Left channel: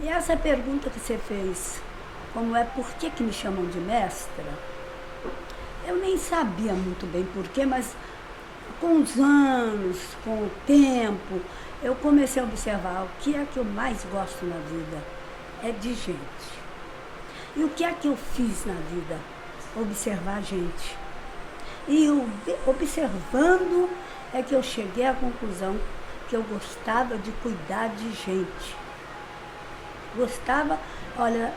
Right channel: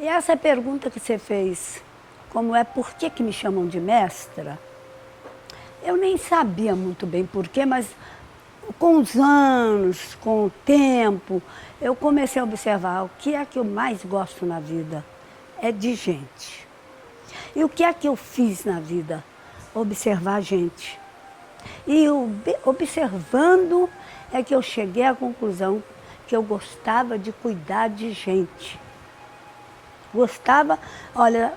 E essa pergunta que você fez, como é por que me chamam de mestra, eu nem sabia muito bem porquê, mas com os anos, com o tempo, eu comecei a observar o que é que eu mais gosto na vida. É de gente. E o que é que eu fiz na vida? Observar a gente. E observando é que eu cheguei à conclusão que eu gostava de cuidar de gente. Gostava, olha,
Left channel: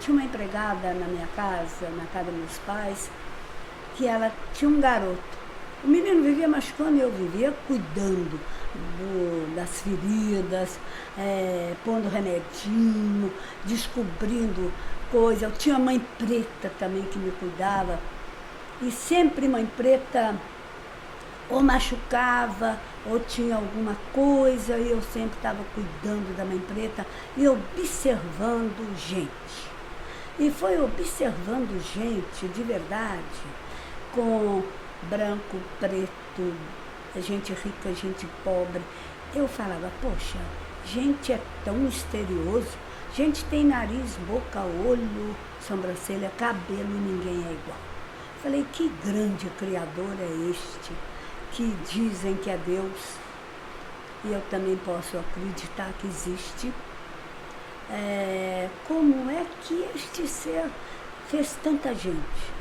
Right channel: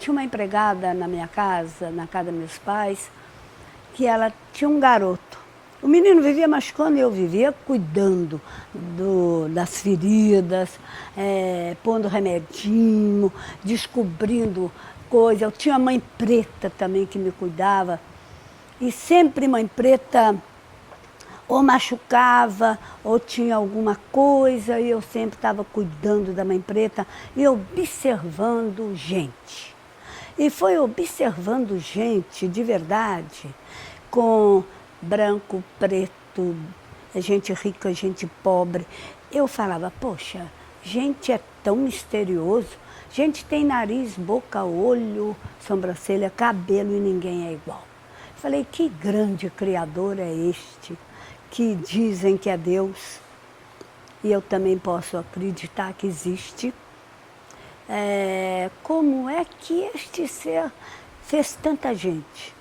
tinha uma empregada na minha casa, na casa dos meus pais, que ela tinha um garoto. O menino vivia machucando e eu vivia cuidando das feridas, pondo remedinho, descobrindo coisa. Eu tinha mãe preta também que me cuidava. E sempre mãe preta ou machucava, ou tinha alguma coisa, e eu sempre estava cuidando da mãe preta e observando gente. E foi observando gente de verdade, com branco, preto, gente rica, gente pobre. Eu falava, poxa, gente é tão misterioso, gente tem nariz, boca, olho, sobrancelha, cabelo e ninguém é igual. Falei, que grande Criador é este, que dizem que é Deus, e eu também posso acreditar que existe. Como é que este ser fez tanta gente?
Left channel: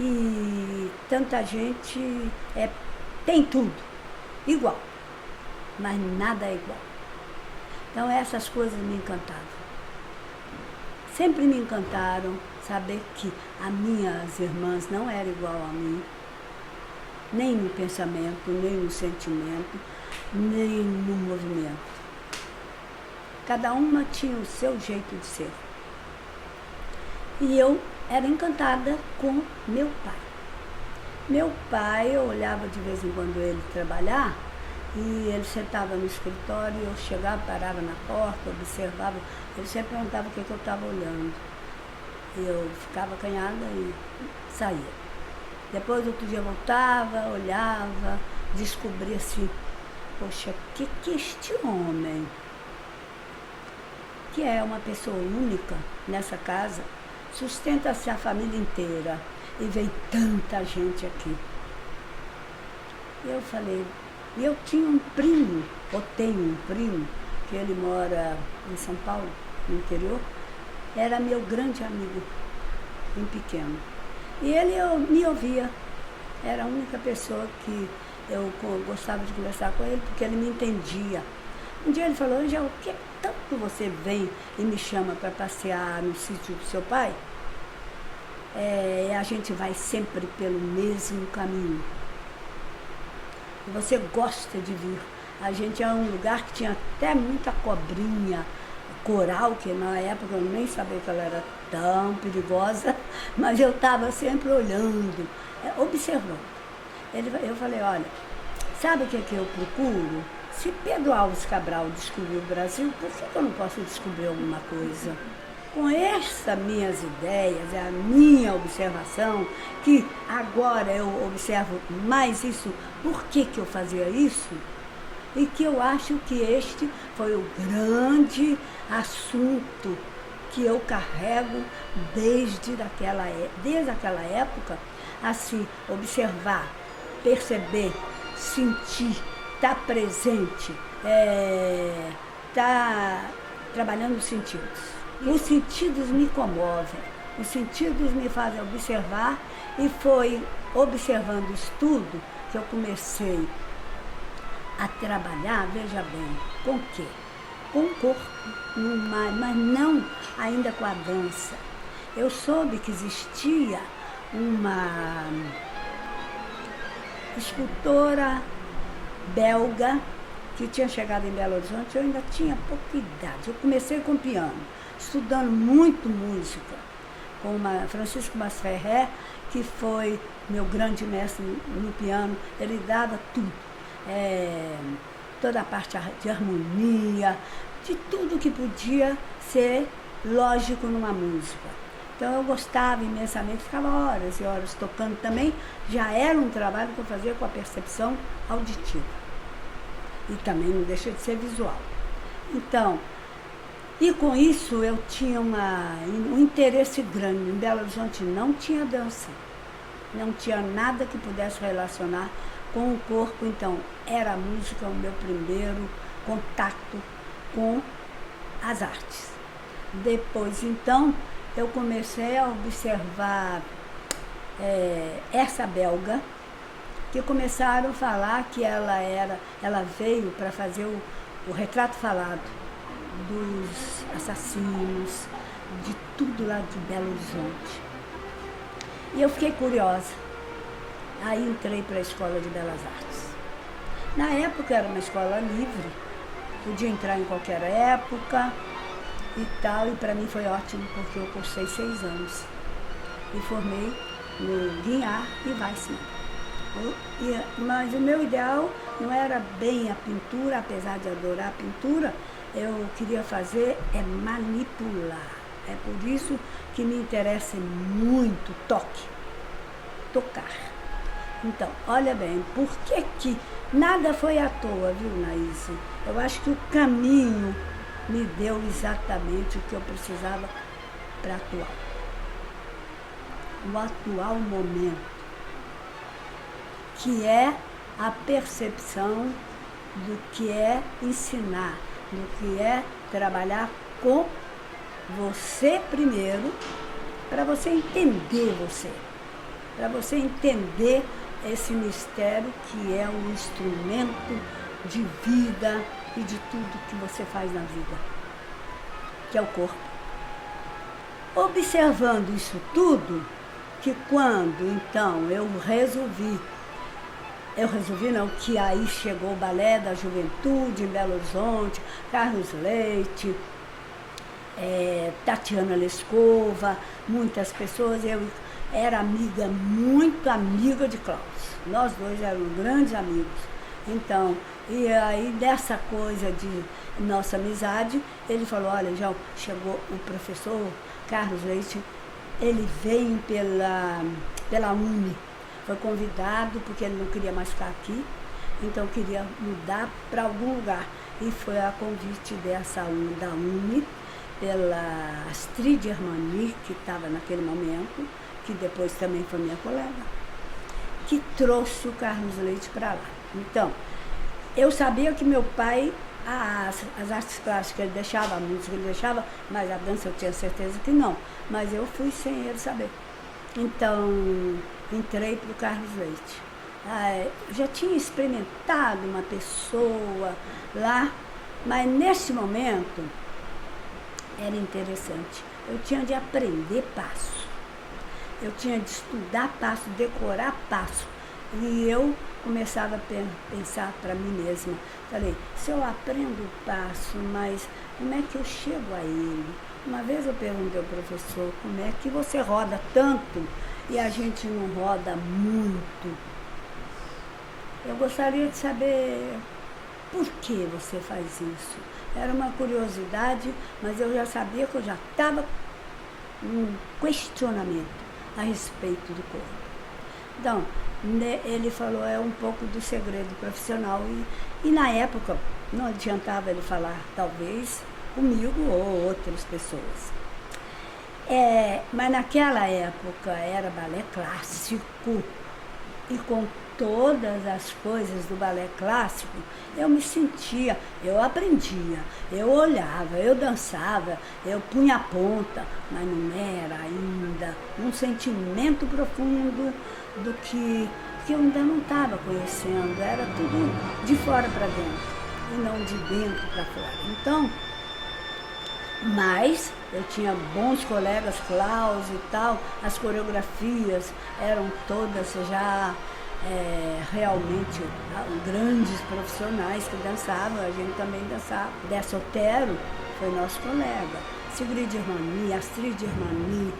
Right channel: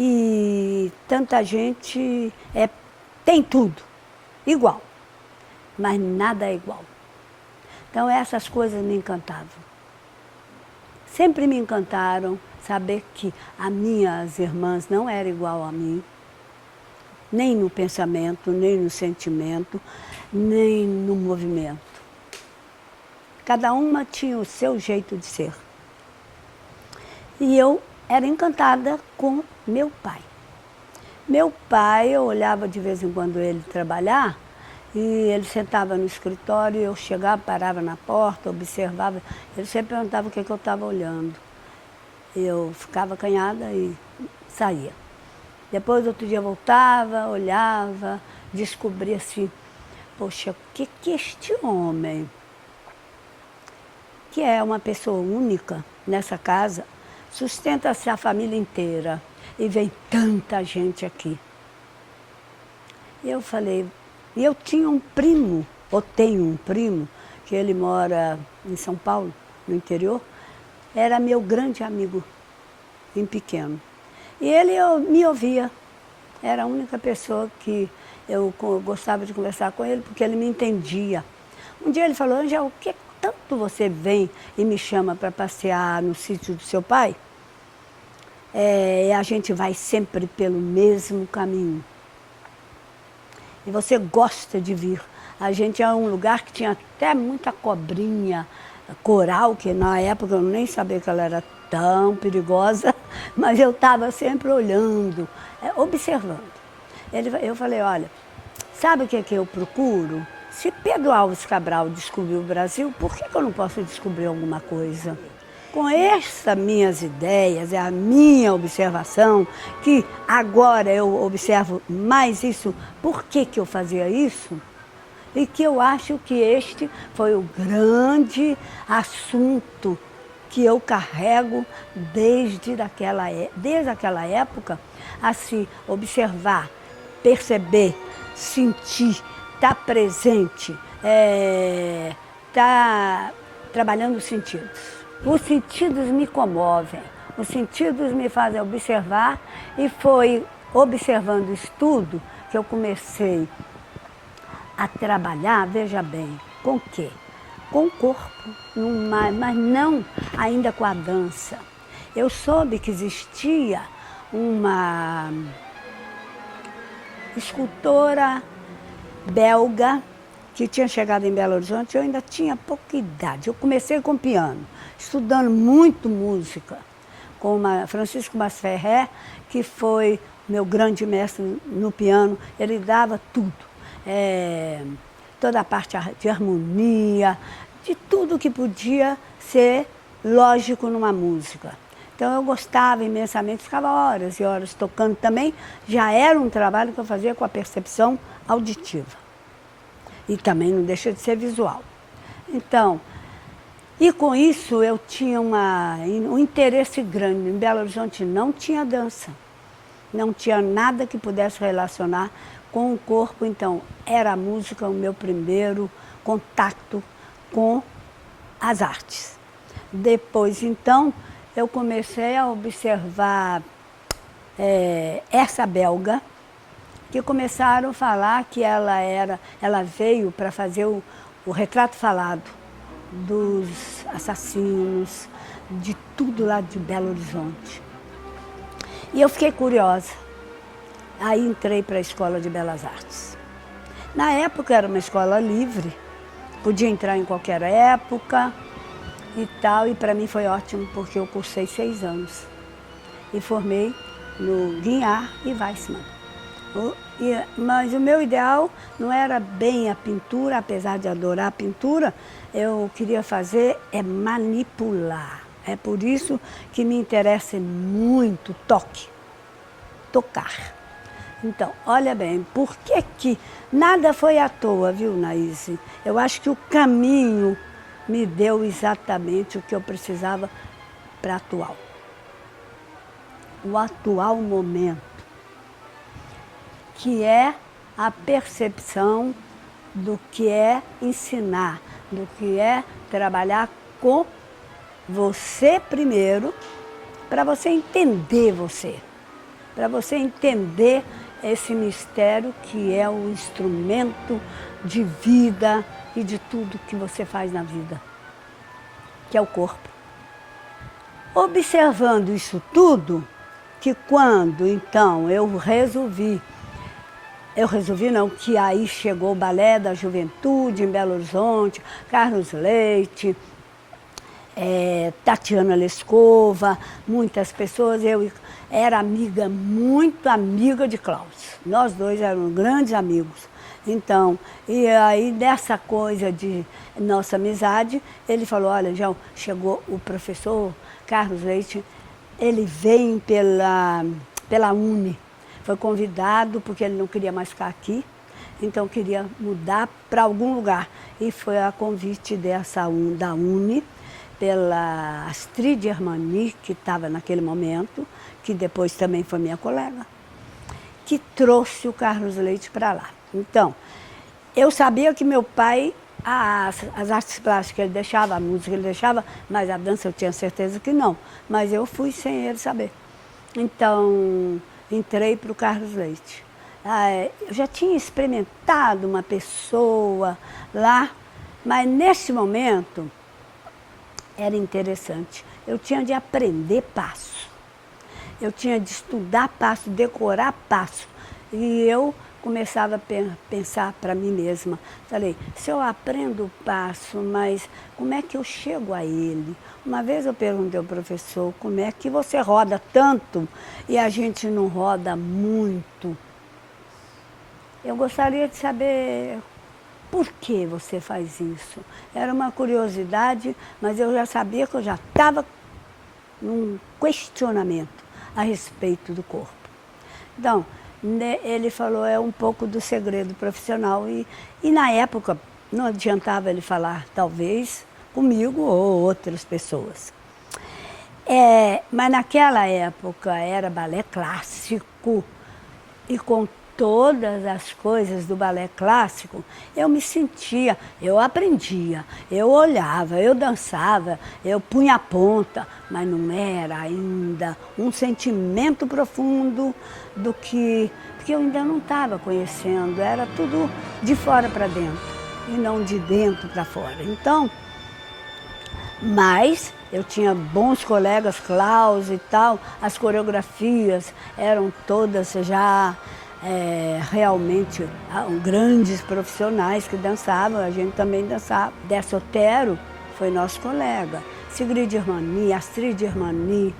E tanta gente tem tudo, igual, mas nada é igual. Então essas coisas me encantavam. Sempre me encantaram saber que as minhas irmãs não eram igual a mim, nem no pensamento, nem no sentimento, nem no movimento. Cada uma tinha o seu jeito de ser. E eu era encantada com meu pai. Meu pai, eu olhava de vez em quando ele trabalhar, e ele sentava no escritório, eu chegava, parava na porta, observava. Ele sempre perguntava o que eu estava olhando. Eu ficava acanhada e saía. Depois, outro dia, eu voltava, olhava, descobria assim, poxa, o que este homem, que é uma pessoa única nessa casa, sustenta-se a família inteira e vem tanta gente aqui. E eu falei, e eu tinha um primo, ou tenho um primo, que ele mora em São Paulo, no interior, era meu grande amigo, em pequeno. E ele me ouvia, era a única pessoa que eu gostava de conversar com ele, porque ele me entendia. Um dia ele falou, Ângela, o que tanto você vem e me chama para passear no sítio do seu pai? A gente vai sempre pelo mesmo caminho. E você gosta de vir. A gente é um lugar que tinha até muita cobrinha, coral, que na época eu nem sabia que ela era tão perigosa, mas eu estava sempre olhando, observando. Eu falei, olha, sabe o que eu procuro? Se Pedro Álvares Cabral descobriu o Brasil, por que eu não posso descobrir alguma coisa? Com essas minhas ideias, é a minha observação, que agora eu observo mais isso, por que eu fazia isso? E que eu acho que este foi o grande assunto que eu carrego desde aquela época, a se observar, perceber, sentir, estar presente, estar trabalhando os sentidos. Os sentidos me comovem, os sentidos me fazem observar, e foi observando isso tudo que eu comecei a trabalhar, veja bem, com o quê? Com o corpo, mas não ainda com a dança. Eu soube que existia uma escultora belga que tinha chegado em Belo Horizonte. Eu ainda tinha pouca idade. Eu comecei com piano, estudando muito música, com Francisco Masferrer, que foi meu grande mestre no piano. Ele dava tudo, toda a parte de harmonia, de tudo que podia ser lógico numa música. Então eu gostava imensamente, ficava horas e horas tocando também. Já era um trabalho que eu fazia com a percepção auditiva. E também não deixa de ser visual. Então, e com isso eu tinha um interesse grande. Em Belo Horizonte não tinha dança, não tinha nada que pudesse relacionar com o corpo, então era a música o meu primeiro contato com as artes. Depois, então, eu comecei a observar essa belga, que começaram a falar que ela veio para fazer o retrato falado dos assassinos, de tudo lá de Belo Horizonte. E eu fiquei curiosa. Aí entrei para a Escola de Belas Artes. Na época era uma escola livre, podia entrar em qualquer época e tal, e para mim foi ótimo, porque eu cursei 6 anos. E formei no Guignard e Weissmann. Mas o meu ideal não era bem a pintura, apesar de adorar a pintura, eu queria fazer manipular. É por isso que me interessa muito tocar. Então, olha bem, por que nada foi à toa, viu, Naíse? Eu acho que o caminho me deu exatamente o que eu precisava para atuar. O atual momento, que é a percepção do que é ensinar, do que é trabalhar com você primeiro, para você entender você, para você entender esse mistério que é o instrumento de vida e de tudo que você faz na vida, que é o corpo. Observando isso tudo, que quando então que aí chegou o Balé da Juventude em Belo Horizonte, Carlos Leite, Tatiana Lescova, muitas pessoas, eu era muito amiga de Cláudio. Nós dois éramos grandes amigos. Então, e aí dessa coisa de nossa amizade, ele falou, olha, já chegou o professor Carlos Leite, ele vem pela Uni. Foi convidado porque ele não queria mais ficar aqui, então queria mudar para algum lugar. E foi a convite da Uni, pela Astrid Germani, que estava naquele momento, que depois também foi minha colega, que trouxe o Carlos Leite para lá. Então, eu sabia que meu pai, as artes plásticas ele deixava, a música ele deixava, mas a dança eu tinha certeza que não. Mas eu fui sem ele saber. Então, entrei para o Carlos Leite. Eu já tinha experimentado uma pessoa lá, mas nesse momento era interessante. Eu tinha de aprender passo. Eu tinha de estudar passo, decorar passo. E eu começava a pensar para mim mesma. Falei, se eu aprendo o passo, mas como é que eu chego a ele? Uma vez eu perguntei ao professor, como é que você roda tanto e a gente não roda muito? Eu gostaria de saber por que você faz isso. Era uma curiosidade, mas eu já sabia que eu já estava num questionamento a respeito do corpo. Então, ele falou, é um pouco do segredo profissional. E na época, não adiantava ele falar, talvez, comigo ou outras pessoas. Mas naquela época era balé clássico, e com todas as coisas do balé clássico, eu me sentia, eu aprendia, eu olhava, eu dançava, eu punha a ponta, mas não era ainda um sentimento profundo do que eu ainda não estava conhecendo, era tudo de fora para dentro e não de dentro para fora. Então, mas eu tinha bons colegas, Klaus e tal, as coreografias eram todas já realmente grandes profissionais que dançavam, a gente também dançava. Dessotero foi nosso colega, Sigrid Germani, Astrid Germani,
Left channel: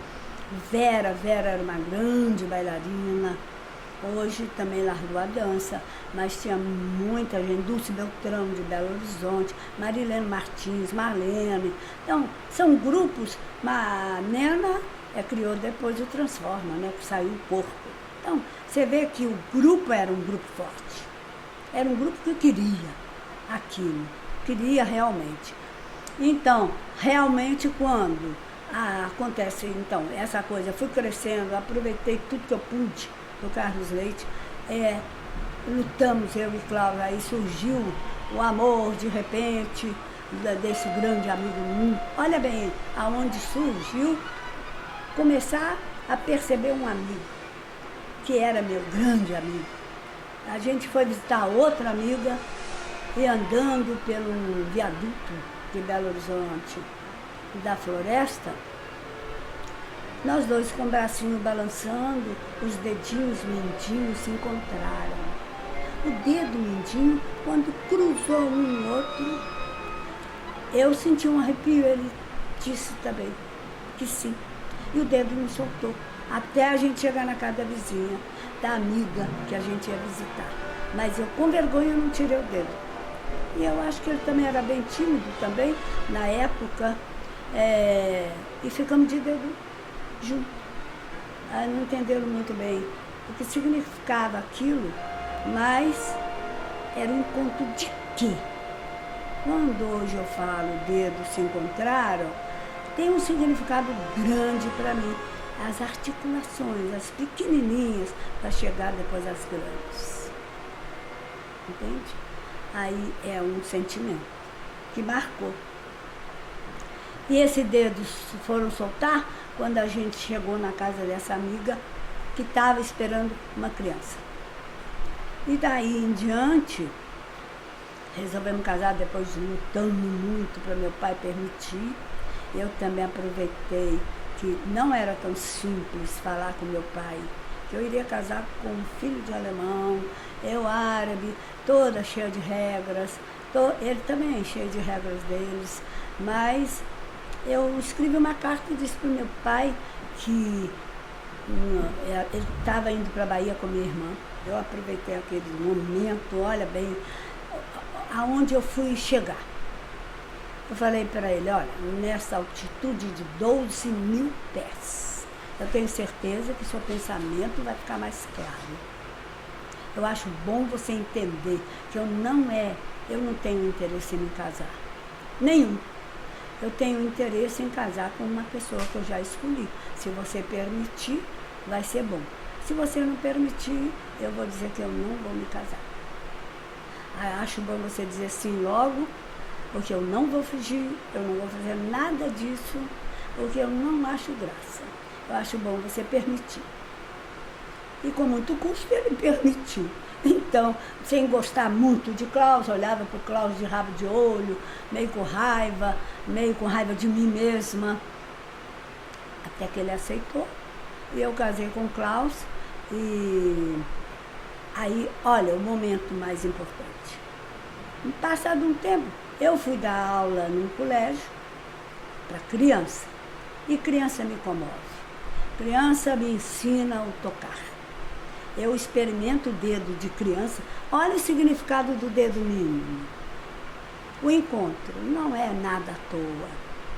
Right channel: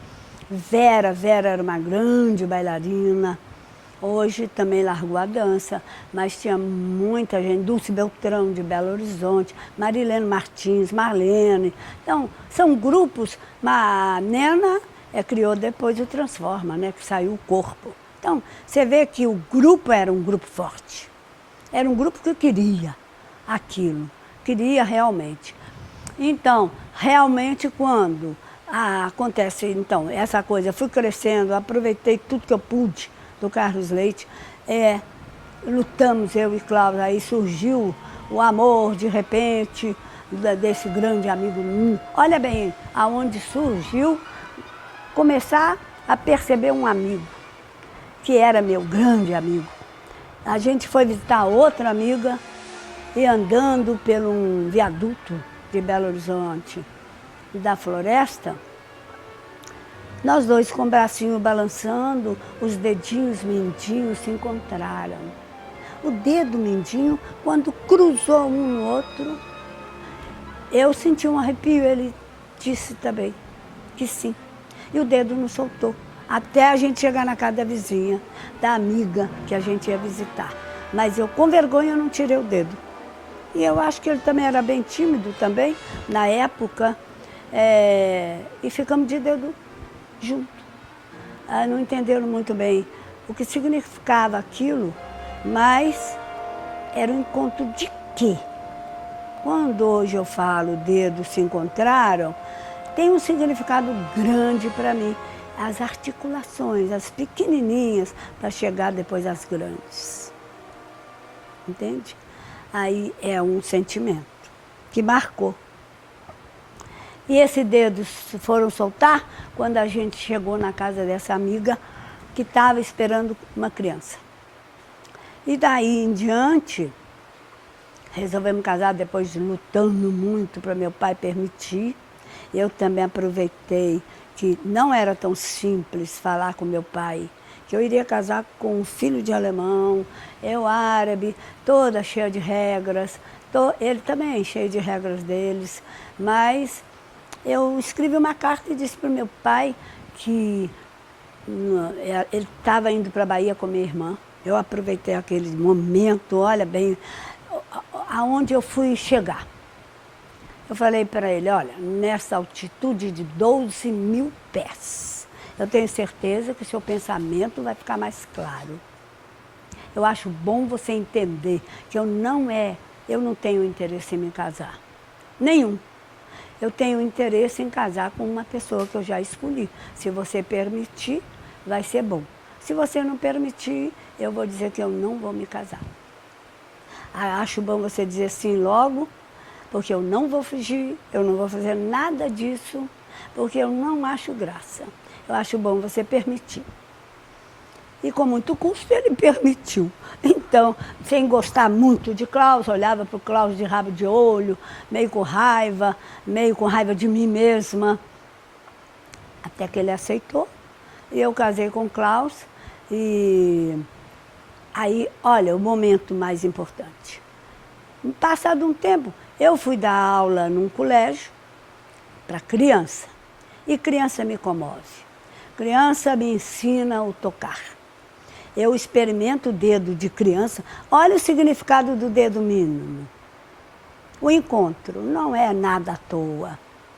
Vera era uma grande bailarina, hoje também largou a dança, mas tinha muita gente, Dulce Beltrão de Belo Horizonte, Marilene Martins, Marlene. Então, são grupos, mas a Nena criou depois o Transforma, né, que saiu o corpo. Então, você vê que o grupo era um grupo forte. Era um grupo que queria aquilo. queria realmente. Então, realmente quando acontece então, essa coisa, eu fui crescendo, aproveitei tudo que eu pude do Carlos Leite, lutamos eu e Cláudia, aí surgiu o amor de repente desse grande amigo. Olha bem, aonde surgiu começar a perceber um amigo, que era meu grande amigo. A gente foi visitar outra amiga e andando pelo um viaduto de Belo Horizonte, da floresta, nós dois com o bracinho balançando, os dedinhos mindinhos se encontraram. O dedo mindinho, quando cruzou um no outro, eu senti um arrepio, ele disse também que sim. E o dedo não soltou, até a gente chegar na casa da vizinha, da amiga que a gente ia visitar. Mas eu, com vergonha, não tirei o dedo. E eu acho que ele também era bem tímido também, na época, e ficamos de dedo junto. Não entenderam muito bem o que significava aquilo, mas era um encontro de quê? Quando hoje eu falo dedos se encontraram, tem um significado grande para mim. As articulações, as pequenininhas, para chegar depois às grandes. Entende? Aí é um sentimento que marcou. E esses dedos foram soltar quando a gente chegou na casa dessa amiga que estava esperando uma criança. E daí em diante, resolvemos casar depois de lutando muito para meu pai permitir. Eu também aproveitei que não era tão simples falar com meu pai, que eu iria casar com um filho de alemão, eu árabe, toda cheia de regras, ele também cheio de regras deles, mas eu escrevi uma carta e disse para o meu pai que ele estava indo para a Bahia com minha irmã. Eu aproveitei aquele momento, olha bem, aonde eu fui chegar. Eu falei para ele, olha, nessa altitude de 12 mil pés, eu tenho certeza que seu pensamento vai ficar mais claro. Eu acho bom você entender que eu não tenho interesse em me casar. Nenhum. Eu tenho interesse em casar com uma pessoa que eu já escolhi. Se você permitir, vai ser bom. Se você não permitir, eu vou dizer que eu não vou me casar. Acho bom você dizer sim logo, porque eu não vou fugir, eu não vou fazer nada disso, porque eu não acho graça. Eu acho bom você permitir. E com muito custo ele permitiu. Então, sem gostar muito de Klaus, olhava para o Klaus de rabo de olho, meio com raiva de mim mesma. Até que ele aceitou. E eu casei com o Klaus. E aí, olha, o momento mais importante. Passado um tempo, eu fui dar aula num colégio para criança. E criança me comove. Criança me ensina o tocar. Eu experimento o dedo de criança. Olha o significado do dedo mínimo. O encontro não é nada à toa.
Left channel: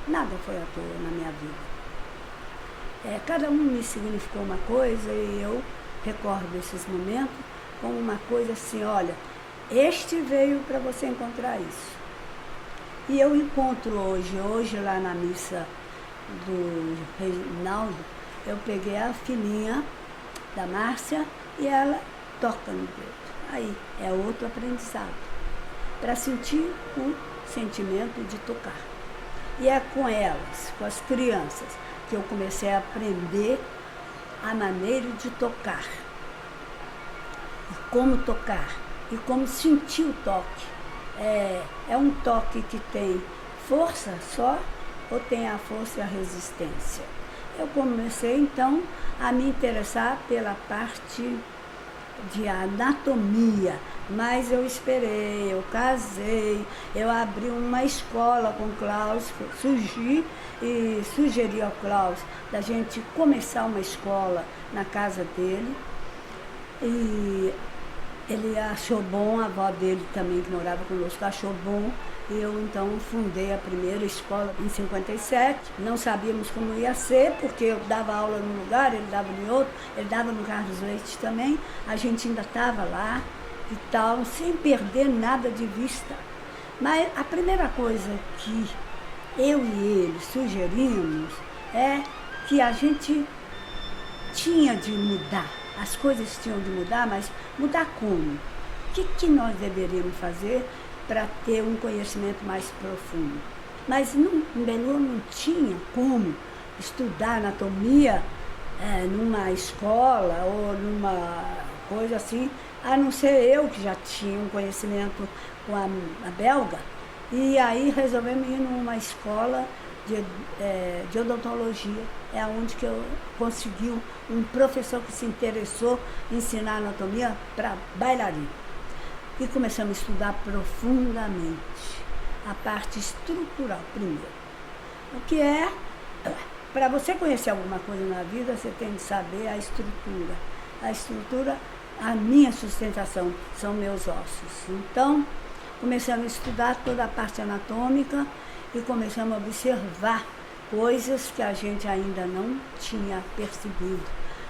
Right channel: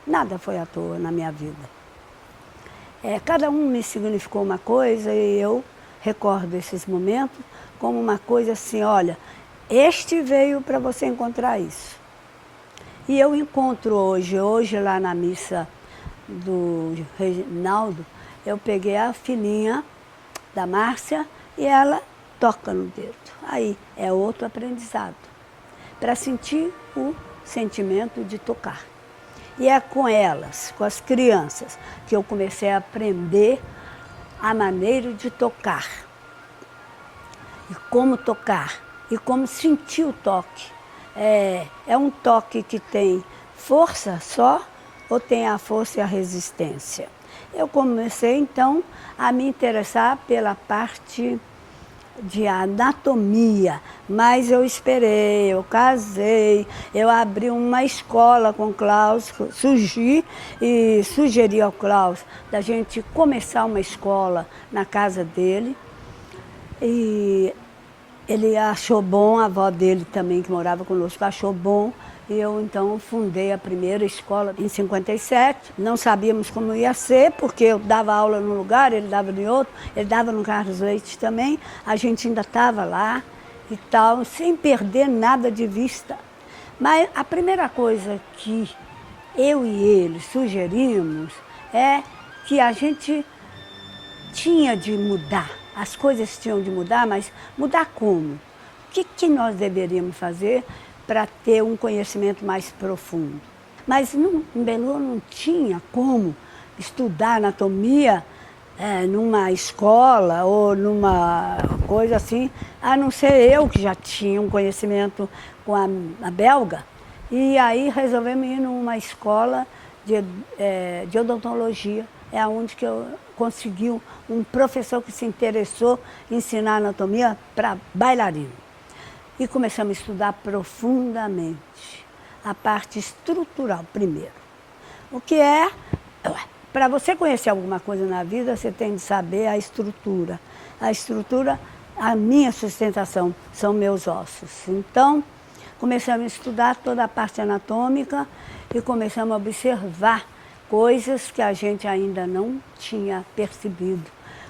Nada foi à toa na minha vida. Cada um me significou uma coisa e eu recordo esses momentos como uma coisa assim, olha, este veio para você encontrar isso. E eu encontro hoje lá na missa do Reginaldo, eu peguei a filhinha da Márcia e ela toca no dedo. Aí é outro aprendizado, para sentir o sentimento de tocar. E é com elas, com as crianças, que eu comecei a aprender a maneira de tocar. E como tocar, e como sentir o toque. É um toque que tem força só ou tem a força e a resistência? Eu comecei então a me interessar pela parte de anatomia, mas eu esperei, eu casei, eu abri uma escola com o Klaus, sugeri ao Klaus da gente começar uma escola na casa dele. E ele achou bom, a avó dele também, que morava conosco, achou bom. E eu então fundei a primeira escola em 57. Não sabíamos como ia ser, porque eu dava aula num lugar, ele dava em outro, ele dava no Carlos Leite também. A gente ainda estava lá e tal, sem perder nada de vista. Mas a primeira coisa que eu e ele sugerimos é que a gente tinha de mudar. As coisas tinham de mudar, mas mudar como? O que nós deveríamos fazer para ter um conhecimento mais profundo? Mas em Belu não tinha como estudar anatomia numa escola ou numa coisa assim, a não ser eu que já tinha um conhecimento com a belga. E aí resolvemos ir numa escola de odontologia. É onde que eu consegui um professor que se interessou em ensinar anatomia para bailarino. E começamos a estudar profundamente a parte estrutural primeiro. O que é, para você conhecer alguma coisa na vida, você tem de saber a estrutura. A estrutura, a minha sustentação, são meus ossos. Então, começamos a estudar toda a parte anatômica e começamos a observar coisas que a gente ainda não tinha percebido.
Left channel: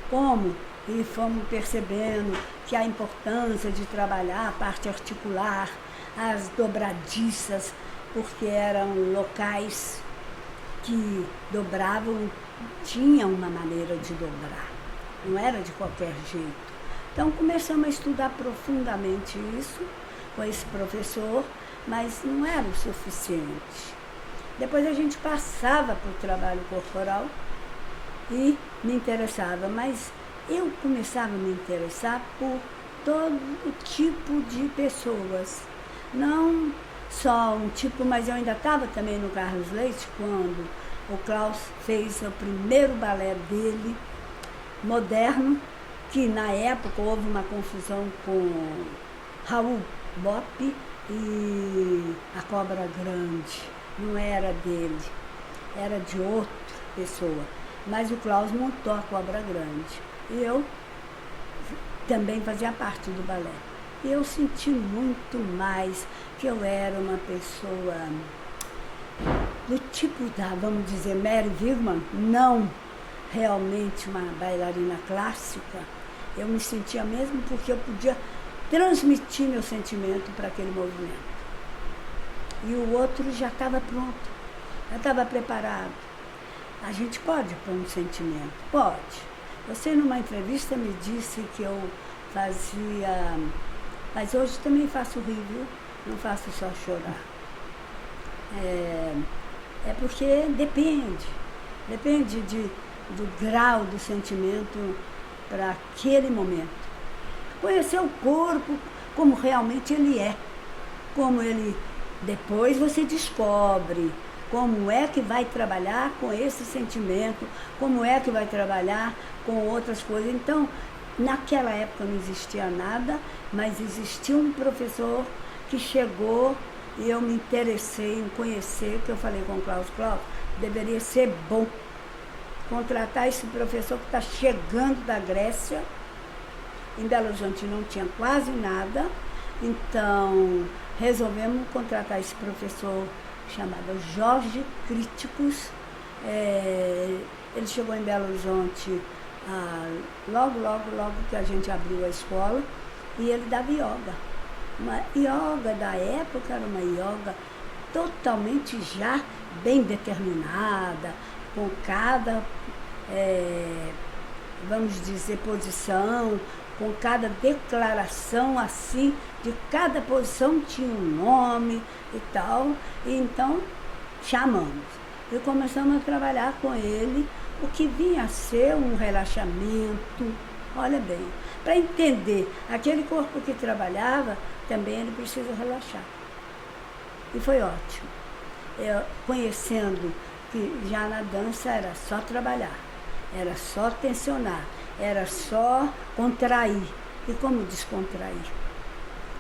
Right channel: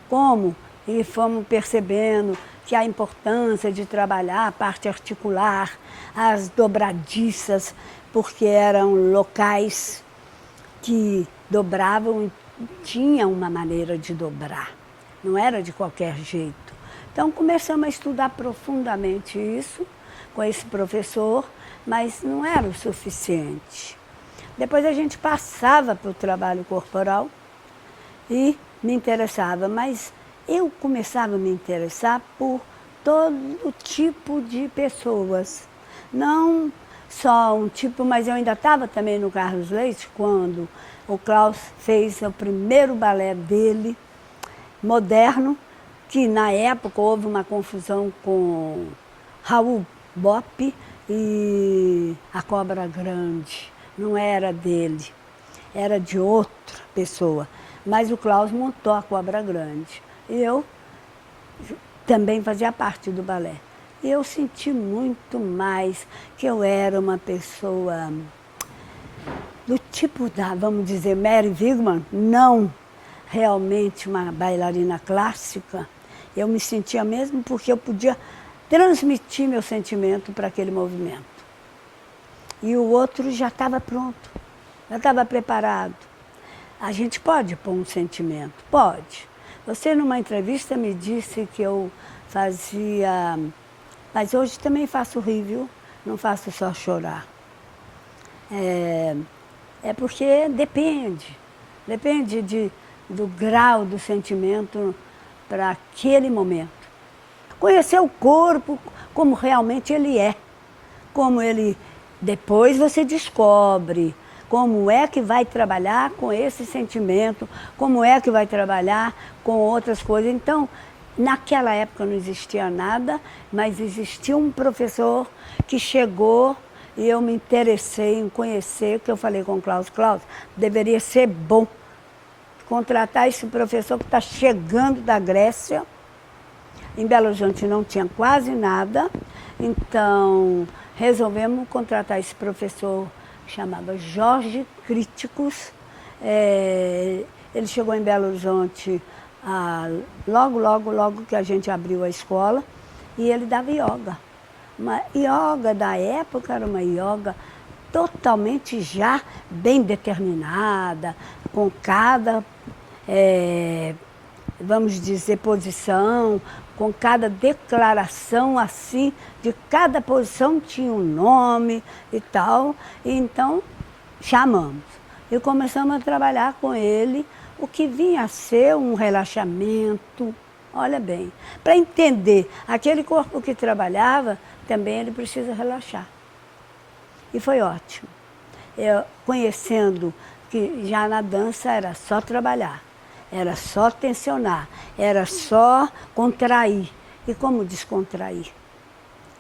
Como? E fomos percebendo que a importância de trabalhar a parte articular, as dobradiças, porque eram locais que dobravam, tinham uma maneira de dobrar, não era de qualquer jeito. Então começamos a estudar profundamente isso com esse professor, mas não era o suficiente. Depois a gente passava para o trabalho corporal e me interessava, mas eu começava a me interessar por todo tipo de pessoas. Não só um tipo, mas eu ainda estava também no Carlos Leite quando o Klaus fez o primeiro balé dele, moderno, que na época houve uma confusão com Raul Bopp e a Cobra Grande. Não era dele, era de outra pessoa. Mas o Klaus montou a Cobra Grande. E eu também fazia parte do balé. E eu senti muito mais que eu era uma pessoa do tipo da, vamos dizer, Mary Wigman, não realmente uma bailarina clássica. Eu me sentia mesmo porque eu podia transmitir meu sentimento para aquele movimento. E o outro já estava pronto, já estava preparado. A gente pode pôr um sentimento? Pode. Você, numa entrevista, me disse que eu fazia... Mas hoje também faço rir, viu? Não faço só chorar. É porque depende do grau do sentimento para aquele momento. Conhecer o corpo como realmente ele é, como ele... Depois você descobre como é que vai trabalhar com esse sentimento, como é que vai trabalhar com outras coisas. Então, naquela época não existia nada, mas existia um professor que chegou e eu me interessei em conhecer, que eu falei com o Klaus, deveria ser bom contratar esse professor que está chegando da Grécia. Em Belo Horizonte não tinha quase nada, então resolvemos contratar esse professor chamado Jorge Críticos. Ele chegou em Belo Horizonte logo que a gente abriu a escola, e ele dava yoga. Uma yoga da época era uma yoga totalmente já bem determinada, com cada, vamos dizer, posição, com cada declaração assim, de cada posição tinha um nome e tal. E então chamamos e começamos a trabalhar com ele o que vinha a ser um relaxamento. Olha bem, para entender aquele corpo que trabalhava, também ele precisa relaxar. E foi ótimo. Eu, conhecendo que já na dança era só trabalhar, era só tensionar, era só contrair. E como descontrair?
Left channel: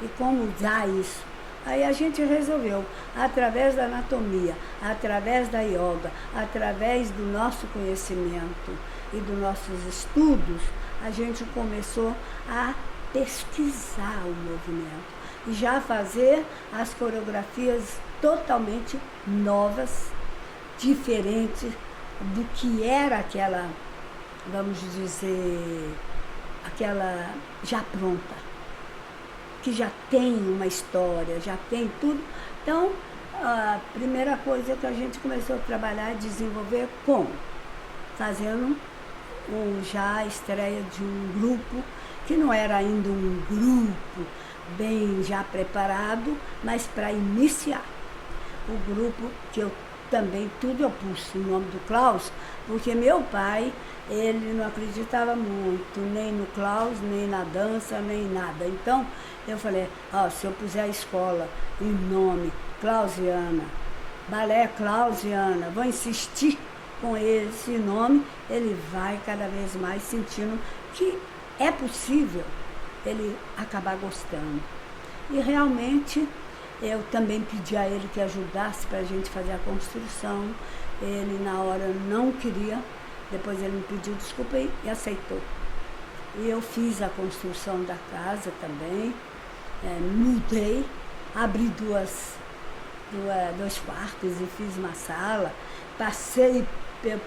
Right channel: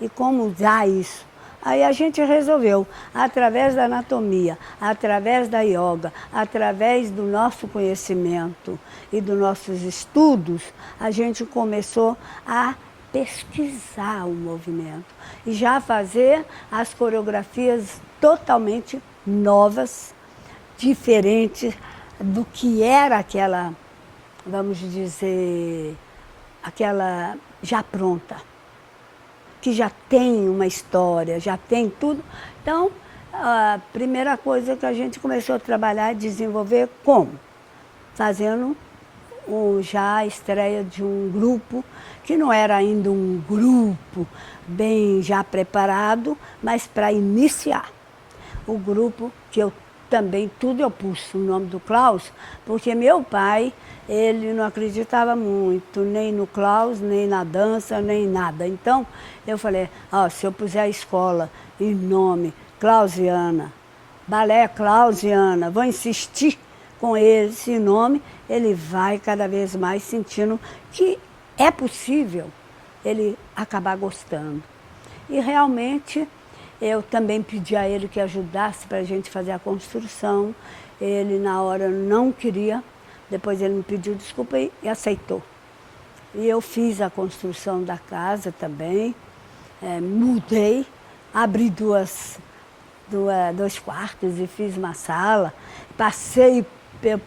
E como usar isso? Aí a gente resolveu, através da anatomia, através da yoga, através do nosso conhecimento e dos nossos estudos, a gente começou a pesquisar o movimento e já fazer as coreografias totalmente novas, diferentes do que era aquela, vamos dizer, aquela já pronta. que já tem uma história, já tem tudo. Então, a primeira coisa que a gente começou a trabalhar e desenvolver como? Fazendo já a estreia de um grupo, que não era ainda um grupo bem já preparado, mas para iniciar. O grupo que eu também, tudo eu pus o nome do Klaus, porque meu pai, ele não acreditava muito, nem no Klaus, nem na dança, nem nada. Então, eu falei, se eu puser a escola em nome Klausiana, balé Klausiana, vou insistir com esse nome, ele vai cada vez mais sentindo que é possível ele acabar gostando. E realmente eu também pedi a ele que ajudasse para a gente fazer a construção. Ele na hora não queria, depois ele me pediu desculpa e aceitou. E eu fiz a construção da casa também, mudei, abri dois quartos e fiz uma sala, passei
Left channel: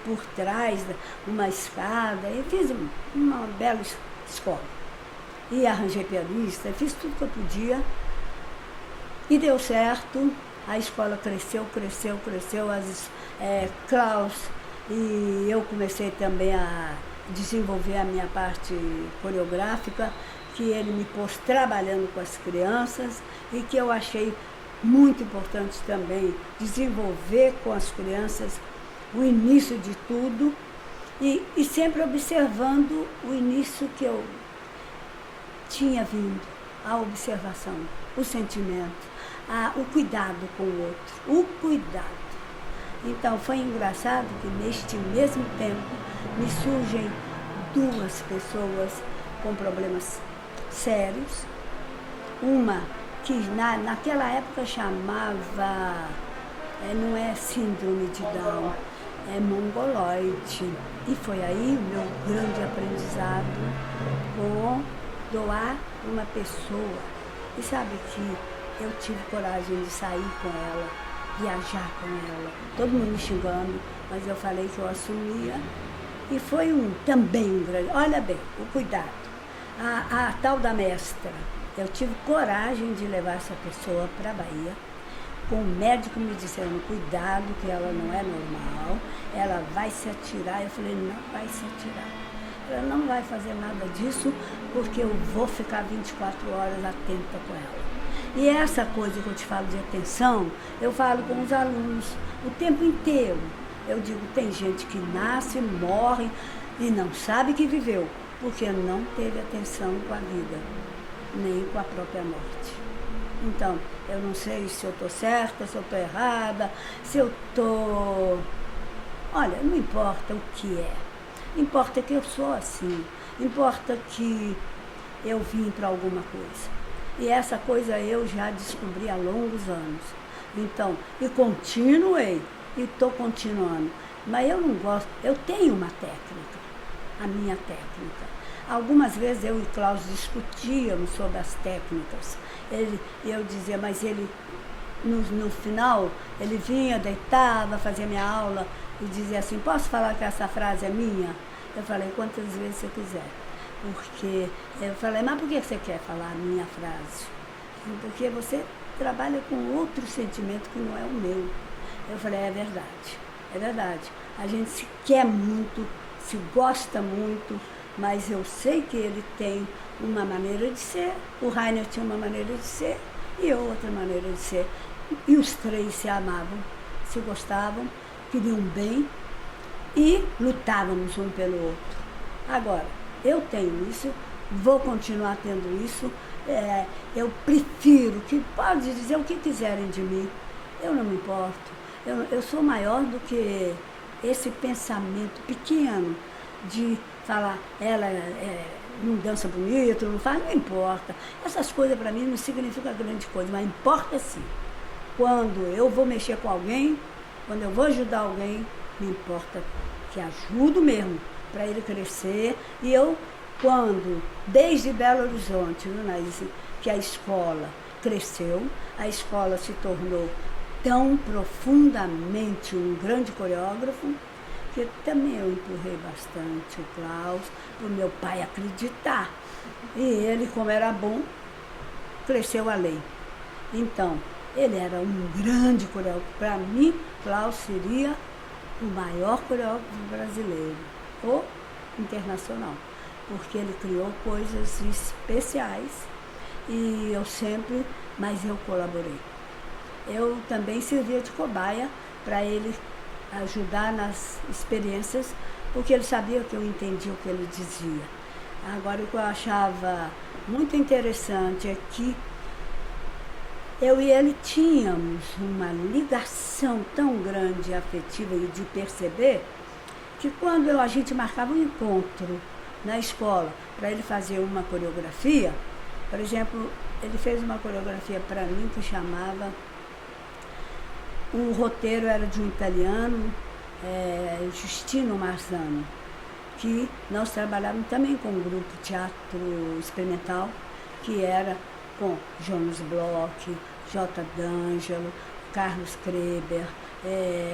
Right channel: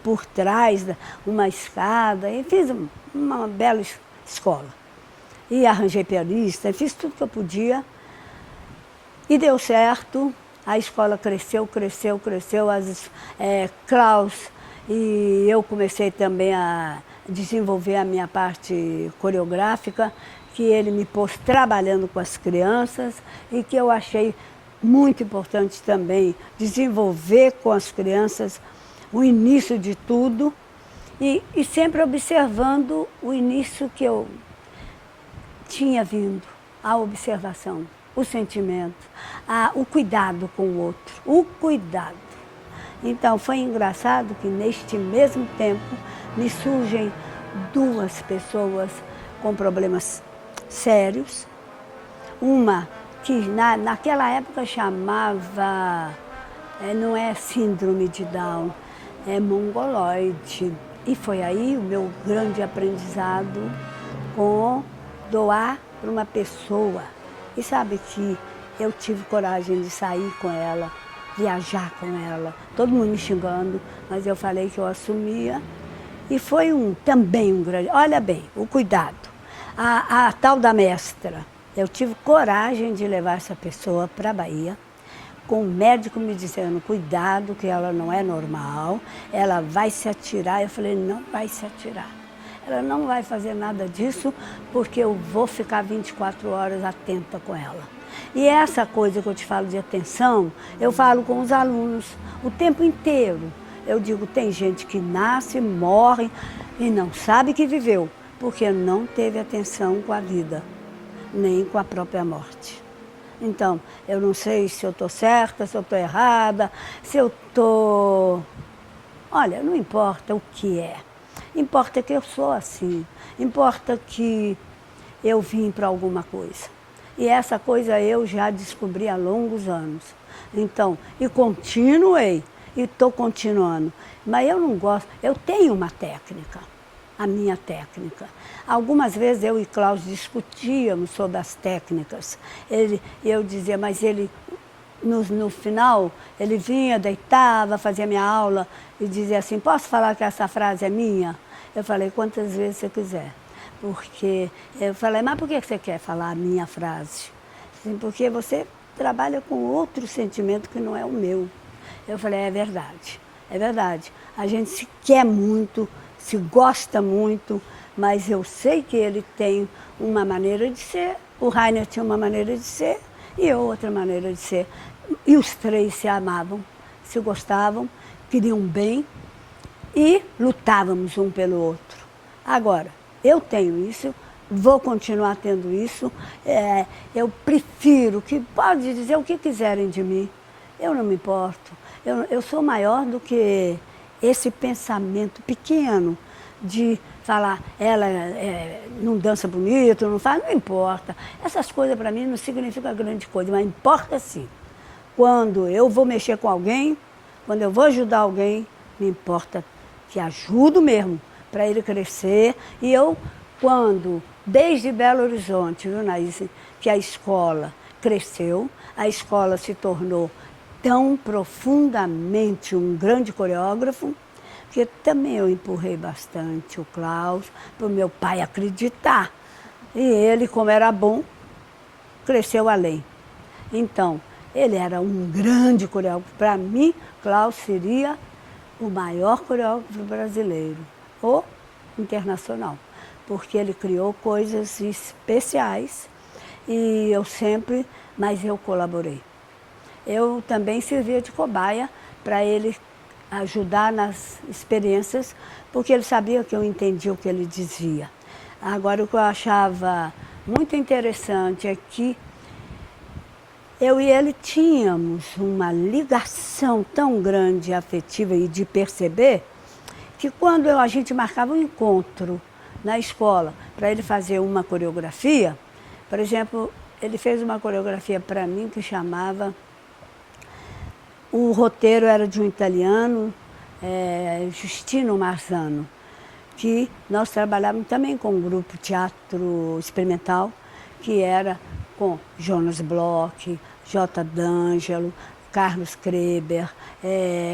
por trás uma escada e fiz uma bela escola. E arranjei pianista, fiz tudo que eu podia e deu certo. A escola cresceu, Klaus, e eu comecei também a desenvolver a minha parte coreográfica, que ele me pôs trabalhando com as crianças e que eu achei muito importante também desenvolver com as crianças o início de tudo e sempre observando o início que eu tinha vindo, a observação, o sentimento, o cuidado com o outro, o cuidado. Então foi engraçado que neste mesmo tempo me surgem duas pessoas com problemas sérios, uma que naquela época chamava, não é síndrome de Down, é mongoloide. E foi aí o meu grande aprendizado com doar para uma pessoa. E sabe que eu tive coragem de sair com ela, viajar com ela, todo mundo me xingando, mas eu falei que eu assumia. E foi também um grande, olha bem, o cuidado. A tal da mestra, eu tive coragem de levar essa pessoa para a Bahia, com o médico me dizendo, cuidado, que ela não é normal, ela vai se atirar. Eu falei, não vai se atirar. Ela não vai fazer nada disso, porque eu vou ficar 24 horas atenta com ela. E essa coisa que eu te falo de atenção, eu falo com os alunos o tempo inteiro. Eu digo, tem gente que nasce, morre e não sabe que viveu, porque não teve atenção com a vida, nem com a própria morte. Então, eu não sei se eu estou certa, se eu estou errada, se eu estou... Olha, não importa o que é. Importa que eu sou assim. Importa que eu vim para alguma coisa. E essa coisa eu já descobri há longos anos. Então, e continuei, e estou continuando. Mas eu não gosto, eu tenho uma técnica, a minha técnica. Algumas vezes eu e Klaus discutíamos sobre as técnicas. Eu dizia, mas ele, no final, ele vinha, deitava, fazia minha aula e dizia assim, posso falar que essa frase é minha? Eu falei, quantas vezes você quiser. Porque eu falei, mas por que você quer falar a minha frase? Porque você trabalha com outro sentimento que não é o meu. Eu falei, é verdade, é verdade. A gente se quer muito, se gosta muito, mas eu sei que ele tem uma maneira de ser, o Rainer tinha uma maneira de ser e eu outra maneira de ser. E os três se amavam, se gostavam, queriam bem e lutávamos um pelo outro. Agora, eu tenho isso, vou continuar tendo isso, eu prefiro que pode dizer o que quiserem de mim, eu não me importo. Eu sou maior do que esse pensamento pequeno de falar, ela não dança bonito, não faz, não importa. Essas coisas para mim não significam grande coisa, mas importa sim. Quando eu vou mexer com alguém, quando eu vou ajudar alguém, me importa que ajudo mesmo, para ele crescer. E eu, desde Belo Horizonte, viu, Naíse, que a escola cresceu, a escola se tornou tão profundamente um grande coreógrafo, que também eu empurrei bastante o Klaus, para o meu pai acreditar. E ele, como era bom, cresceu além. Então, ele era um grande coreógrafo. Para mim, Klaus seria o maior coreógrafo brasileiro, ou internacional, porque ele criou coisas especiais e mas eu colaborei. Eu também servia de cobaia para ele ajudar nas experiências, porque ele sabia que eu entendia o que ele dizia. Agora, o que eu achava muito interessante é que eu e ele tínhamos uma ligação tão grande, afetiva e de perceber, que quando a gente marcava um encontro na escola para ele fazer uma coreografia, por exemplo, ele fez uma coreografia para mim que chamava... O roteiro era de um italiano, Giustino Marzano, que nós trabalhávamos também com um grupo teatro experimental, que era com Jonas Bloch, J. D'Angelo, Carlos Kreber,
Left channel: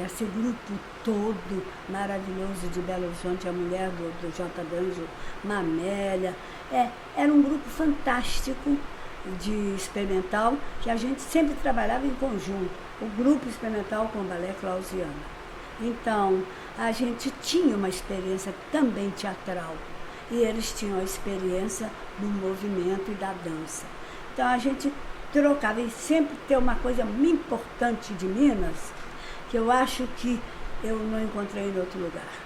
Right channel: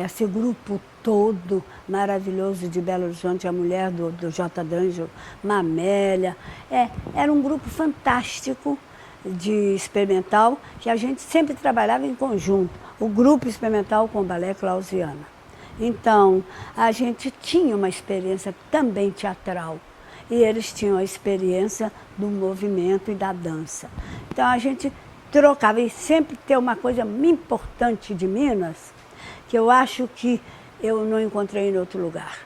esse grupo todo maravilhoso de Belo Horizonte, a mulher do J. D'Angelo, Mamélia. Era um grupo fantástico de experimental, que a gente sempre trabalhava em conjunto, o grupo experimental com o balé Clausiana. Então, a gente tinha uma experiência também teatral, e eles tinham a experiência do movimento e da dança. Então, a gente trocava, e sempre tem uma coisa importante de Minas, que eu acho que eu não encontrei em outro lugar.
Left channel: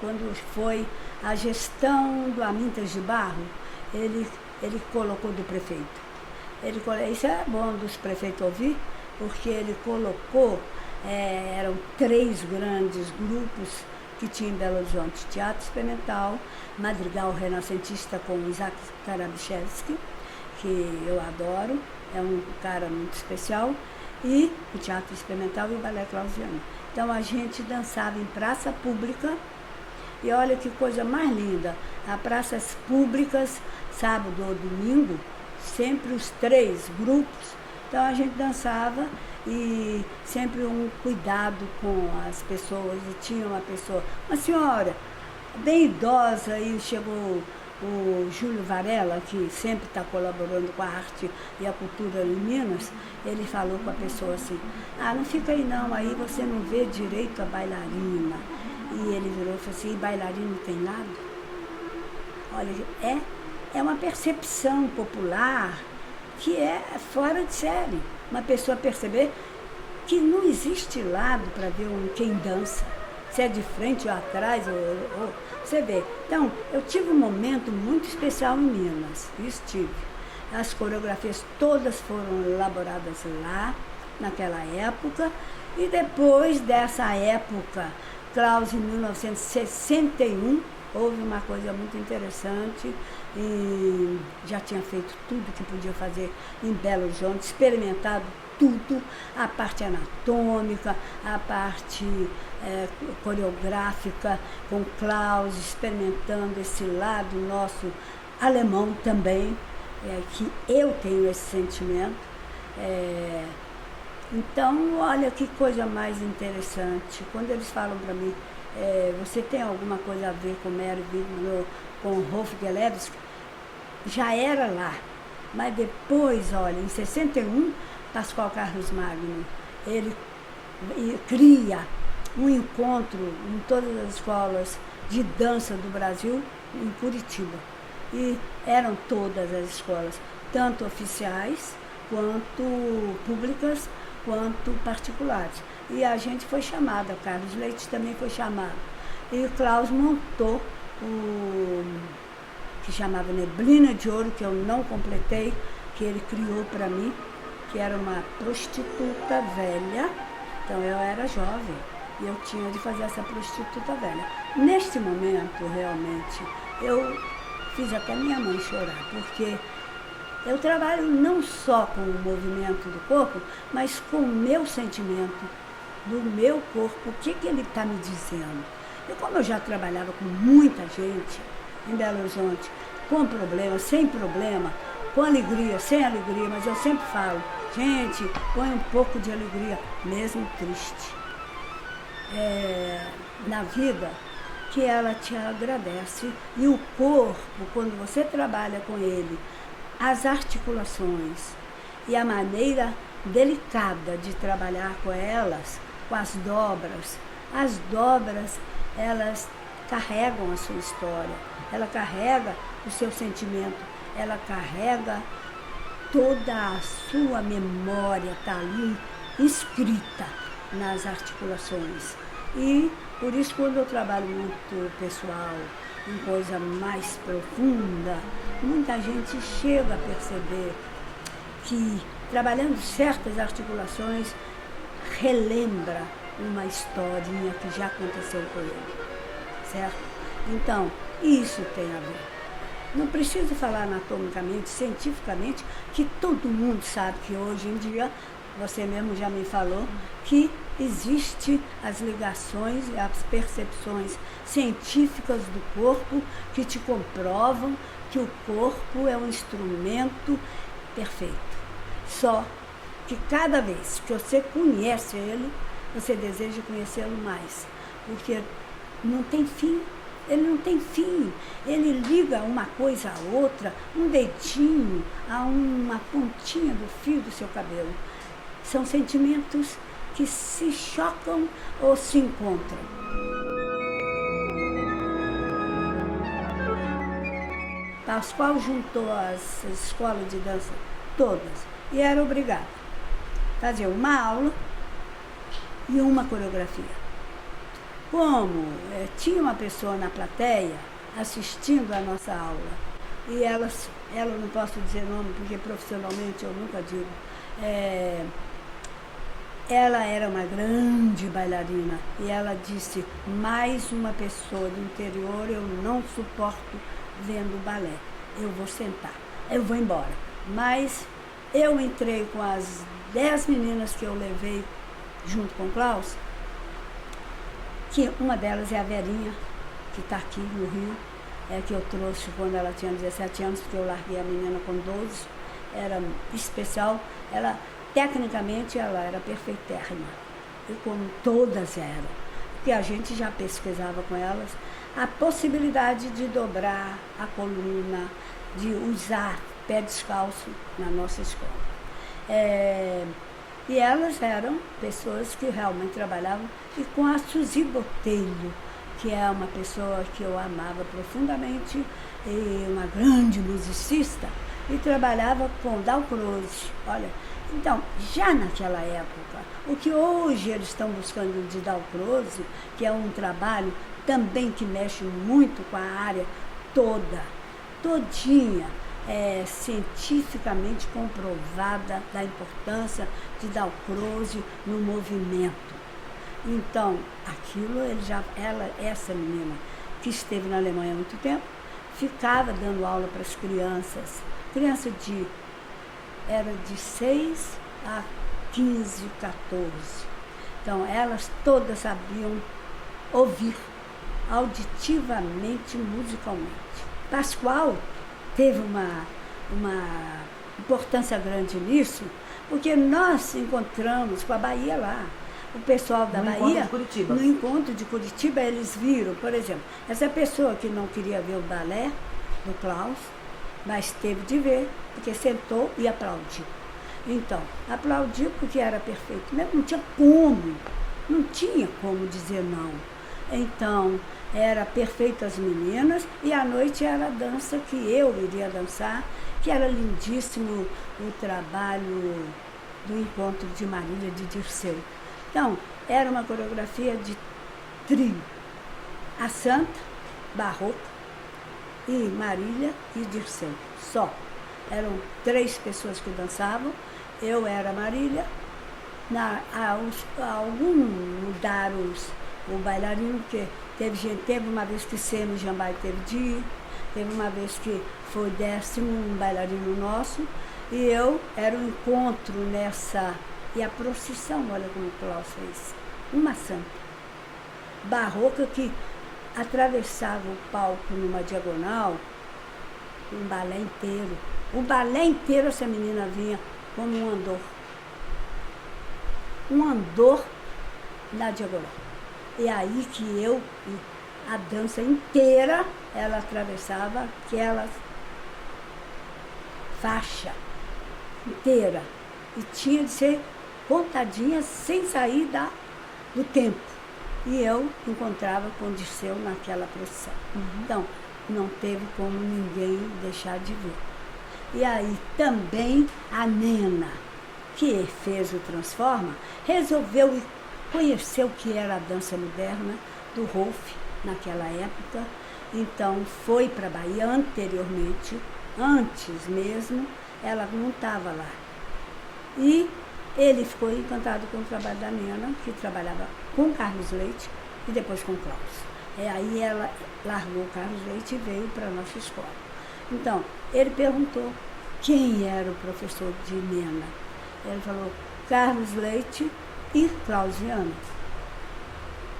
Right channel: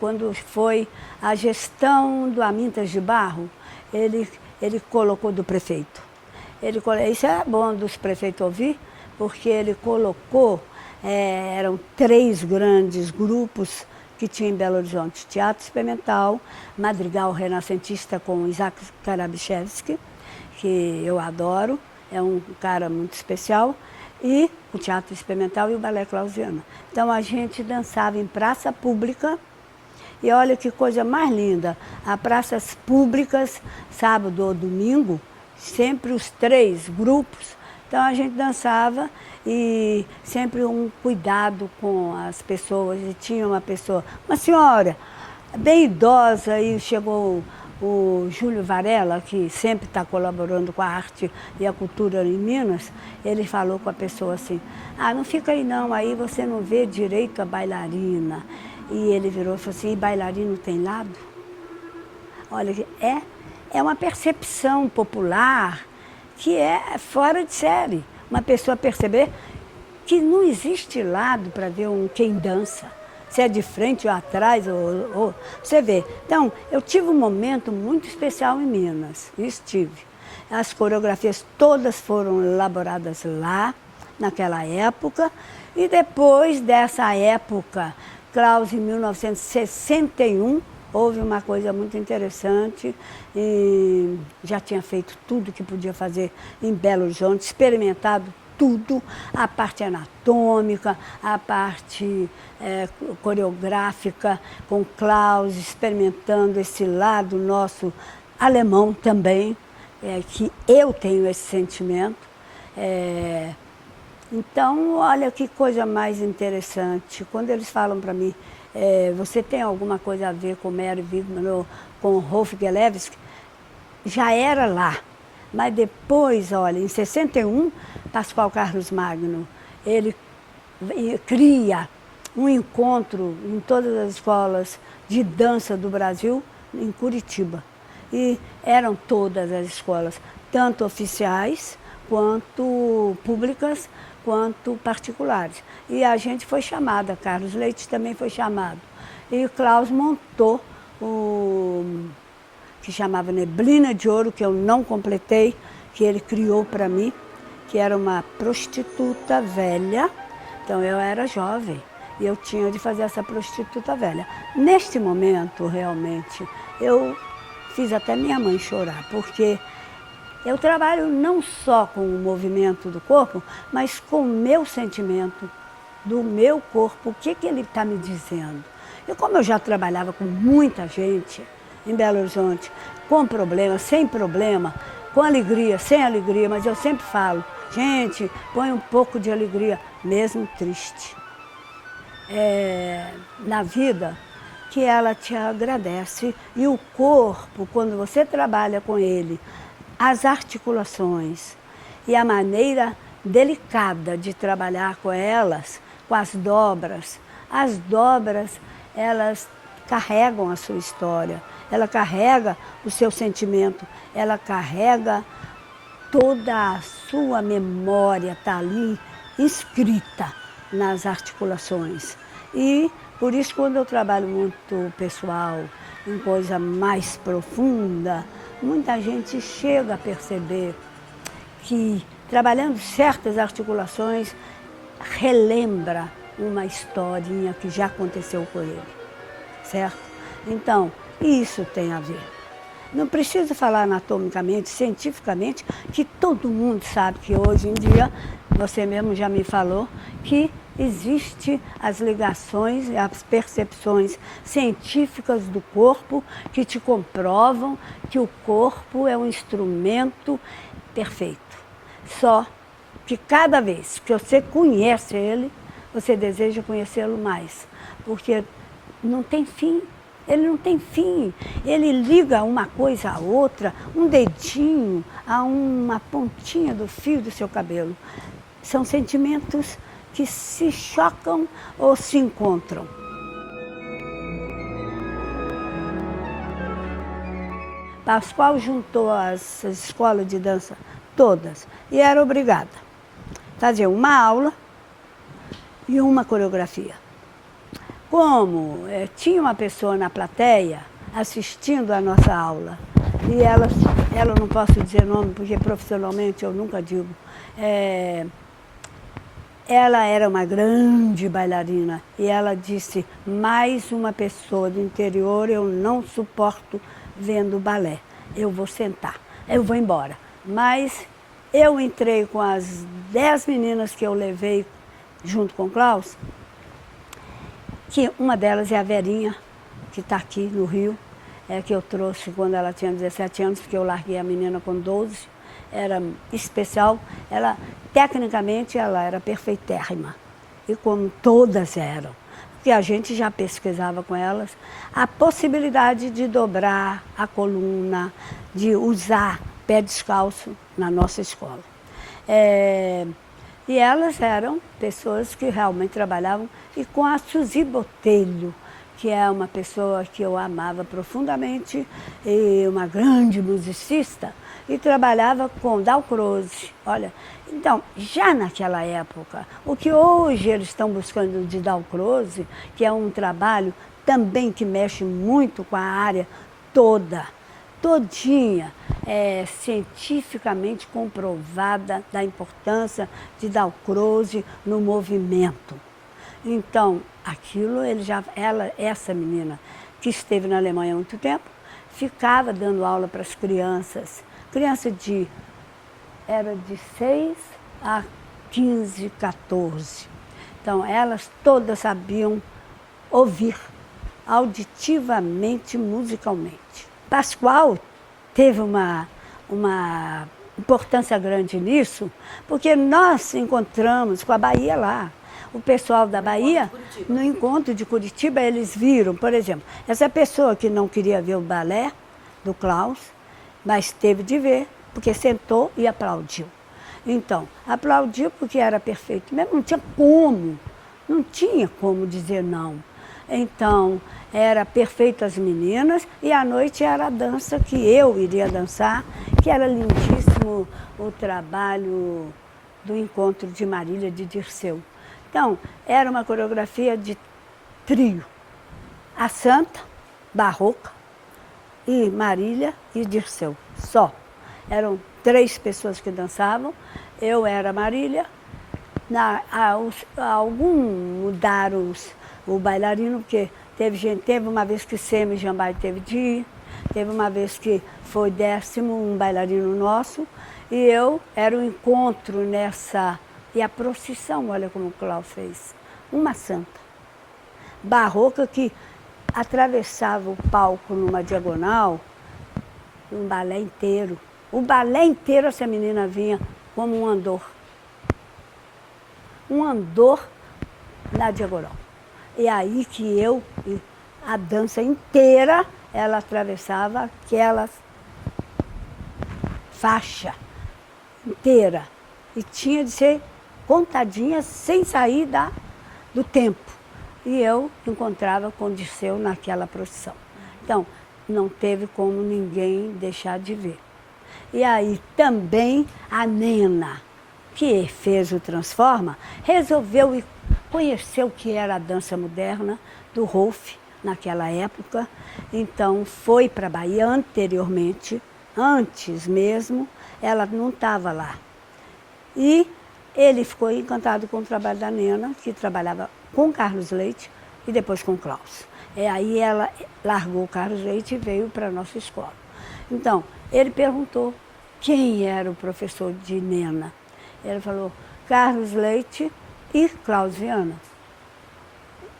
Quando foi a gestão do Amintas de Barro, ele colocou do prefeito. Isso é bom dos prefeitos ouvir, porque ele colocou, eram 3 grandes grupos que tinha em Belo Horizonte: Teatro Experimental, Madrigal Renascentista com Isaac Karabichevski, que eu adoro, é um cara muito especial, e o Teatro Experimental e o Balé Clausiana. Então a gente dançava em praça pública, e olha que coisa mais linda, as praças públicas, sábado ou domingo, sempre os 3 grupos. Então a gente dançava e sempre um cuidado com as pessoas. E tinha uma senhora bem idosa, e chegou o Júlio Varela, que sempre está colaborando com a arte e a cultura em Minas. Ele falou com a pessoa assim: não fica aí não, aí você não vê direito a bailarina. E ele virou e falou assim: e bailarino tem lado? Olha, é uma percepção popular que é fora de série. Uma pessoa perceber que não existe lado para ver quem dança, se é de frente ou atrás, ou você vê. Então, eu tive um momento muito especial em Minas, isso tive. As coreografias todas foram elaboradas lá, naquela época, e depois dessa época, Klaus, em 1961, houve uma coisa muito interessante, e já tinha feito tudo que podia fazer em Belo Horizonte, experimentado tudo, a parte anatômica, a parte coreográfica, com Klaus, experimentando esse lado nosso alemão também, que eu tenho esse sentimento. Então, olha que coisa mais interessante. Quando eles falam para mim, você tem alguma coisa a ver com Mary Wigman, com Rolf Gelewski? Já era lá. Mas depois, olha, em 61, Pascoal Carlos Magno, ele cria um encontro em todas as escolas de dança do Brasil, em Curitiba. E eram todas as escolas, tanto oficiais, quanto públicas, quanto particulares. E a gente foi chamada, Carlos Leite também foi chamado. E o Klaus montou que chamava Neblina de Ouro, que eu não completei, que ele criou para mim, que era uma prostituta velha. Então eu era jovem e eu tinha de fazer essa prostituta velha. Neste momento, realmente, eu fiz até minha mãe chorar, porque eu trabalho não só com o movimento do corpo, mas com o meu sentimento do meu corpo, o que ele está me dizendo. E como eu já trabalhava com muita gente em Belo Horizonte, com problema, sem problema, com alegria, sem alegria, mas eu sempre falo: gente, põe um pouco de alegria, mesmo triste. Na vida, que ela te agradece. E o corpo, quando você trabalha com ele as articulações e a maneira delicada de trabalhar com elas, com as dobras. As dobras, elas carregam a sua história, ela carrega o seu sentimento, ela carrega toda a sua memória, está ali escrita nas articulações. E por isso, quando eu trabalho muito pessoal, em coisa mais profunda, muita gente chega a perceber que trabalhando certas articulações relembra uma historinha que já aconteceu com ele, certo? Então, isso tem a ver. Não preciso falar anatomicamente, cientificamente, que todo mundo sabe que hoje em dia, você mesmo já me falou, que existe as ligações e as percepções científicas do corpo que te comprovam que o corpo é um instrumento perfeito. Só que cada vez que você conhece ele, você deseja conhecê-lo mais, porque não tem fim. Ele não tem fim, ele liga uma coisa a outra, um dedinho a uma pontinha do fio do seu cabelo. São sentimentos que se chocam ou se encontram. Pascoal juntou as escolas de dança todas e era obrigada a fazer uma aula e uma coreografia. Como tinha uma pessoa na plateia assistindo a nossa aula, e ela não posso dizer nome, porque profissionalmente eu nunca digo, ela era uma grande bailarina, e ela disse, mais uma pessoa do interior eu não suporto vendo balé, eu vou sentar, eu vou embora. Mas eu entrei com as 10 meninas que eu levei junto com o Klaus, que uma delas é a Verinha, que está aqui no Rio, que eu trouxe quando ela tinha 17 anos, porque eu larguei a menina com 12, era especial, tecnicamente ela era perfeitérrima, e como todas eram, porque a gente já pesquisava com elas a possibilidade de dobrar a coluna, de usar pé descalço na nossa escola. E elas eram pessoas que realmente trabalhavam, e com a Suzy Botelho, que é uma pessoa que eu amava profundamente, e uma grande musicista, e trabalhava com Dalcroze. Olha, então, já naquela época, o que hoje eles estão buscando de Dalcroze, que é um trabalho também que mexe muito com a área toda, todinha, cientificamente comprovada da importância de Dalcroze no movimento. Então, aquilo, essa menina que esteve na Alemanha há muito tempo, ficava dando aula para as crianças, era de 6 a 15, 14. Então, elas todas sabiam ouvir auditivamente, musicalmente. Pascoal teve uma importância grande nisso, porque nós encontramos com a Bahia lá. O pessoal da Bahia, no encontro de Curitiba, eles viram, por exemplo, essa pessoa que não queria ver o balé do Klaus, mas teve de ver, porque sentou e aplaudiu. Então, aplaudiu porque era perfeito, mas não tinha como dizer não. Então, era perfeito as meninas, e à noite era a dança que eu iria dançar, que era lindíssimo o trabalho do encontro de Marília de Dirceu. Então, era uma coreografia de trio. A Santa, Barroca, e Marília e Dirceu, só. Eram 3 pessoas que dançavam, eu era Marília, algum mudaram o bailarino, porque teve uma vez que Semi Jambai teve de ir, teve uma vez que foi 10º um bailarino nosso, e eu era o encontro nessa. E a procissão, olha como o Klaus fez. Uma santa. Barroca que atravessava o palco numa diagonal, um balé inteiro. O balé inteiro essa menina vinha como um andor. Um andor na diagonal. E aí que a dança inteira, ela atravessava aquelas faixa inteira. E tinha de ser contadinha sem sair do tempo. E eu encontrava com o Dirceu naquela profissão. Então, não teve como ninguém deixar de ver. E aí também a Nena, que fez o Transforma, resolveu ir conhecer o que era a dança moderna do Rolf naquela época. Então foi para a Bahia anteriormente, antes mesmo, ela não estava lá. E ele ficou encantado com o trabalho da Nena, que trabalhava com Carlos Leite e depois com Klaus. Aí ela largou o Carlos Leite e veio para a nossa escola. Então, ele perguntou quem era o professor de Nena. Ele falou, Carlos Leite e Clausiana.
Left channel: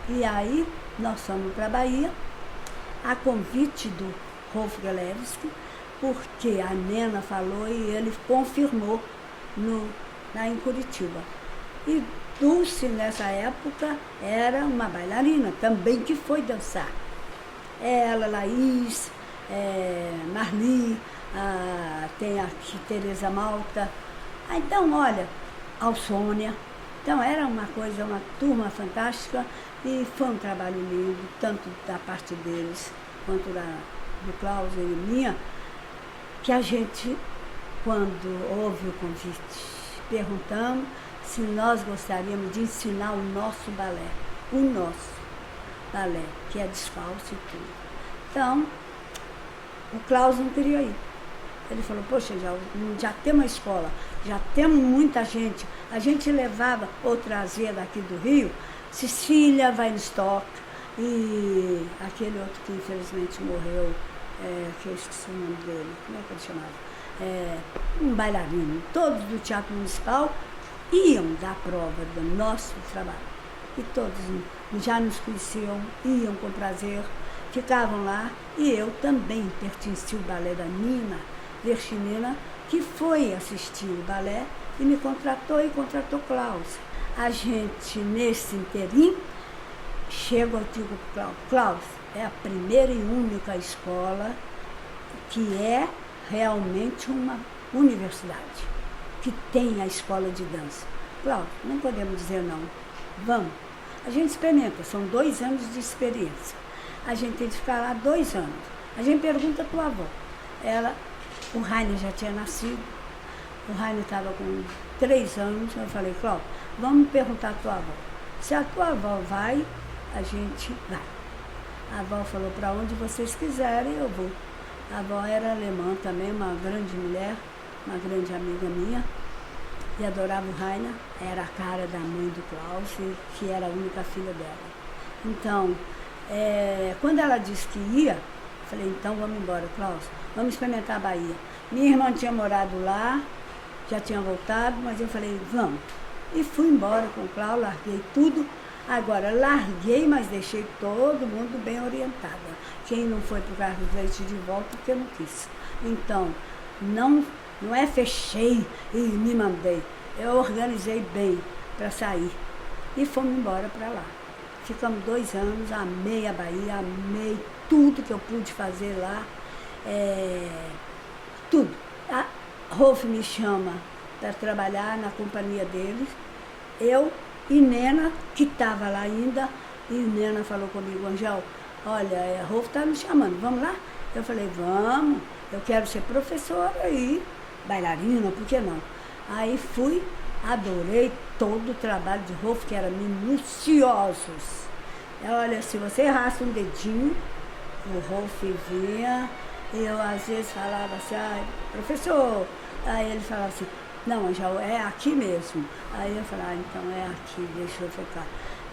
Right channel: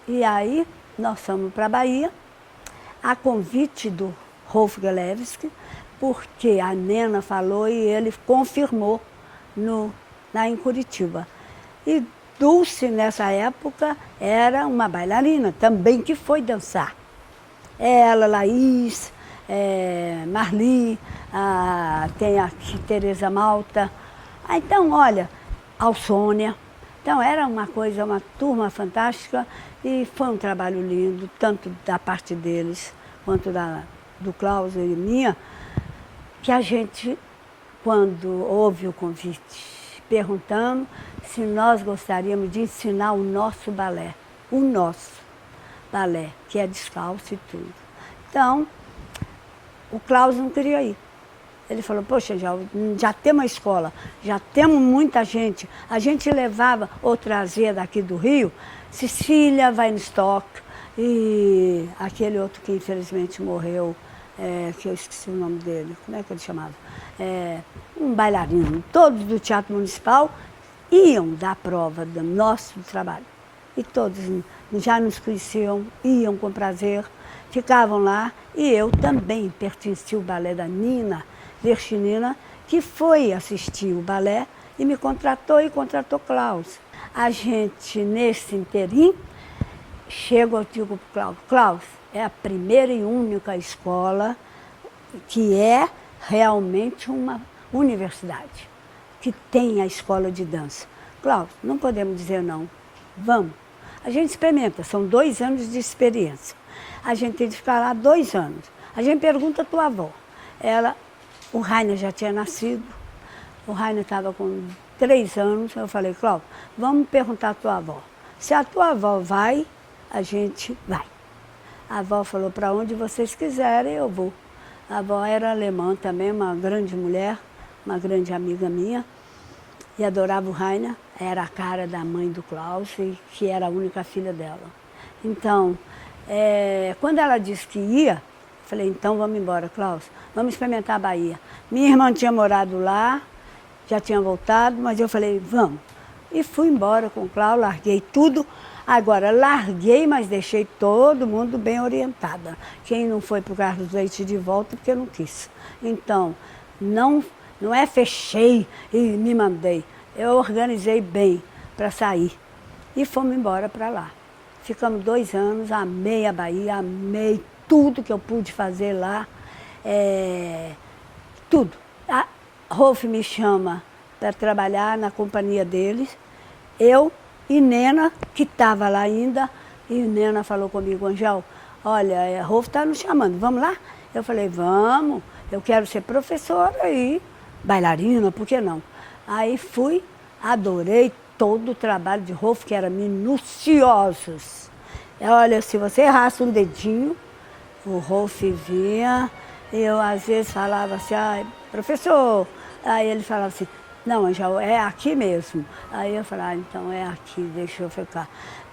E aí, nós fomos para a Bahia, a convite do Rolf Galevski, porque a Nena falou e ele confirmou lá em Curitiba. E Dulce, nessa época, era uma bailarina também que foi dançar. Ela, Laís, Marli, tem a Tereza Malta. Então, olha, Alsônia. Então, era uma coisa, uma turma fantástica e foi um trabalho lindo, tanto da parte deles quanto do Klaus e minha, que a gente, quando houve o convite, perguntamos se nós gostaríamos de ensinar o nosso balé, que é descalço e tudo. Então, o Klaus não queria ir. Ele falou, poxa, já temos uma escola, já temos muita gente. A gente levava ou trazia daqui do Rio, Cecília Weinstock e aquele outro que infelizmente morreu, que eu esqueci o nome dele, como é que ele chamava? Um bailarino, todos do Teatro Municipal iam dar prova do nosso trabalho. E todos já nos conheciam, iam com prazer, ficavam lá. E eu também pertenci ao balé da Nina Verchinina, que foi assistir o balé e me contratou e contratou Klaus. A gente, nesse inteirinho, chega e digo para o Klaus, é a primeira e única escola que é realmente uma universidade, que tem a escola de dança. Klaus, não podemos dizer não, vamos. A gente experimenta, são 2 anos de experiência. A gente tem de ficar lá 2 anos. A gente pergunta a tua avó. O Rainer já tinha nascido, o Rainer estava com 3 anos, eu falei, Cláudio, vamos perguntar à tua avó. Se a tua avó vai, a gente vai. A avó falou, para onde vocês quiserem, eu vou. A avó era alemã também, uma grande mulher, uma grande amiga minha, e adorava o Rainer, era a cara da mãe do Klaus, que era a única filha dela. Então, quando ela disse que ia, eu falei, então vamos embora, Klaus, vamos experimentar a Bahia. Minha irmã tinha morado lá, já tinha voltado, mas eu falei, vamos. E fui embora com o Klaus, larguei tudo. Agora, larguei, mas deixei todo mundo bem orientada. Quem não foi para o Carlos Leite de volta, porque eu não quis. Então, não fechei e me mandei. Eu organizei bem para sair. E fomos embora para lá. Ficamos 2 anos, amei a Bahia, amei tudo que eu pude fazer lá. Tudo. A Rolf me chama para trabalhar na companhia deles. Eu e Nena, que estava lá ainda, e Nena falou comigo, Angel, olha, Rolf está nos chamando, vamos lá? Eu falei, vamos, eu quero ser professora e bailarina, por que não? Aí fui, adorei todo o trabalho de Rolf, que era minuciosos. Olha, se você errasse um dedinho, o Rolf vinha, eu às vezes falava assim, professor, aí ele falava assim, não, Angel, é aqui mesmo. Aí eu falava, então é aqui, deixa eu ficar.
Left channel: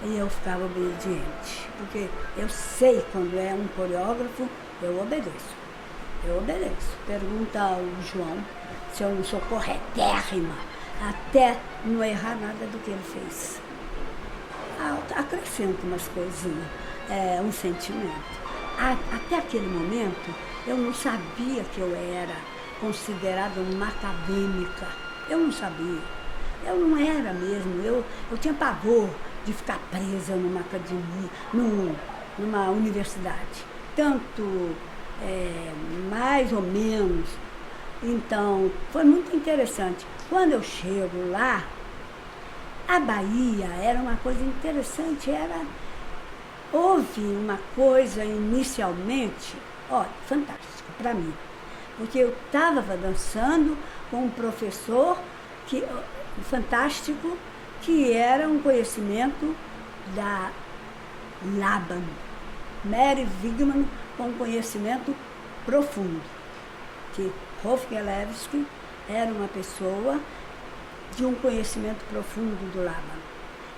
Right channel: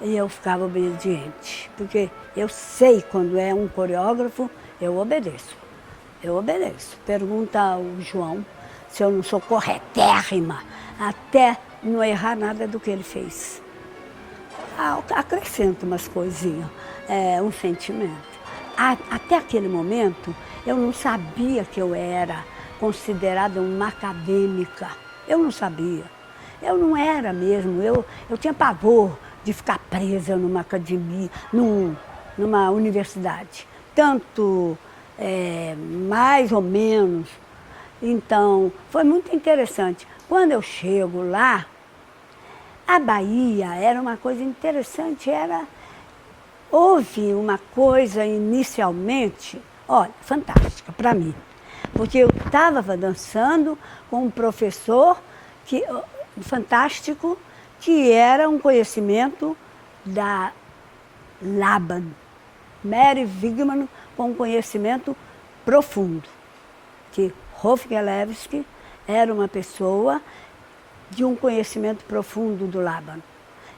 E eu ficava obediente, porque eu sei quando é um coreógrafo, eu obedeço. Eu obedeço. Pergunta ao João se eu não sou corretérrima, até não errar nada do que ele fez. Acrescento umas coisinhas, um sentimento. Até aquele momento, eu não sabia que eu era considerada uma acadêmica. Eu não sabia. Eu não era mesmo. Eu tinha pavor de ficar presa numa academia, numa universidade. Tanto, mais ou menos. Então, foi muito interessante. Quando eu chego lá, a Bahia era uma coisa interessante, houve uma coisa inicialmente, olha, fantástica para mim. Porque eu estava dançando com um professor fantástico, que era um conhecimento da Laban, Mary Wigman, com um conhecimento profundo. Que Hofgelewski era uma pessoa de um conhecimento profundo do Laban.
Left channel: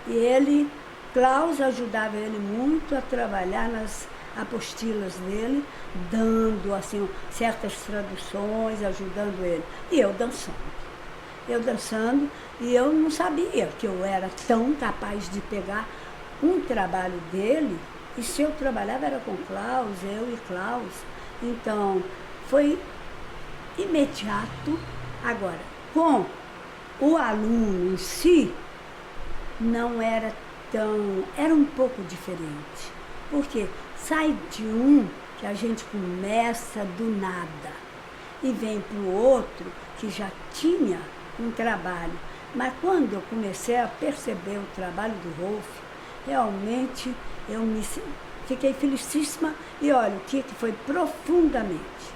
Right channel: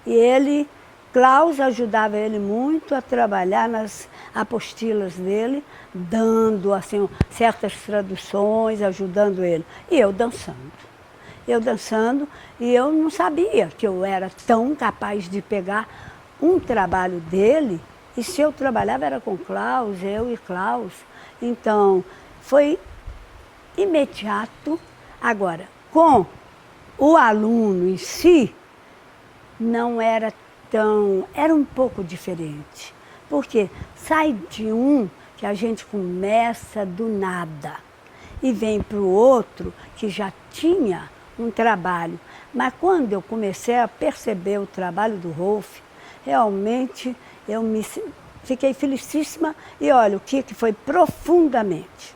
E Klaus ajudava ele muito a trabalhar nas apostilas dele, dando assim, certas traduções, ajudando ele. E eu dançando. E eu não sabia que eu era tão capaz de pegar um trabalho dele, e se eu trabalhava era com Klaus, eu e Klaus. Então, foi imediato. Agora, com o aluno em si, não era era um pouco diferente. Porque sai de um que a gente começa do nada e vem para o outro que já tinha um trabalho. Mas quando eu comecei a perceber o trabalho do Rolf, realmente fiquei felicíssima. E olha, o que foi profundamente.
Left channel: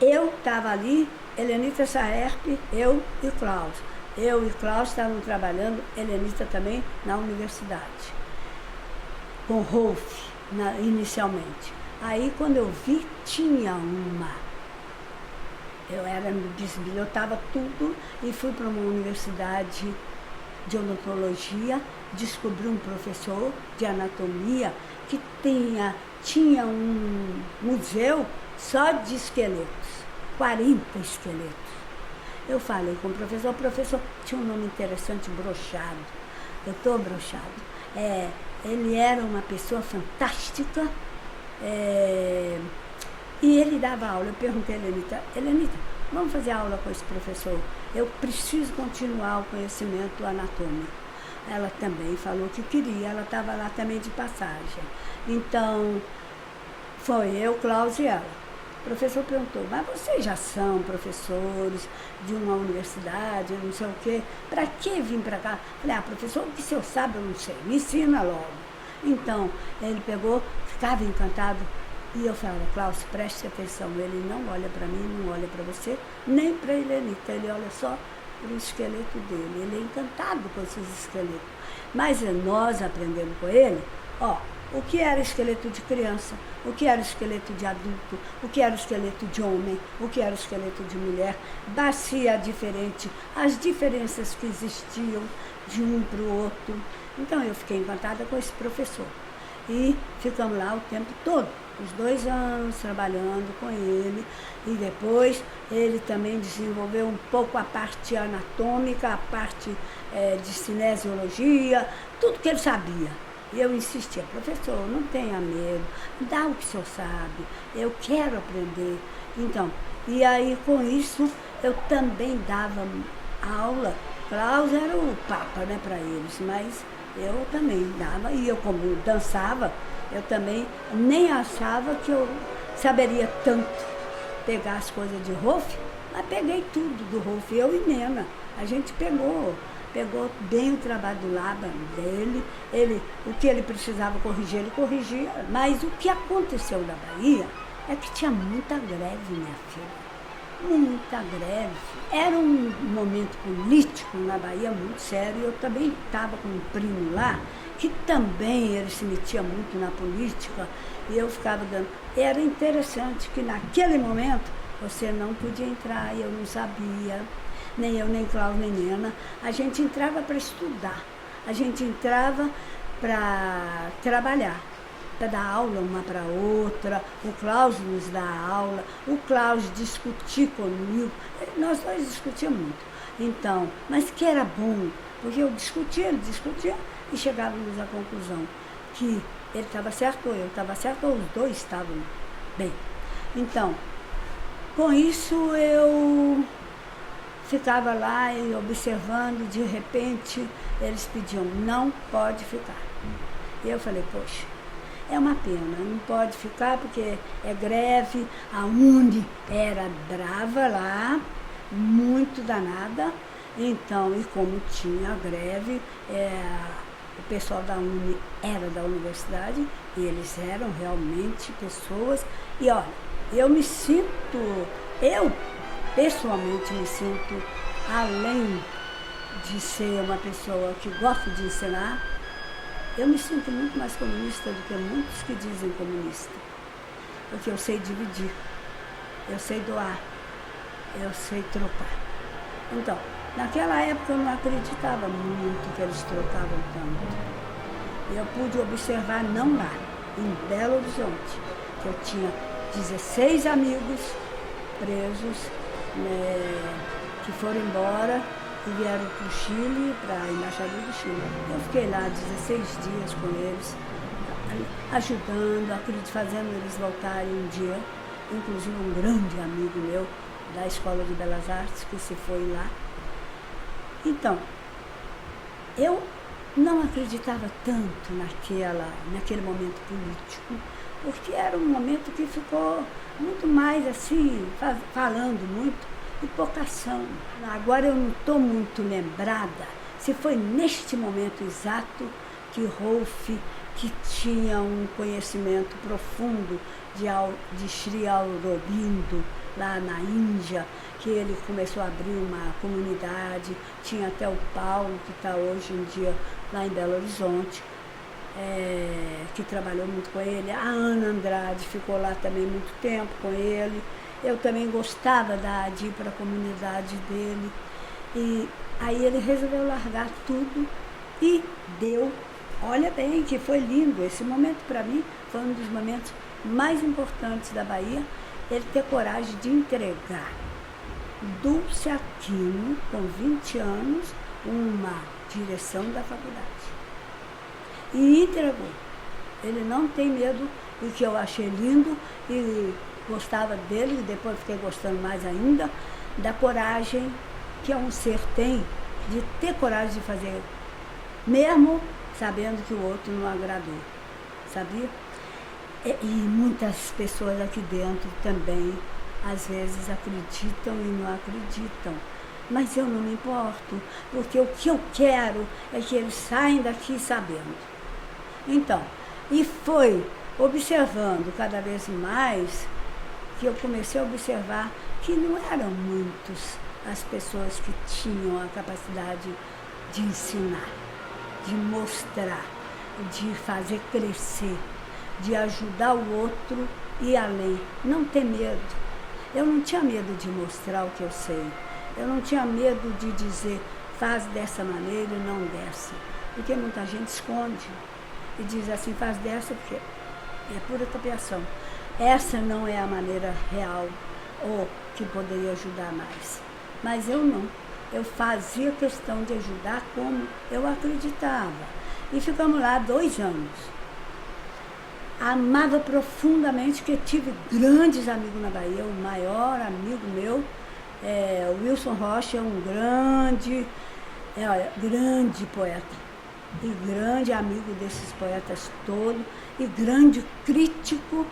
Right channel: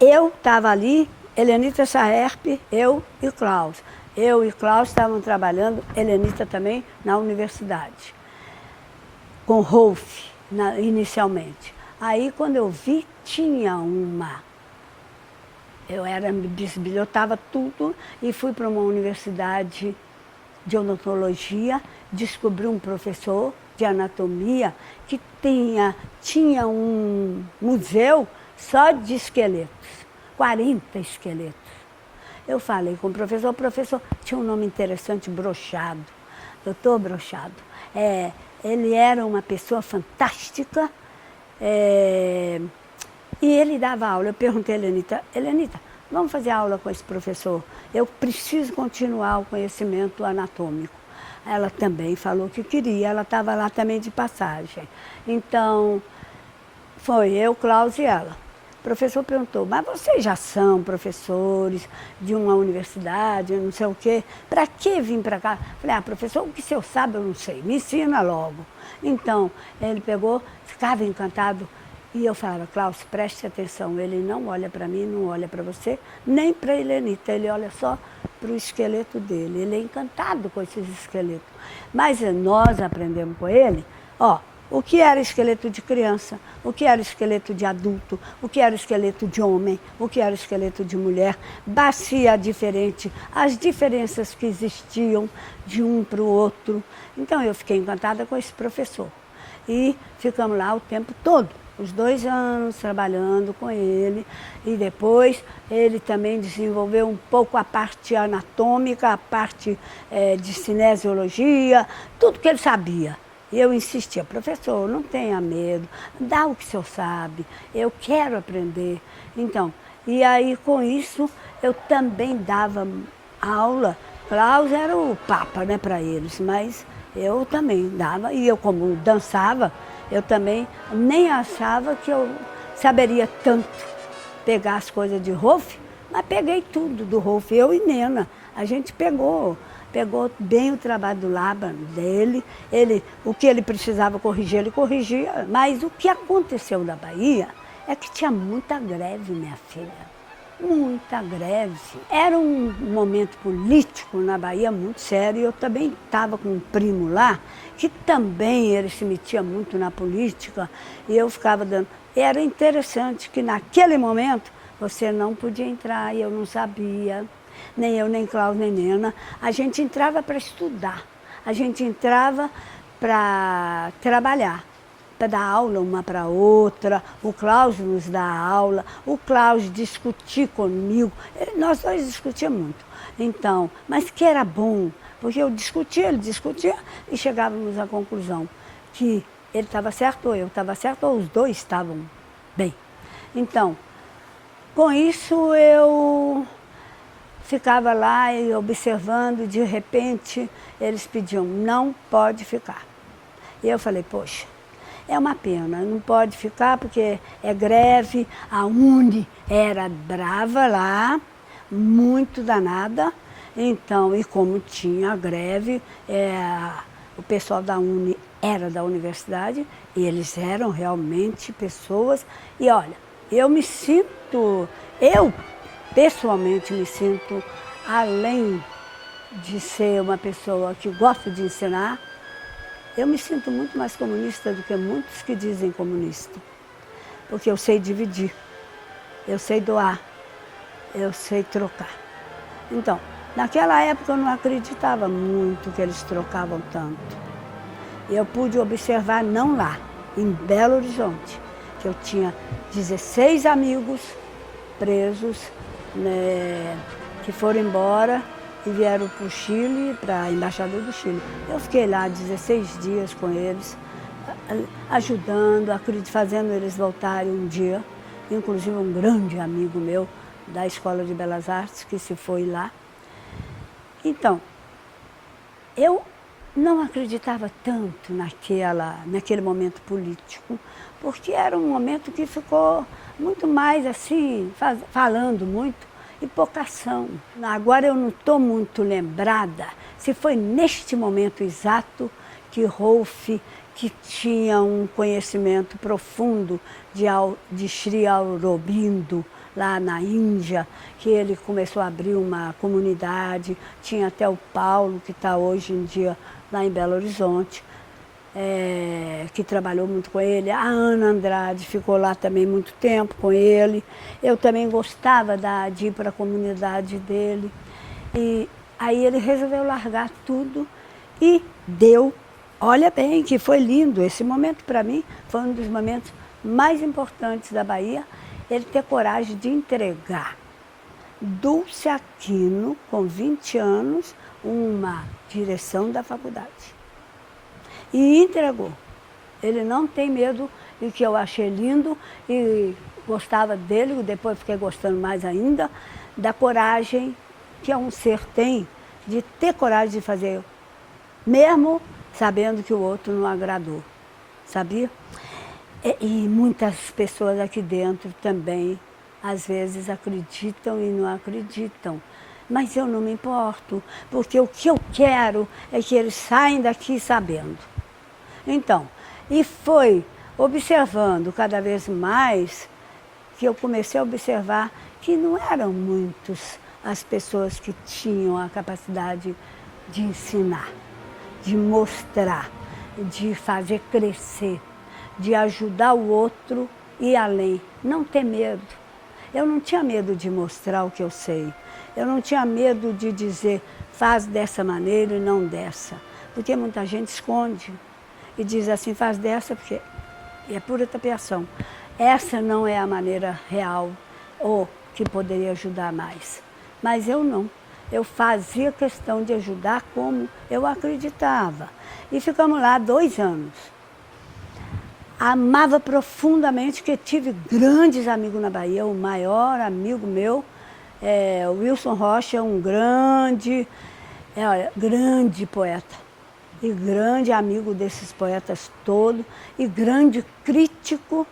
Eu estava ali, Helenita Saerp, eu e Klaus. Eu e Klaus estavam trabalhando, Helenita também, na universidade, com Rolf, inicialmente. Aí, quando eu vi, tinha eu era bisbilhotava tudo e fui para uma universidade de odontologia, descobri um professor de anatomia que tinha um museu só de esqueletos, 40 esqueletos. Eu falei com o professor tinha um nome interessante, Brochado, doutor Brochado. Ele era uma pessoa fantástica, e ele dava aula. Eu perguntei a Helenita, vamos fazer aula com esse professor? Eu preciso continuar o conhecimento anatômico. Ela também falou que queria, ela estava lá também de passagem. Então, foi eu, Klaus e ela. O professor perguntou, mas vocês já são professores de uma universidade, não sei o quê, para que vir para cá? Falei, professor, o que o senhor sabe eu não sei, me ensina logo. Então, ele pegou, ficava encantado, e eu falava, Klaus, preste atenção, ele não olha para mim, não olha para você, nem para a Helenita, ele olha só para o esqueleto dele, ele é encantado com esses esqueletos. Mas nós aprendemos com ele, o que era esqueleto de criança, o que era esqueleto de adulto, o que era esqueleto de homem, o que era esqueleto de mulher, bacia diferente, as diferenças que existiam de um para o outro. Então eu fiquei encantada com esse professor. E ficamos lá o tempo todo, os 2 anos trabalhando com ele. E depois ele também desenvolveu um pouco a parte anatômica, a parte de cinesiologia, tudo que ele sabia. E eu insistia, professor, não tenha medo, dá o que o senhor sabe, eu quero aprender. Então, e aí com isso eu também dava aula. Klaus era o papa, né, para eles, mas eu também dava. E eu, como dançava, eu também nem achava que eu saberia tanto pegar as coisas de Rolf, mas peguei tudo do Rolf, eu e Nena. A gente pegou bem o trabalho do Laban dele, o que ele precisava corrigir, ele corrigia, mas o que aconteceu na Bahia é que tinha muita greve, minha filha, muita greve. Era um momento político na Bahia muito sério, e eu também estava com um primo lá, que também ele se metia muito na política, e eu ficava dando. E era interessante que naquele momento você não podia entrar, e eu não sabia, nem eu, nem Klaus, nem Nena. A gente entrava para estudar, a gente entrava para trabalhar, para dar aula uma para outra, o Klaus nos dá aula, o Klaus discutir comigo, nós dois discutíamos muito. Então, mas que era bom, porque eu discutia, ele discutia, e chegávamos à conclusão que ele estava certo ou eu estava certo, ou os dois estavam bem. Então, com isso eu ficava lá e observando, de repente eles pediam, não pode ficar. E eu falei, poxa, É uma pena, não pode ficar porque é greve. A Uni era brava lá, muito danada. Então, e como tinha greve, o pessoal da Uni era da universidade e eles eram realmente pessoas. E olha, eu pessoalmente me sinto, além de ser uma pessoa que gosta de ensinar, eu me sinto muito mais comunista do que muitos que dizem comunista. Porque eu sei dividir, eu sei doar, eu sei trocar. Então, naquela época eu não acreditava muito que eles trocavam tanto. Eu pude observar, não lá, em Belo Horizonte, que eu tinha 16 amigos presos, né, que foram embora e vieram para o Chile, para a Embaixada do Chile. Eu fiquei lá 16 dias com eles, ajudando, fazendo eles voltarem um dia. Inclusive um grande amigo meu da Escola de Belas Artes, que se foi lá. Então, eu não acreditava tanto naquele momento político, porque era um momento que ficou muito mais assim, falando muito, e pouca ação. Agora eu não estou muito lembrada se foi neste momento exato que Rolf, que tinha um conhecimento profundo de Sri Aurobindo, lá na Índia, que ele começou a abrir uma comunidade. Tinha até o Paulo, que está hoje em dia lá em Belo Horizonte, que trabalhou muito com ele. A Ana Andrade ficou lá também muito tempo com ele. Eu também gostava de ir para a comunidade dele. E aí ele resolveu largar tudo e deu. Olha bem, que foi lindo. Esse momento, para mim, foi um dos momentos mais importantes da Bahia, ele ter coragem de entregar Dulce Aquino, com 20 anos, uma direção da faculdade. E entregou. Ele não tem medo, e o que eu achei lindo, e gostava dele, e depois fiquei gostando mais ainda, da coragem que um ser tem, de ter coragem de fazer, mesmo sabendo que o outro não agradou, sabia? E muitas pessoas aqui dentro também, às vezes, acreditam e não acreditam. Mas eu não me importo, porque o que eu quero é que eles saiam daqui sabendo. Então, e foi observando cada vez mais que eu comecei a observar que não eram muitos as pessoas que tinham a capacidade de ensinar, de mostrar, de fazer crescer, de ajudar o outro e ir além. Não ter medo. Eu não tinha medo de mostrar o que eu sei. Eu não tinha medo de dizer, faz dessa maneira e não dessa. Porque muita gente esconde e diz assim, faz dessa porque é pura tapeação. Essa não é a maneira real ou que poderia ajudar mais. Mas eu não. Eu fazia questão de ajudar como eu acreditava. E ficamos lá 2 anos. Amava profundamente, que tive grandes amigos na Bahia. O maior amigo meu, o Wilson Rocha, é um grande poeta. E grande amigo desses poetas todos. E grande crítico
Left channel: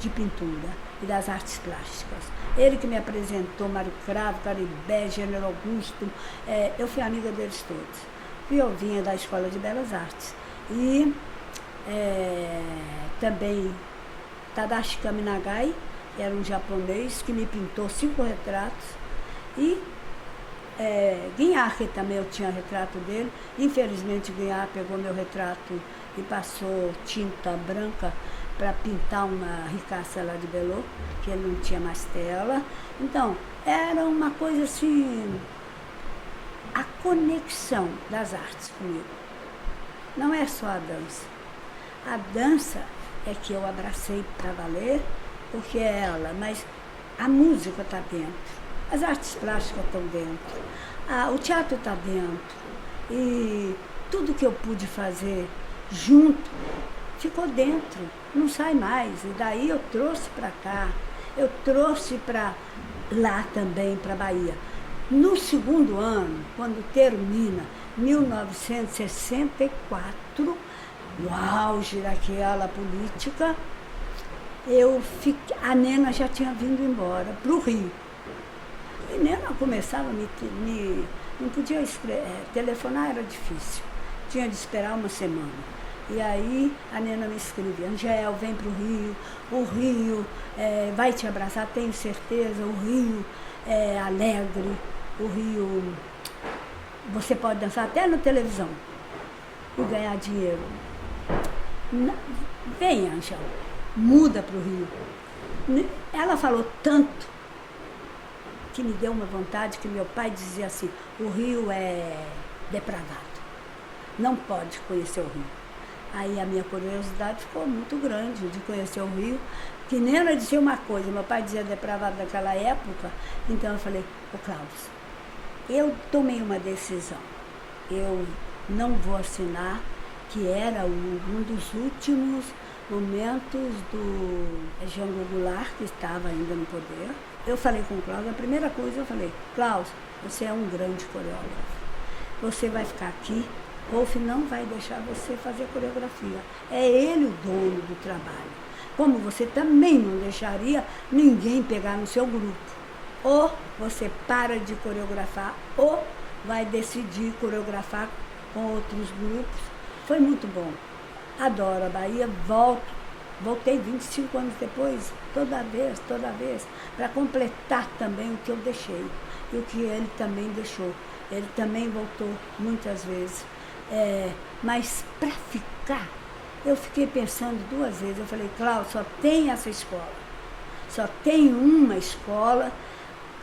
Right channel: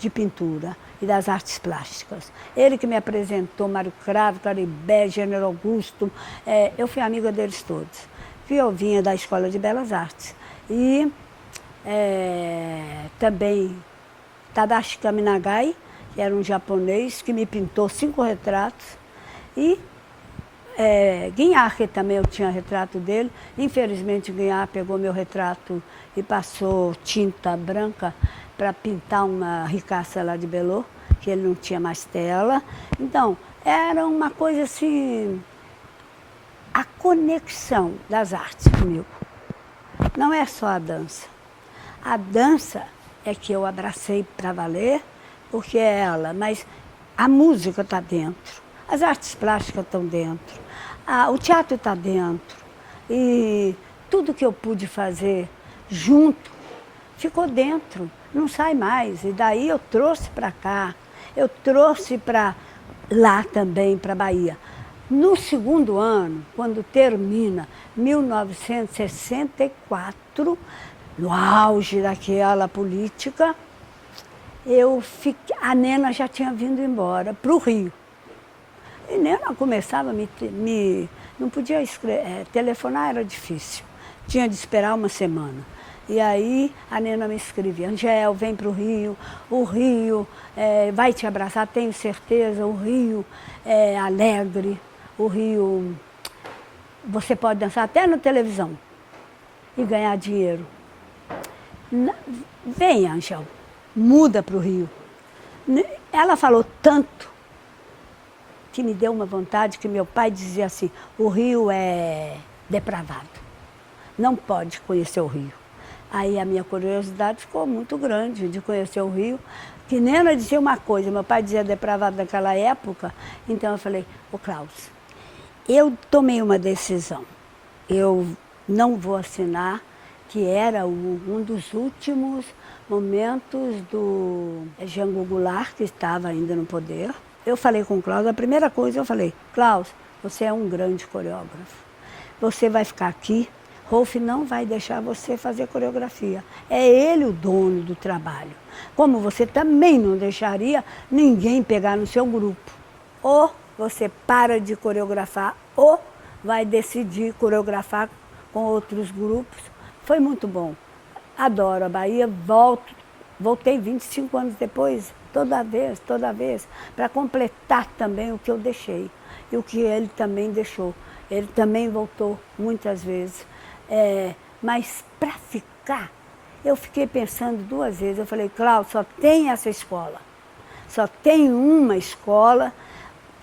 de pintura e das artes plásticas. Ele que me apresentou Mário Cravo, Caribé, Gênero Augusto. Eu fui amiga deles todos. Que eu vinha da Escola de Belas Artes. E também Tadashi Kaminagai, que era um japonês, que me pintou 5 retratos. E Guignard, que também eu tinha retrato dele. Infelizmente, Guignard pegou meu retrato e passou tinta branca para pintar uma ricaça lá de Belô, que ele não tinha mais tela. Então, era uma coisa assim, a conexão das artes comigo. Não é só a dança. A dança é que eu abracei para valer, porque é ela, mas a música está dentro, as artes plásticas estão dentro, o teatro está dentro. E tudo que eu pude fazer junto ficou dentro, não sai mais. E daí eu trouxe para cá, eu trouxe para lá também, para a Bahia. No segundo ano, quando termina, 1964, no auge daquela política, a Nena já tinha vindo embora para o Rio. E Nena começava a não podia telefonar, era difícil. Tinha de esperar uma semana. E aí a Nena me escrevia: Angel, vem para o Rio vai te abraçar, tenho certeza, o Rio é alegre, o Rio você pode dançar até na televisão e ganhar dinheiro. Vem, Angel, muda para o Rio. Ela falou tanto que me deu uma vontade, que meu pai dizia assim: o Rio é depravado, não pode conhecer o Rio. Aí a minha curiosidade ficou muito grande de conhecer o Rio, que Nena dizia uma coisa, meu pai dizia depravado naquela época, então eu falei: ô Cláudio, eu tomei uma decisão, eu não vou assinar, que era um dos últimos momentos do Jango Goulart, que estava ainda no poder. Eu falei com o Cláudio, a primeira coisa eu falei: Cláudio, você é um grande coreógrafo, você vai ficar aqui, Rolf não vai deixar você fazer coreografia, é ele o dono do trabalho, como você também não deixaria ninguém pegar no seu grupo. Ou você para de coreografar, ou vai decidir coreografar com outros grupos. Foi muito bom, adoro a Bahia, voltei 25 anos depois, toda vez, para completar também o que eu deixei e o que ele também deixou. Ele também voltou muitas vezes. Mas para ficar, eu fiquei pensando 2 vezes. Eu falei: Cláudio, só tem essa escola. Só tem uma escola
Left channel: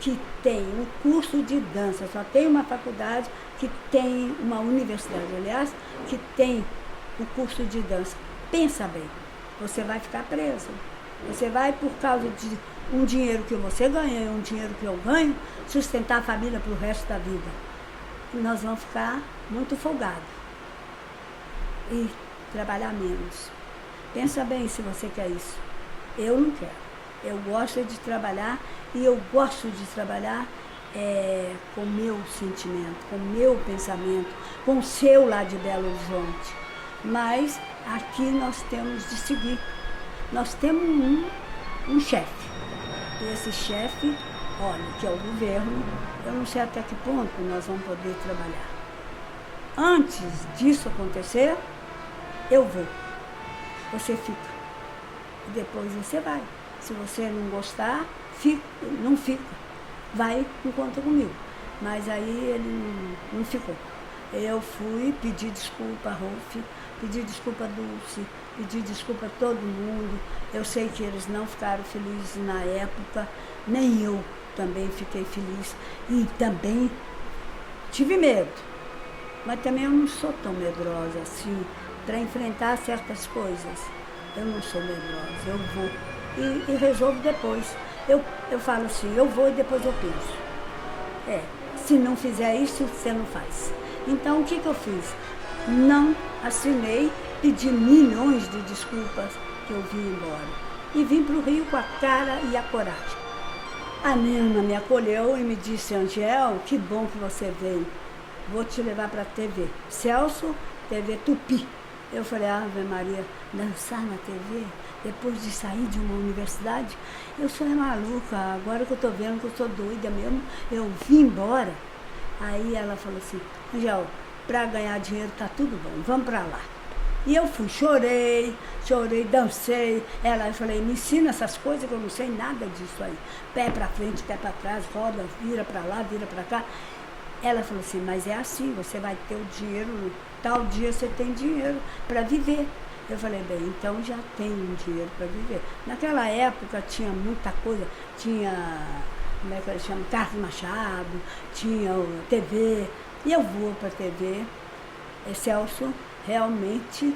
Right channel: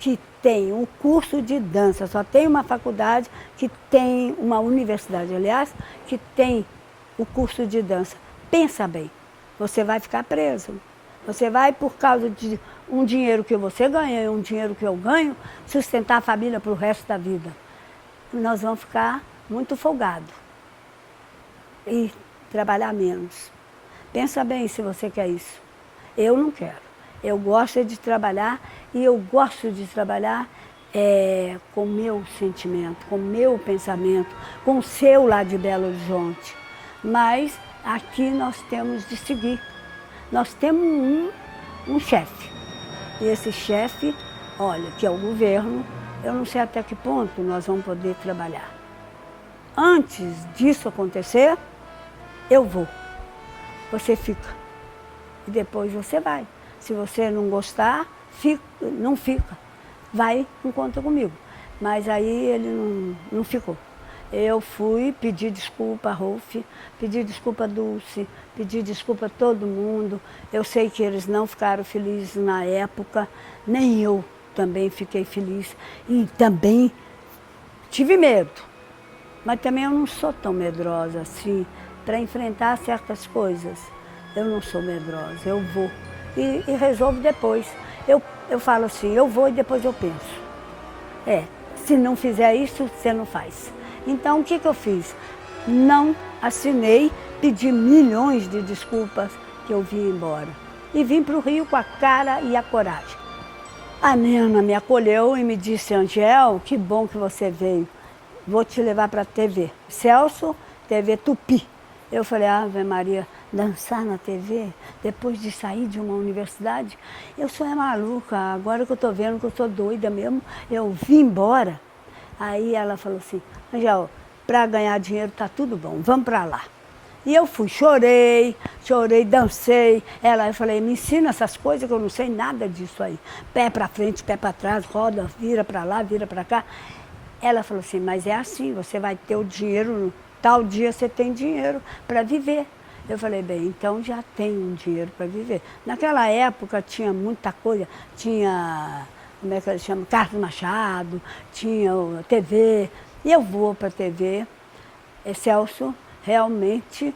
que tem um curso de dança, só tem uma faculdade que tem, uma universidade, aliás, que tem o curso de dança. Pensa bem, você vai ficar preso. Você vai, por causa de um dinheiro que você ganha e um dinheiro que eu ganho, sustentar a família para o resto da vida. E nós vamos ficar muito folgados e trabalhar menos. Pensa bem se você quer isso. Eu não quero. Eu gosto de trabalhar, e eu gosto de trabalhar com o meu sentimento, com o meu pensamento, com o seu lá de Belo Horizonte. Mas aqui nós temos de seguir. Nós temos um chefe. E esse chefe, olha, que é o governo, eu não sei até que ponto nós vamos poder trabalhar. Antes disso acontecer, eu vou. Você fica. E depois você vai. Se você não gostar, não fica. Vai, não conta comigo. Mas aí ele não ficou. Eu fui pedir desculpa a Rolf, pedir desculpa a Dulce, pedir desculpa a todo mundo. Eu sei que eles não ficaram felizes na época, nem eu também fiquei feliz. E também tive medo. Mas também eu não sou tão medrosa assim para enfrentar certas coisas. Eu não sou medrosa, eu vou e resolvo depois. Eu falo assim, eu vou e depois eu penso. Se não fizer isso, você não faz. Então, o que eu fiz? Não assinei, pedi milhões de desculpas que eu vim embora. E vim para o Rio com a cara e a coragem. A Nena me acolheu e me disse: Angel, que bom que você veio. Vou te levar para a TV. Celso, TV Tupi. Eu falei: Ave Maria, dançar na TV, depois de sair de uma universidade? Eu sou maluca, agora que eu estou vendo que eu sou doida mesmo, eu vim embora. Aí ela falou assim: Angel, para ganhar dinheiro tá tudo bom, vamos para lá. E eu fui, chorei, dancei. Eu falei: me ensina essas coisas que eu não sei nada disso aí. Pé para frente, pé para trás, roda, vira para lá, vira para cá. Ela falou assim: mas é assim, você vai ter o dinheiro, tal dia você tem dinheiro para viver. Eu falei: bem, então já tenho dinheiro para viver. Naquela época tinha muita coisa, tinha, como é que eles chamam, Carlos Machado, tinha TV, e eu vou para a TV. Celso, realmente,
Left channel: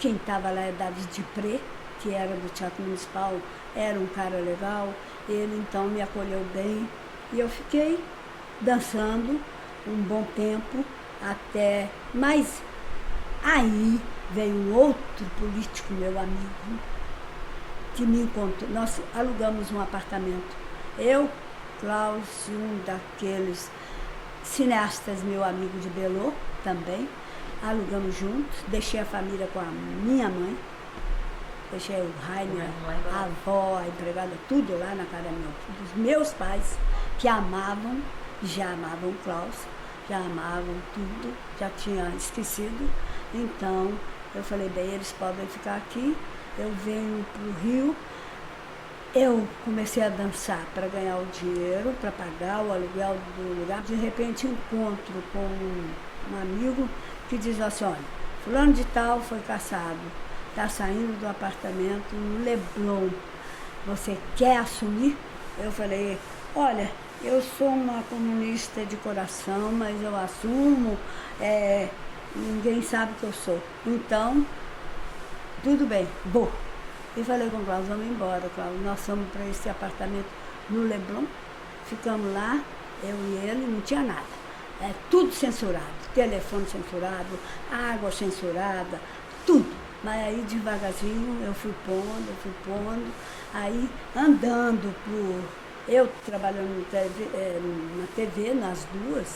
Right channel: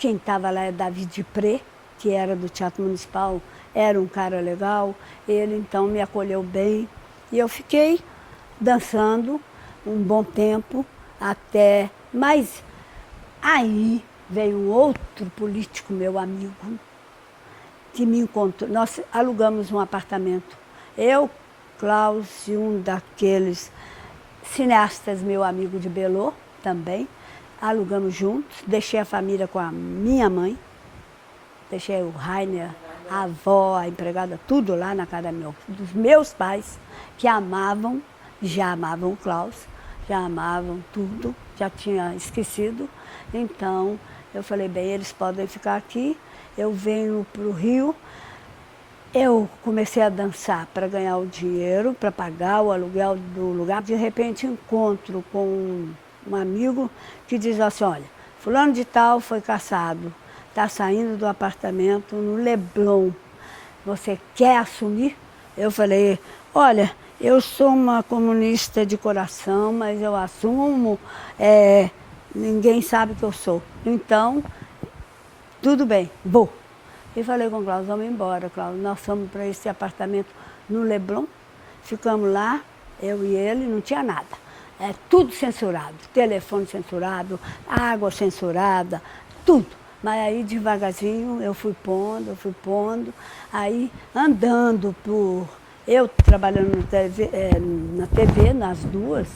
quem estava lá é David Dupré, que era do Teatro Municipal, era um cara legal, ele então me acolheu bem, e eu fiquei dançando um bom tempo, até, mas aí veio um outro político, meu amigo, que me encontrou. Nós alugamos um apartamento, eu, Klaus e um daqueles cineastas, meu amigo de Belô também. alugamos juntos, deixei a família com a minha mãe, deixei o Rainer, a avó, a empregada, tudo lá na casa dos meus pais, que já amavam o Klaus, já amavam tudo, já tinha esquecido. Então, eu falei, bem, eles podem ficar aqui, eu venho para o Rio. Eu comecei a dançar para ganhar o dinheiro, para pagar o aluguel do lugar. De repente, encontro com um amigo que diz assim, olha, fulano de tal foi cassado, está saindo do apartamento no Leblon, você quer assumir? Eu falei, olha, eu sou uma comunista de coração, mas eu assumo, ninguém sabe que eu sou. Então, tudo bem, vou. E falei com o Klaus, vamos embora, Klaus. Nós fomos para esse apartamento no Leblon, ficamos lá, eu e ele, não tinha nada. Tudo censurado, telefone censurado, água censurada, tudo. Mas aí devagarzinho eu fui pondo, aí andando por... Eu trabalhando na TV, nas duas,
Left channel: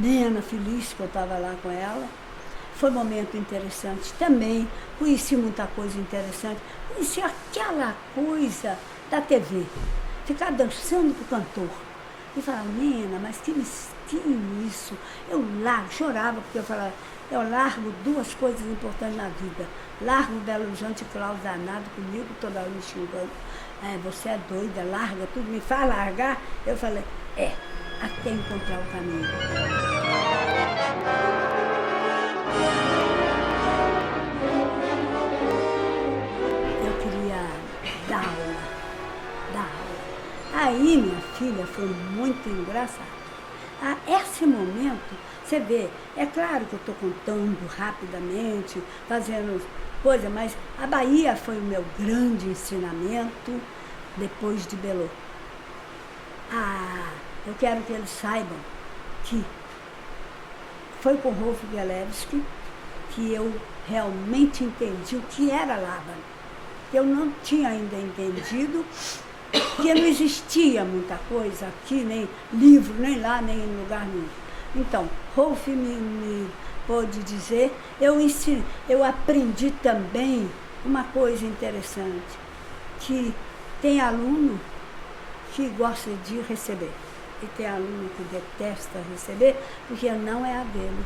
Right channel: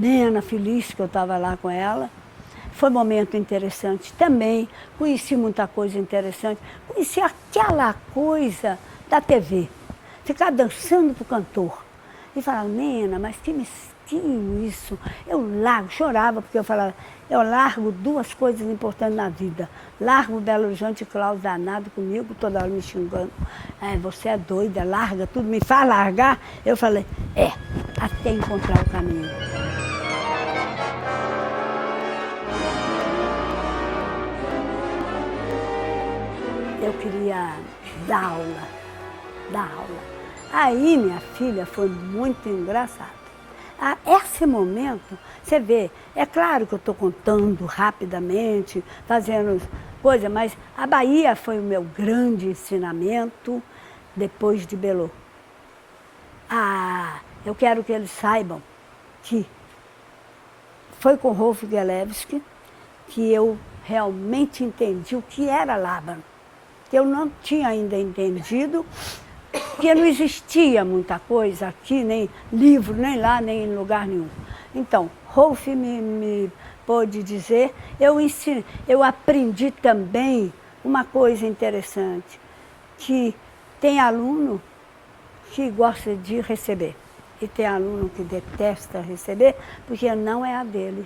Nena feliz que eu estava lá com ela. Foi um momento interessante também, conheci muita coisa interessante, conheci aquela coisa da TV, ficar dançando pro cantor. E falava, Nena, mas que mesquinho isso. Eu chorava, porque eu falava, eu largo duas coisas importantes na vida. Largo o Belo Horizonte, Klaus danado comigo, toda hora me xingando. Você é doida, larga tudo, me faz largar. Eu falei, até encontrar o caminho. Da aula. Aí, minha filha, foi muito engraçado. Esse momento, você vê, é claro que eu estou contando rapidamente, fazendo coisa, mas a Bahia foi o meu grande ensinamento depois de Belô. Eu quero que eles saibam que foi com Rolf Gelewski que eu realmente entendi o que era Laban. Eu não tinha ainda entendido que não existia muita coisa aqui, nem livro, nem lá, nem em lugar nenhum. Então, Rolf me pôde dizer, eu aprendi também uma coisa interessante, que tem aluno que gosta de receber e tem aluno que detesta receber, porque não é a dele.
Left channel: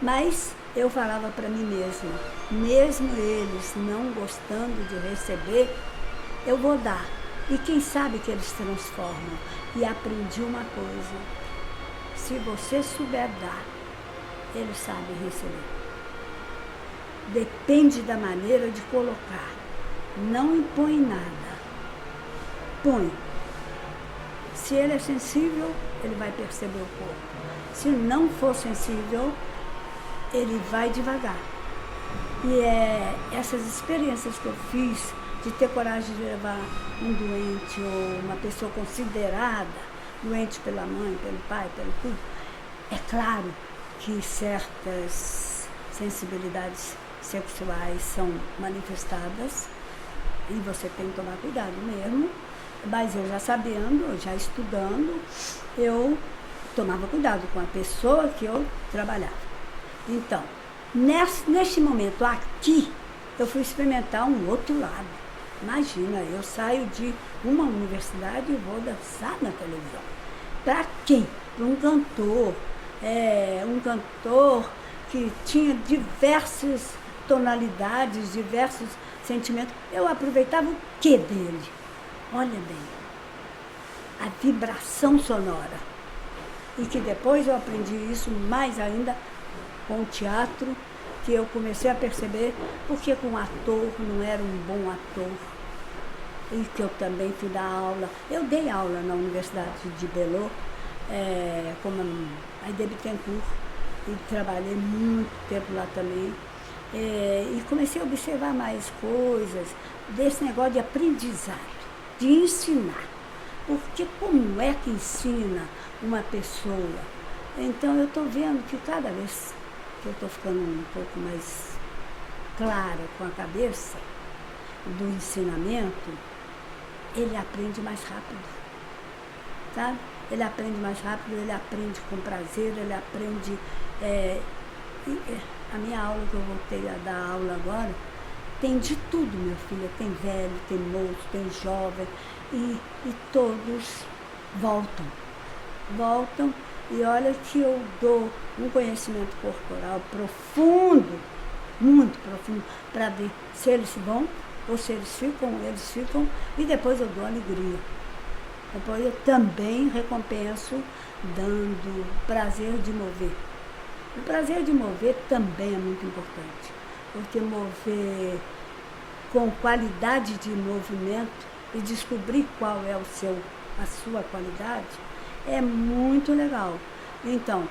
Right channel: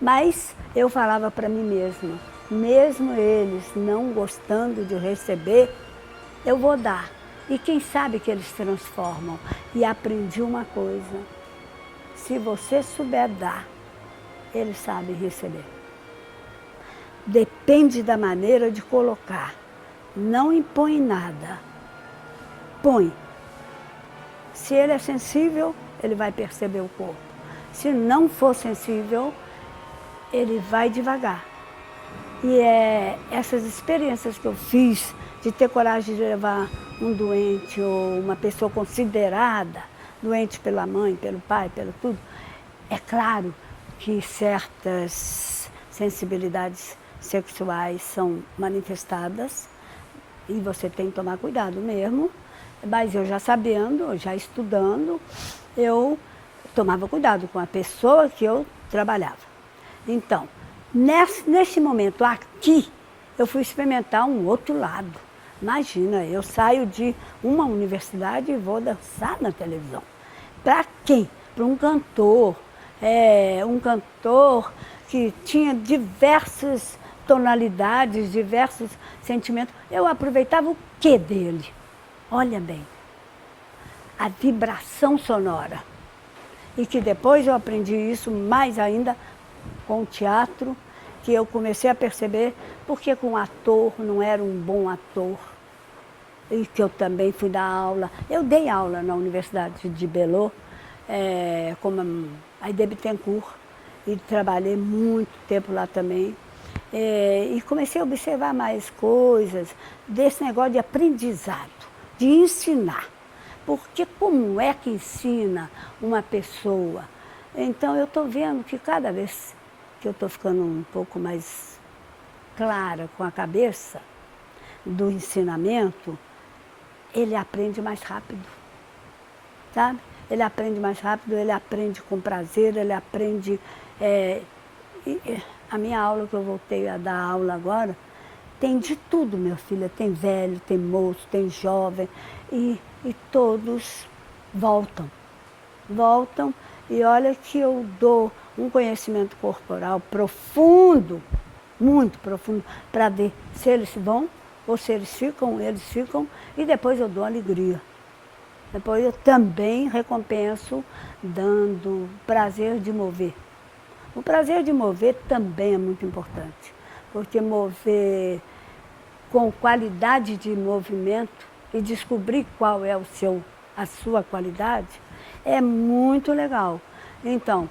Mas eu falava para mim mesma, mesmo eles não gostando de receber, eu vou dar. E quem sabe que eles transformam. E aprendi uma coisa, se você souber dar, eles sabem receber. Depende da maneira de colocar. Não impõe nada. Põe. Se ele é sensível, ele vai perceber o corpo. Se não for sensível, ele vai devagar. E essas experiências que eu fiz, de ter coragem de levar um doente ou uma pessoa considerada doente pela mãe, pelo pai, pelo tudo, é claro que certas sensibilidades sexuais são manifestadas e você tem que tomar cuidado mesmo, mas eu já sabendo, já estudando, eu tomava cuidado com a pessoa que eu trabalhava. Então, neste momento aqui, eu fui experimentar um outro lado. Imagina, eu saio de uma universidade e vou dançar na televisão. Para quê? Para um cantor que tinha diversas tonalidades, diversos sentimentos. Eu aproveitava o quê dele? Olha bem, a vibração sonora. E que depois eu aprendi isso mais ainda com o teatro, que eu comecei a perceber porque com o ator não era um bom ator. E que eu também fui dar aula. Eu dei aula na Universidade de Belô, como a Aide Bittencourt, e trabalhei muito tempo lá também. E comecei a observar mais coisas desse negócio de aprendizado, de ensinar. Porque como é que ensina uma pessoa? Então eu estou vendo que cada vez que eu estou ficando um pouco mais clara com a cabeça do ensinamento, ele aprende mais rápido, sabe? Ele aprende mais rápido, ele aprende com prazer, ele aprende A minha aula que eu voltei a dar aula agora, tem de tudo, minha filha. Tem velho, tem moço, tem jovem. E todos voltam. Voltam e olha que eu dou um conhecimento corporal profundo, muito profundo, para ver se eles vão ou se eles ficam, e depois eu dou alegria. Depois eu também recompenso dando prazer de mover. O prazer de mover também é muito importante, porque mover com qualidade de movimento e descobrir qual é a sua qualidade é muito legal. Então,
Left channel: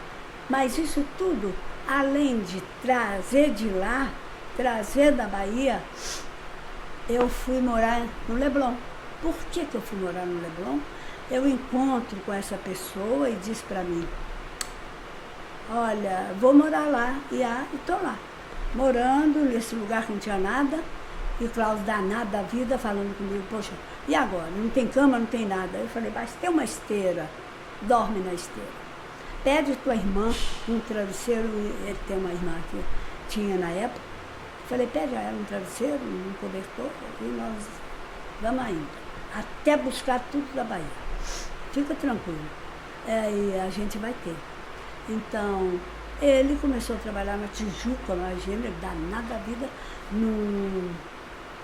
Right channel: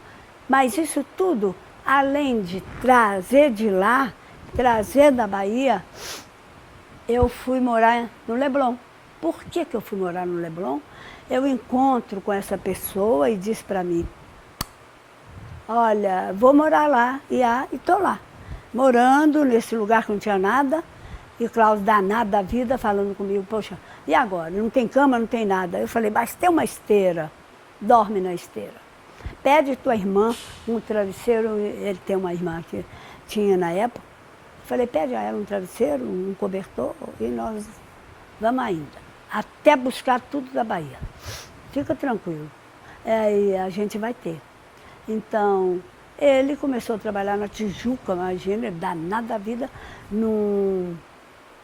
mas isso tudo, além de trazer de lá, trazer da Bahia, eu fui morar no Leblon. Por que eu fui morar no Leblon? Eu encontro com essa pessoa e diz para mim, olha, vou morar lá. E estou lá, morando nesse lugar que não tinha nada, e o Cláudio danado da vida falando comigo, poxa, e agora? Não tem cama, não tem nada. Eu falei, mas tem uma esteira, dorme na esteira. Pede tua irmã um travesseiro, ele tem uma irmã que tinha na época. Falei, pede a ela um travesseiro, um cobertor, e nós vamos ainda. Até buscar tudo da Bahia. Fica tranquilo. E a gente vai ter. Então, ele começou a trabalhar na Tijuca, imagina, ele danado da vida, num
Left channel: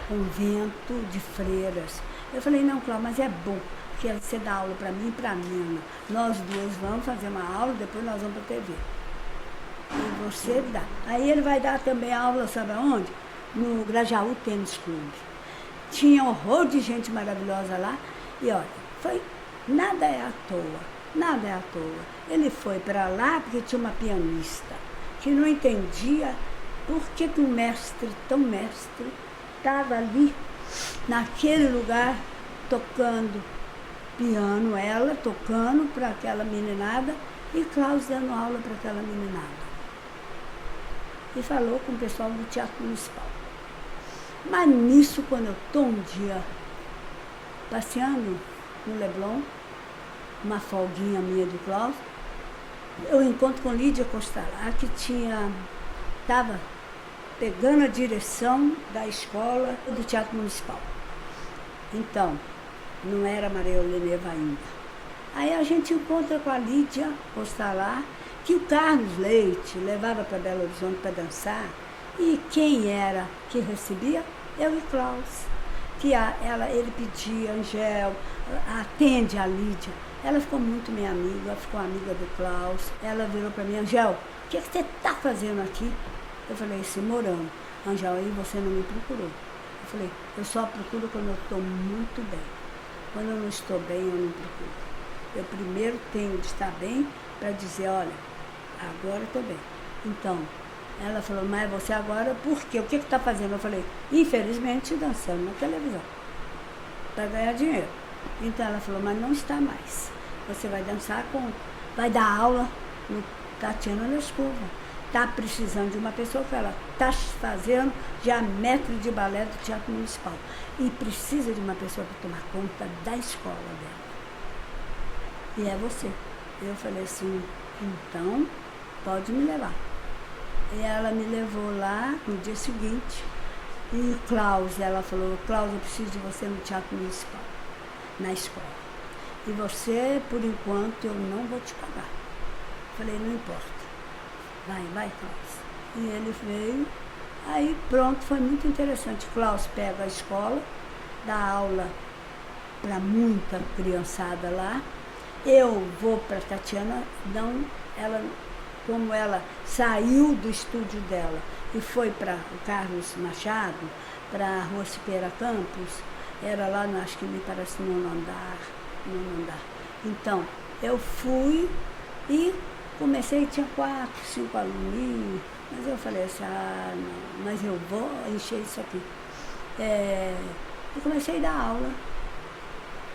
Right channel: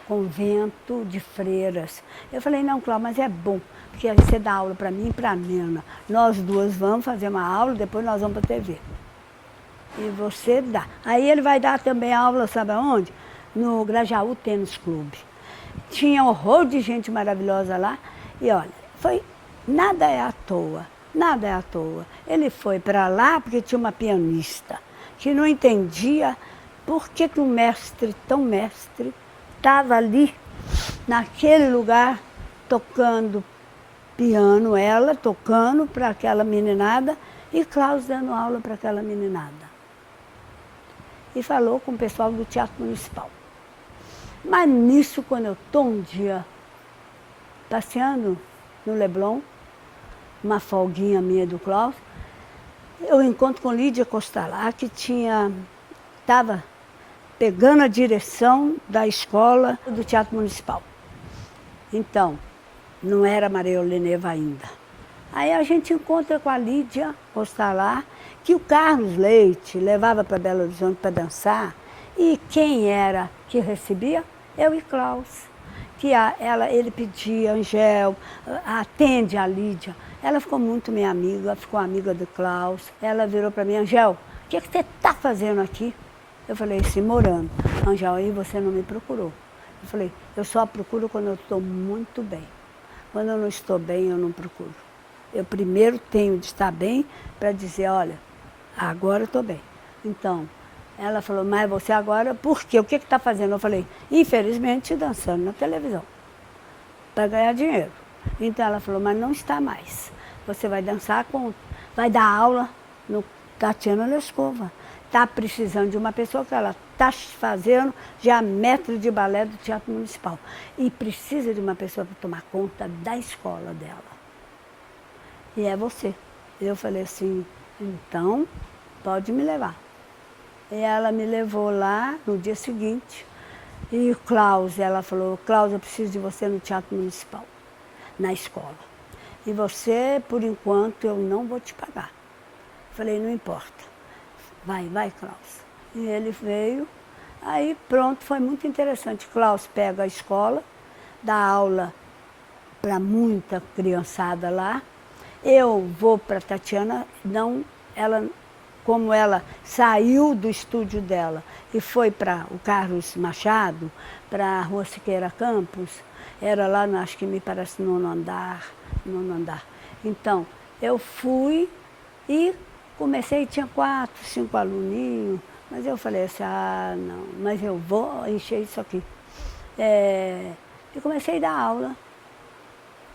convento de freiras. Eu falei, não, Cláudio, mas é bom, porque você dá aula para mim e para a Nena. Nós duas vamos fazer uma aula, depois nós vamos para a TV. E você dá. Aí ele vai dar também aula, sabe aonde? No Grajaú Tênis Clube. Tinha um horror de gente maravilhosa lá. E olha, nada é à toa, nada é à toa. Ele foi para lá porque tinha uma pianista que não entendia por que um mestre, tão mestre, estava ali, naquele lugar, tocando piano, ela tocando para aquela meninada e Cláudio dando aula para aquela meninada. E falou com o pessoal do Teatro Municipal. Mas nisso, quando eu estou um dia passeando no Leblon, uma folguinha minha do Cláudio, eu encontro com Lídia Costalar, que estava pegando a direção da escola do Teatro Municipal. Então, não era Maria Oleneva ainda. Aí a gente encontra com a Lídia Costalar, que o Carlos Leite levava para Belo Horizonte para dançar, e quem era que recebia? Eu e Klaus. Que ele pedia, Angel, atende a Lídia. Ela ficou muito minha amiga, ficou amiga do Klaus. Ela virou para mim, Angel, o que você está fazendo aqui? Eu falei assim, morando. Angel, aí você não me procurou. Eu falei, eu só procuro quando eu estou muito bem. Quando eu não estou bem, eu não procuro. Eu primeiro tenho de estar bem para dizer, olha, agora eu estou bem. Então, ela falou, mas você agora, por quê? O que está fazendo? Eu falei, infelizmente, dançando na televisão, para ganhar dinheiro. Então ela falou, mas não está mais. Você vai dançar vai dar aula no Tatiana Lescova. Está precisando de uma pessoa que ela está fazendo já mestre de balé do Teatro Municipal. E precisa de uma pessoa para tomar conta da escola dela. E é você. E eu falei assim, então pode me levar. E ela me levou lá no dia seguinte. E o Klaus, ela falou, Klaus, eu preciso de você no Teatro Municipal, na escola. E você, por enquanto, eu não vou te pagar. Falei, não importa. Vai, Klaus. E ele veio. Aí pronto, foi muito interessante. Klaus pega a escola, dá aula para muita criançada lá. Eu vou para a Tatiana, como ela saiu do estúdio dela e foi para o Carlos Machado, para a Rua Siqueira Campos, era lá, acho que me parece, no nono andar. Então, eu fui e comecei, tinha 4, 5 aluninhos, mas eu falei assim, não, mas eu vou encher isso aqui. E comecei a dar aula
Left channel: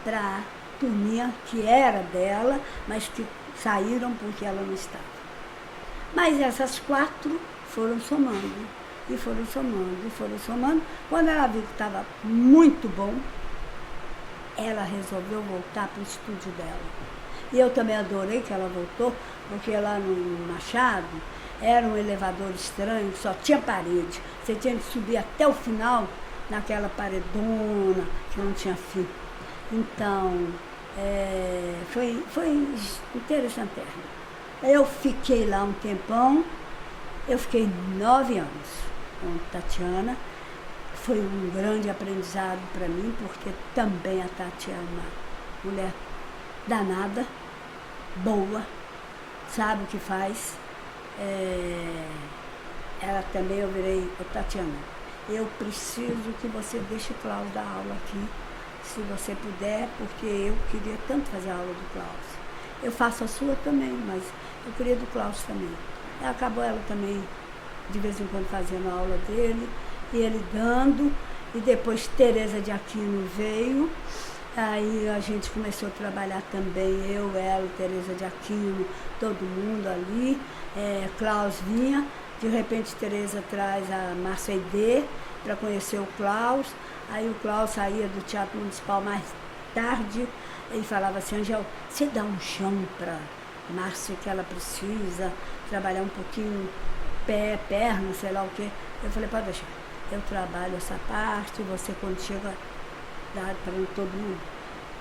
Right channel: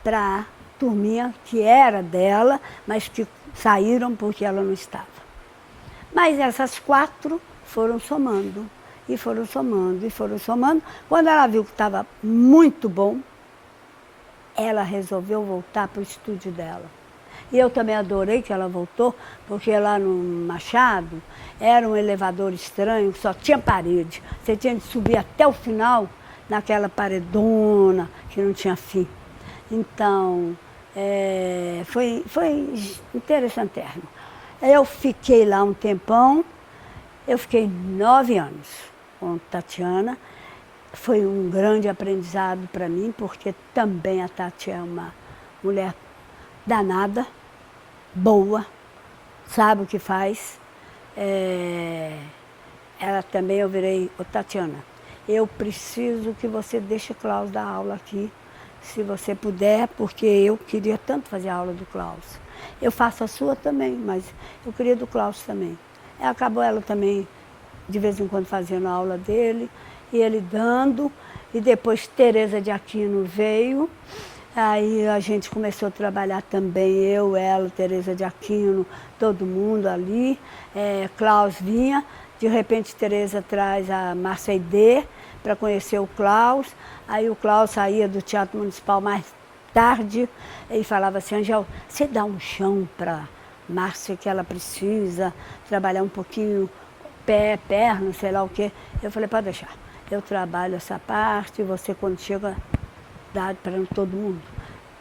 para turminha que era dela, mas que saíram porque ela não estava. Mas essas 4 foram somando, e foram somando, e foram somando. Quando ela viu que estava muito bom, ela resolveu voltar para o estúdio dela. E eu também adorei que ela voltou, porque lá no Machado era um elevador estranho, só tinha parede. Você tinha de subir até o final naquela paredona que não tinha fim. Então, foi interessante. Eu fiquei lá um tempão, eu fiquei 9 anos com Tatiana. Foi um grande aprendizado para mim, porque também a Tati é uma mulher danada, boa, sabe o que faz. Ela também, eu virei, Tatiana, eu preciso que você deixe o Klaus dar aula aqui, se você puder, porque eu queria tanto fazer a aula do Klaus. Eu faço a sua também, mas eu queria do Klaus também. Acabou ela também, de vez em quando, fazendo a aula dele, e ele dando, e depois Tereza de Aquino veio, aí a gente começou a trabalhar também, eu, ela, Tereza de Aquino, todo mundo ali, Klaus vinha, de repente Tereza traz a Márcia Aidê para conhecer o Klaus, aí o Klaus saía do Teatro Municipal mais tarde, e falava assim, Angel, você dá um chão para Márcia que ela precisa trabalhar um pouquinho, pé, perna, sei lá o quê. Eu falei, pode deixar. Eu trabalho essa parte, você quando chega, dá para todo mundo.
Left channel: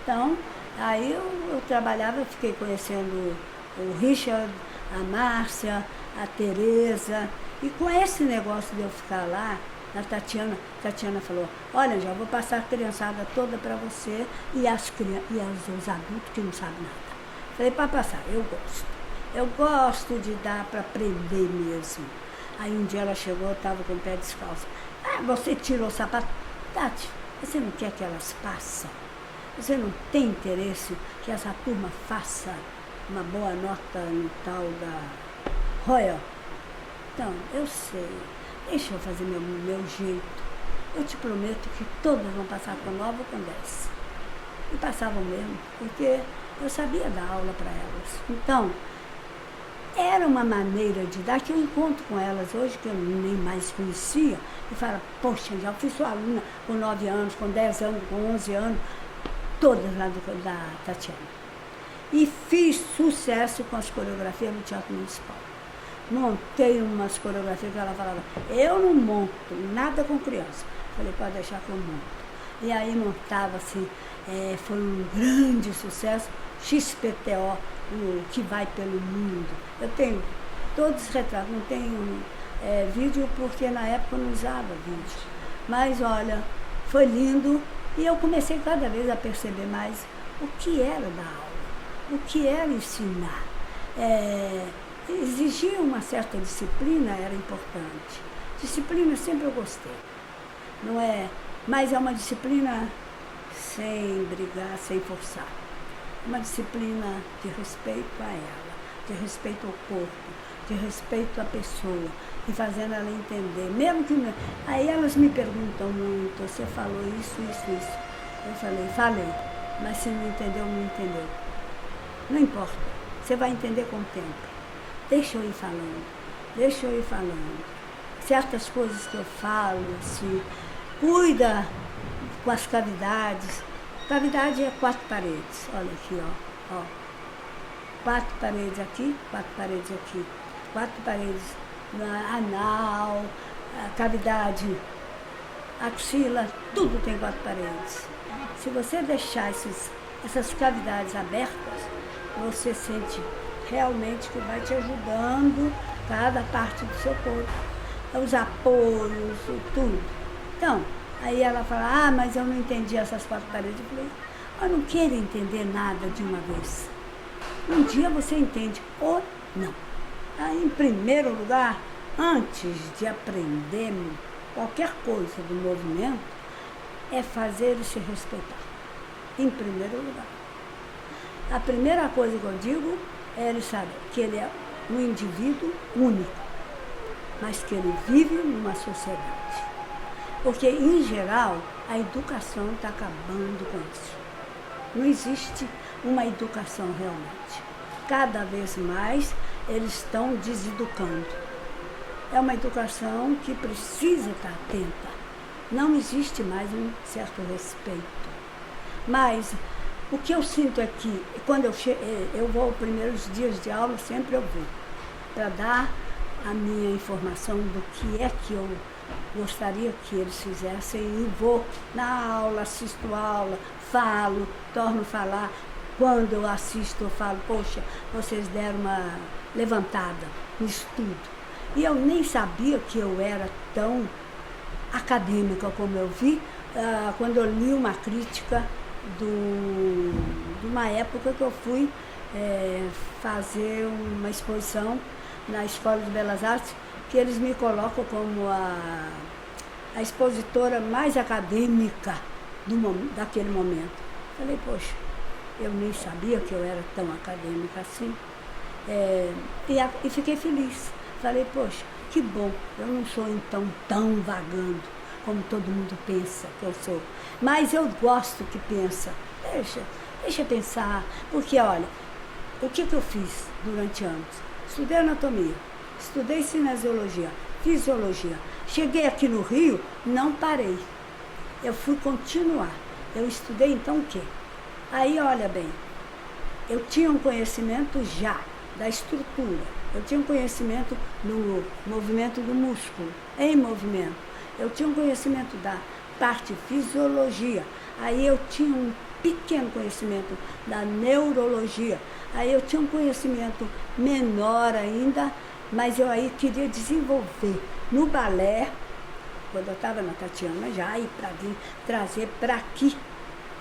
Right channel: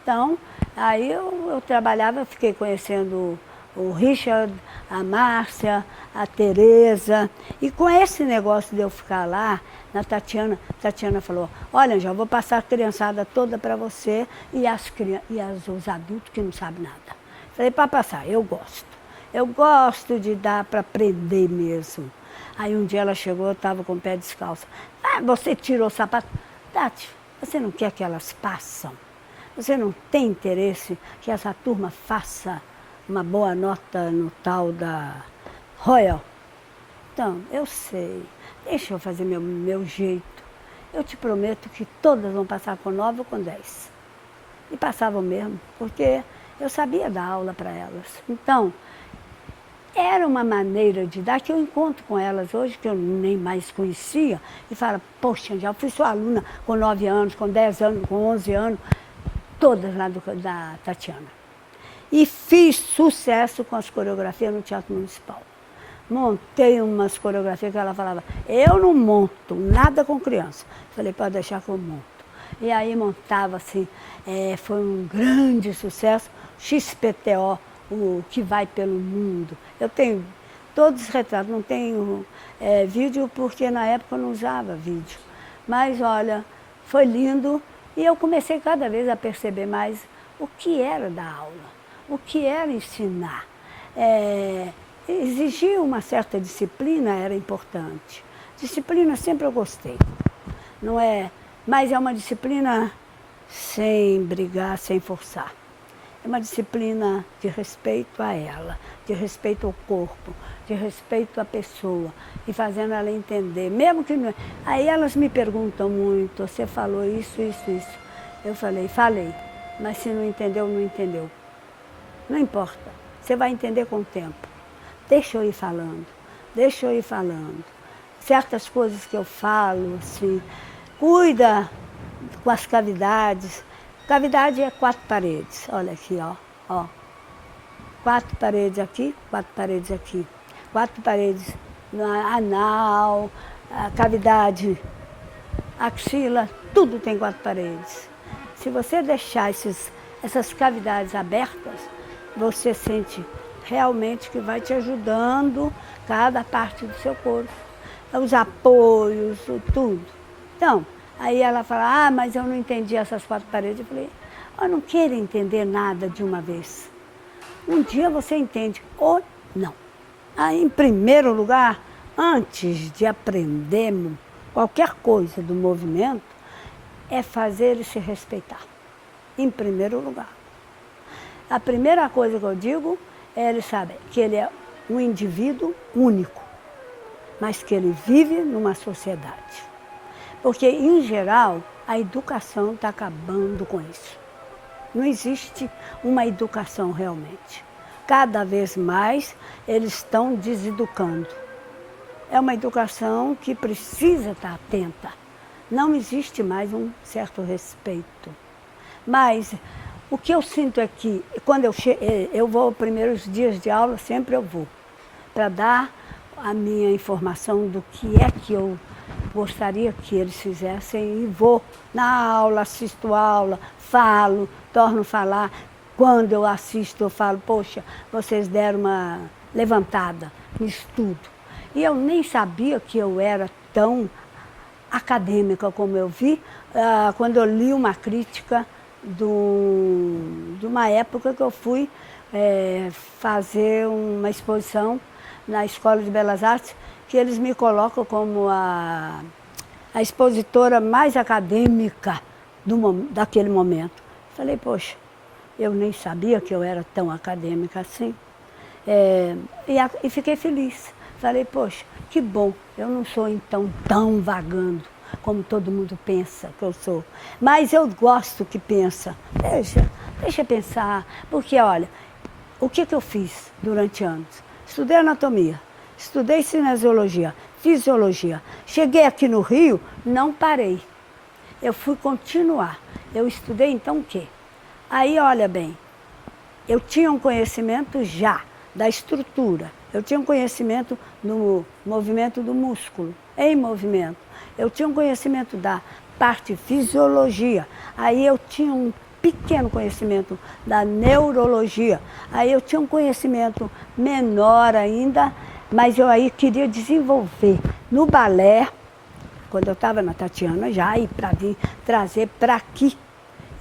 Então, aí eu trabalhava, eu fiquei conhecendo o Richard, a Márcia, a Tereza. E com esse negócio de eu ficar lá, na Tatiana falou, olha, já vou passar a criançada toda para você e os adultos que não sabem nada. Falei, para passar, eu gosto. Eu gosto de dar para aprender mesmo. Aí um dia ela chegou, eu estava com o pé descalço. Ah, você tirou o sapato. Tati, você não quer que elas passem? Você não tem interesse que essa turma faça uma boa nota no tal da Royal? Então, eu sei. Deixa eu fazer meu jeito. Eu te prometo que todas vão passar com 9 ou com 10. E passavam mesmo, porque eu sabia dar aula para elas. Então, era uma maneira de dar que eu encontro com elas hoje, que eu nem mais conhecia, e falo, poxa, já fui sua aluna com 9 anos, com 10 anos, com 11 anos, todas lá da Tatiana. E fiz sucesso com as coreografias no Teatro Municipal. Montei umas coreografias que ela falava, eu não monto nada com criança. Falei, pode deixar que eu monto. E aí montava assim, foi um grande sucesso, XPTO, o que vai pelo mundo. Eu tenho todos os retratos, não tenho vídeo porque na época eu não usava vídeo. Mas olha, foi lindo e eu comecei cada vez a perceber mais o que era dar aula, o que era ensinar. Exigir uma certa disciplina era importante. Disciplina sempre eu gostei, não é? Mas é uma disciplina sem brigar, sem forçar. É uma disciplina de respeito a ela, de respeito ao corpo, de respeito à pessoa, e fazendo ela entender. Mesmo que não... Aí elas me perguntam muito, você falou isso, isso, isso. Eu falei, mas se não entendeu, não entendeu. Não importa, você vai entender com o tempo. Deixa eu ir falando. Certas coisas que eu falo, assim, cuida com as cavidades. Cavidade é 4 paredes, olha aqui, ó. 4 paredes aqui, 4 paredes aqui. 4 paredes na anal, a cavidade, axila, tudo tem 4 paredes. Se você deixar essas cavidades abertas, você sente realmente que vai te ajudando cada parte do seu corpo. Os apoios, tudo. Então, aí ela fala, mas eu não entendi essas 4 paredes. Eu falei, eu não quero entender nada de uma vez. Um dia você entende ou não. Aí, em primeiro lugar, antes de aprender qualquer coisa do movimento, é fazer ele se respeitar. Em primeiro lugar. A primeira coisa que eu digo é ele saber que ele é um indivíduo único, mas que ele vive numa sociedade. Porque, em geral, a educação está acabando com isso. Não existe uma educação realmente. Cada vez mais eles estão deseducando. É uma educação que precisa estar atenta. Não existe mais um certo respeito. Mas O que eu sinto é que, quando eu vou, primeiros dias de aula, sempre eu vou, para dar a minha informação do que é que eu gostaria que eles fizessem, e vou na aula, assisto aula, falo, torno a falar. Quando eu assisto, eu falo, poxa, vocês deram uma levantada no estudo. E eu nem sabia que eu era tão acadêmica como eu vi, quando eu li uma crítica de uma época que eu fui fazer uma exposição na Escola de Belas Artes, que eles me colocam como a expositora mais acadêmica daquele momento. Falei, poxa, eu nem sabia que eu era tão acadêmica assim. E fiquei feliz. Falei, poxa, que bom, eu não sou então tão vagando como todo mundo pensa que eu sou. Mas eu gosto que pensa. Deixa pensar. Porque, olha, o que eu fiz durante anos? Estudei anatomia, estudei cinesiologia, fisiologia. Cheguei aqui no Rio, não parei. Eu fui continuar. Eu estudei então o quê? Aí, olha bem, eu tinha um conhecimento já da estrutura. Eu tinha um conhecimento no movimento do músculo, em movimento. Eu tinha um conhecimento da parte fisiologia. Aí eu tinha um pequeno conhecimento da neurologia. Aí eu tinha um conhecimento menor ainda, mas eu aí queria desenvolver no balé, quando eu estava na Tatiana já, e para vir trazer para aqui,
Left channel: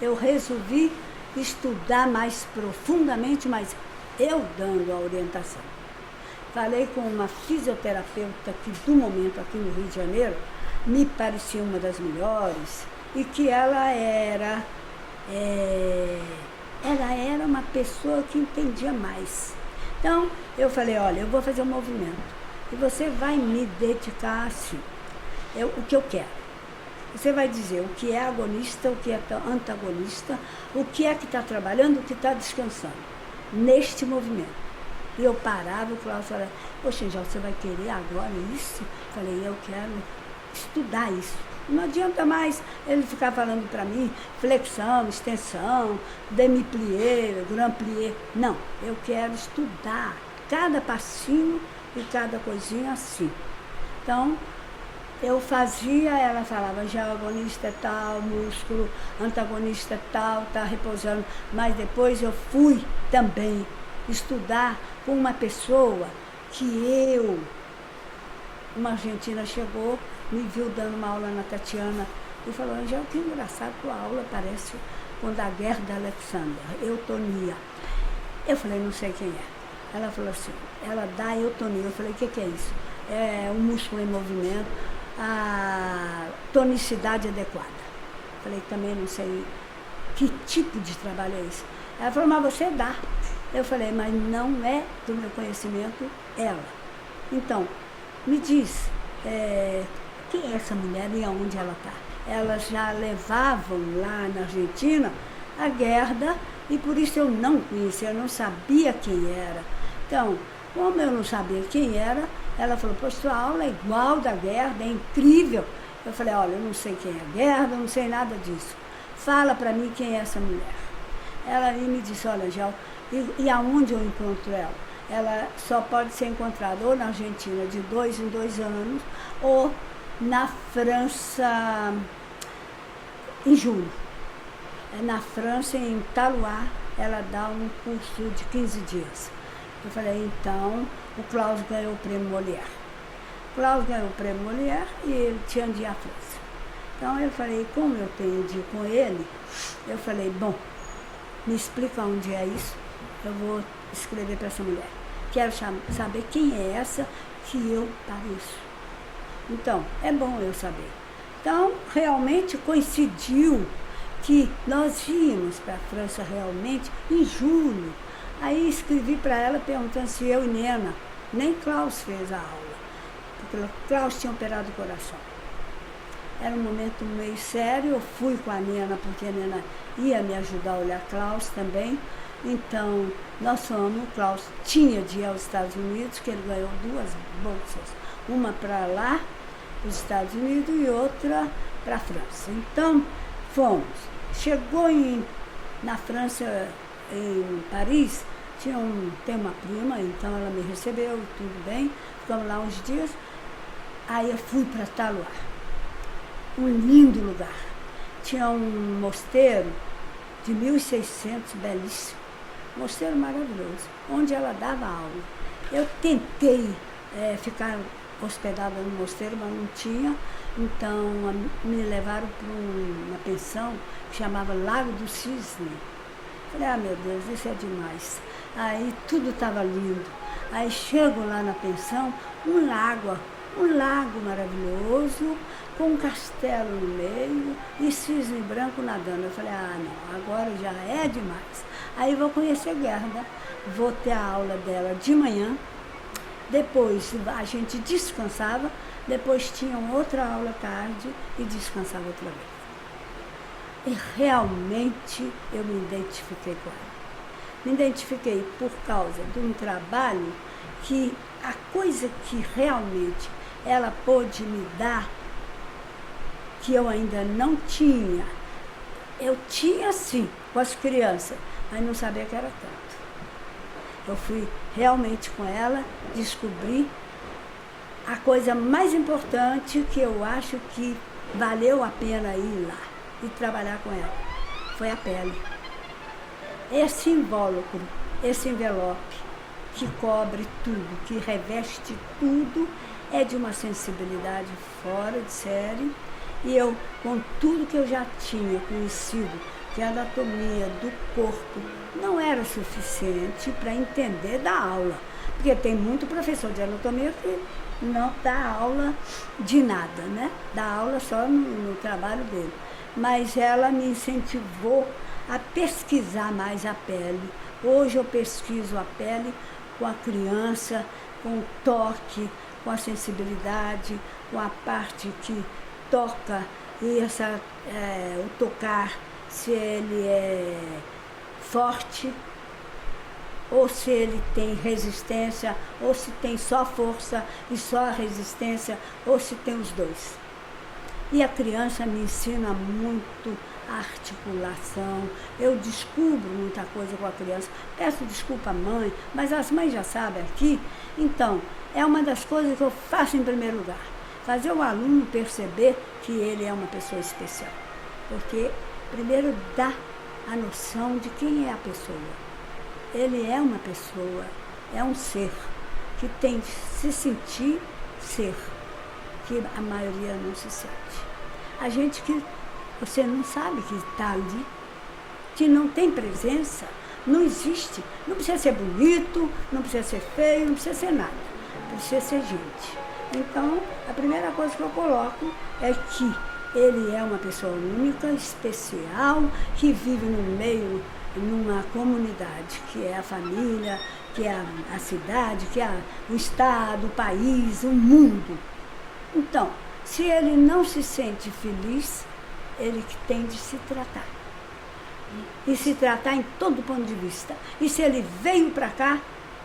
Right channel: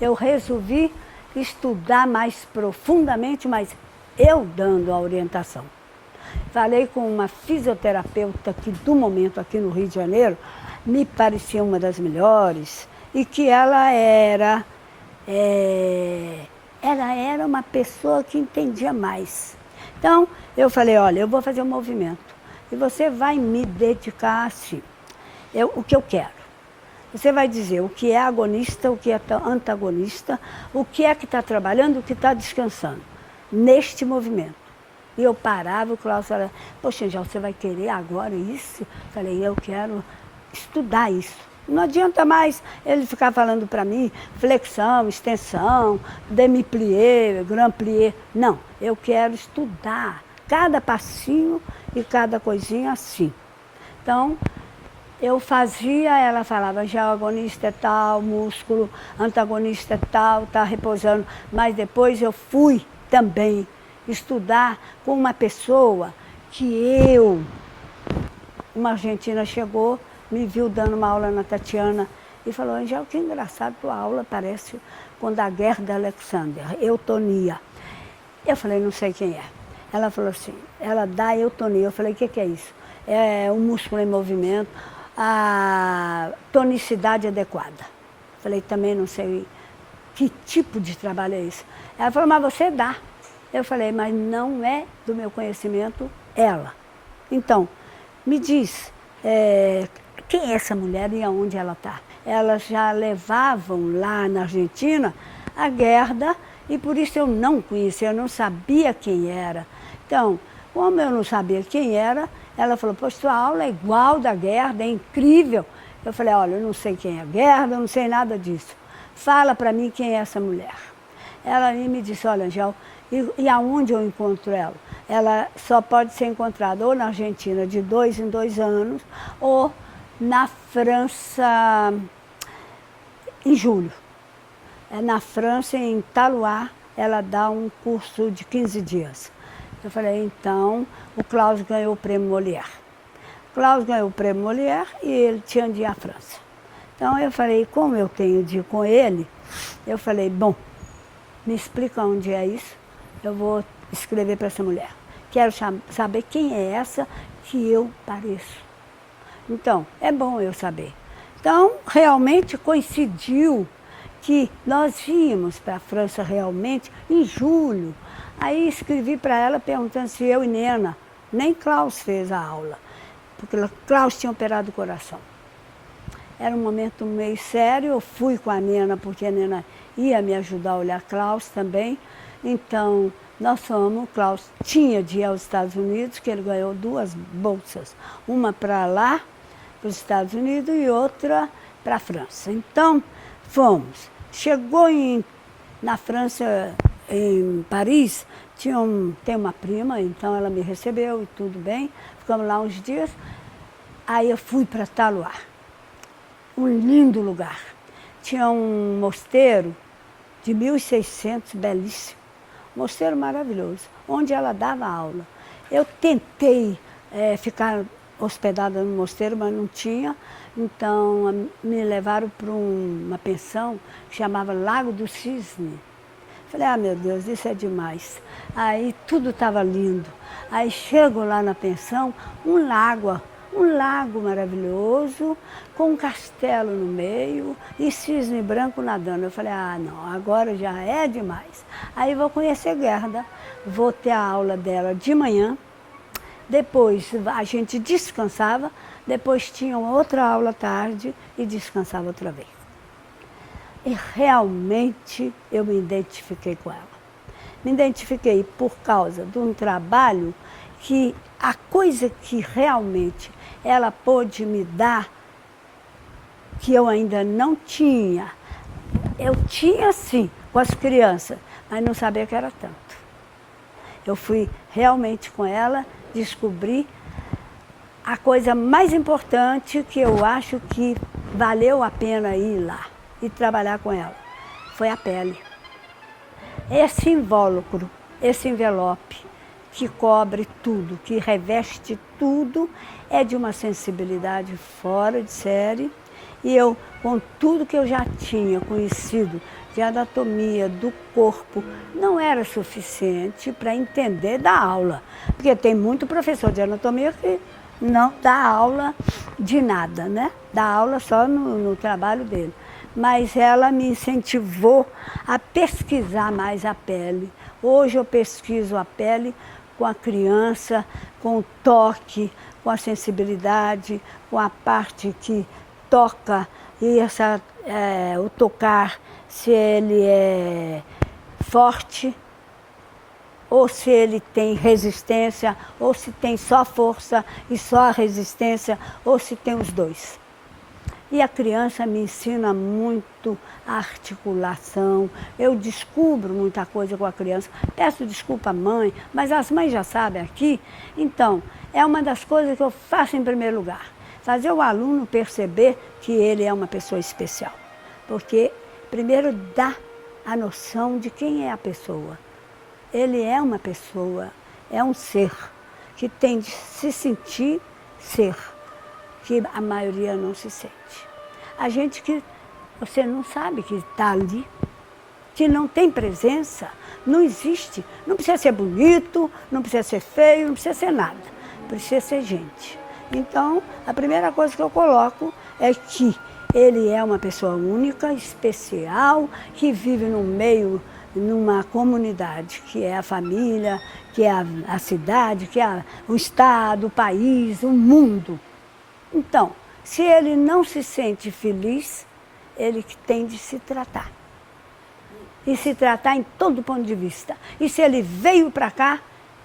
eu resolvi estudar mais profundamente, mas eu dando a orientação. Falei com uma fisioterapeuta que do momento aqui no Rio de Janeiro me parecia uma das melhores, e que ela era uma pessoa que entendia mais. Então, eu falei, olha, eu vou fazer um movimento e você vai me dedicar assim, o que eu quero. Você vai dizer o que é agonista, o que é antagonista, o que é que está trabalhando, o que está descansando, neste movimento. E eu parava, o Cláudio falava, poxa, já você vai querer agora isso? Falei, eu quero estudar isso. Não adianta mais ele ficar falando para mim flexão, extensão, demi-plié, grand plié. Não, eu quero estudar cada passinho e cada coisinha assim. Então, eu fazia, ela falava, já o agonista é tal, músculo, antagonista é tal, está repousando. Mas depois eu fui também estudar com uma pessoa uma argentina chegou, me viu dando uma aula na Tatiana e falou, Angel, que engraçado, tua aula parece com da Gerda Alexander, eutonia. Eu falei, não sei quem é. Ela falou assim, ela dá eutonia. Eu falei, o que é isso? É o músculo em movimento, a tonicidade adequada. Falei, também não sei que tipo de trabalho é esse. Ela falou, mas você dá. Eu falei, mas não é do meu conhecimento ela. Então, me diz, quem é essa mulher e aonde ela está? Elas já levavam lá na Argentina a Gerda, e por isso eu não conhecia, eu não sabia quem era. Então, como eu não sabia quem era, ela falou, poxa, sua aula é igual da Gerda, é incrível. Eu falei, olha, eu não sei quem é a Gerda, eu não sei nada disso. Fala para mim quem é essa mulher. Ela me disse, olha, Angel, e aonde eu encontro ela? Ela só pode ser encontrada ou na Argentina de 2 em 2 anos, ou na França em julho. Na França, em Talois, ela dá um curso de 15 dias. Eu falei, então, o Klaus ganhou o prêmio Molière. O Klaus ganhou o prêmio Molière e ele tinha de ir à França. Então eu falei, como eu tenho de ir com ele, eu falei, bom, me explica onde é isso, eu vou escrever para essa mulher. Quero saber quem é essa que eu pareço. Então, é bom eu saber. Então, realmente coincidiu que nós íamos para a França realmente em julho. Aí escrevi para ela perguntando se eu e Nena, nem Klaus fez a aula, porque Klaus tinha operado o coração. Era um momento meio sério, eu fui com a Nena, porque a Nena ia me ajudar a olhar Klaus também. Então, nós fomos, o Klaus tinha de ir aos Estados Unidos, que ele ganhou 2 bolsas, uma para lá, para os Estados Unidos, e outra para a França. Então, fomos. Chegou em Na França, em Paris, tem uma prima, então ela me recebeu e tudo bem. Ficamos lá uns dias. Aí eu fui para Taloá, um lindo lugar. Tinha um mosteiro de 1600, belíssimo. Mosteiro maravilhoso, onde ela dava aula. Eu tentei ficar hospedada no mosteiro, mas não tinha. Então me levaram para uma pensão que chamava Lago do Cisne. Falei, ah, meu Deus, isso é demais. Aí tudo estava lindo. Aí chego lá na pensão, um lago maravilhoso, com um castelo no meio e cisne branco nadando. Eu falei, ah, não, agora já é demais. Aí vou conhecer Gerda, vou ter a aula dela de manhã, depois a gente descansava, depois tinha outra aula à tarde e descansava outra vez. E realmente eu me identifiquei com ela. Me identifiquei por causa de um trabalho que a coisa que realmente ela pôde me dar, que eu ainda não tinha. Eu tinha sim, com as crianças, mas não sabia que era tanto. Eu fui realmente com ela descobrir a coisa mais importante que eu acho que valeu a pena ir lá e trabalhar com ela. Foi a pele. Esse invólucro, esse envelope que cobre tudo, que reveste tudo, é de uma sensibilidade fora de série. E eu, com tudo que eu já tinha conhecido de anatomia do corpo, não era suficiente para entender da aula. Porque tem muito professor de anatomia que não dá aula de nada, né? Dá aula só no trabalho dele. Mas ela me incentivou a pesquisar mais a pele. Hoje eu pesquiso a pele com a criança, com o toque, com a sensibilidade, com a parte que toca e o tocar, se ele é forte, ou se ele tem resistência, ou se tem só força e só resistência, ou se tem os dois. E a criança me ensina muito a articulação, eu descubro muita coisa com a criança. Peço desculpa à mãe, mas as mães já sabem aqui. Então, é uma das coisas que eu faço em primeiro lugar. Fazer o aluno perceber que ele é uma pessoa especial. Porque, primeiro, dá a noção de quem é a pessoa. Ele é uma pessoa, é um ser que tem de se sentir ser, que a maioria não se sente. A gente que você não sabe que está ali, que não tem presença, não existe. Não precisa ser bonito, não precisa ser feio, não precisa ser nada. Precisa ser gente. Então, a primeira coisa que eu coloco é que ele é uma pessoa única, especial, que vive no meio, numa comunidade, que é a família, que é a cidade, que é o estado, o país, o mundo. Então, se ele não se sente feliz, ele tem de se tratar. E se tratar em todo ponto de vista. E se ele veio para cá,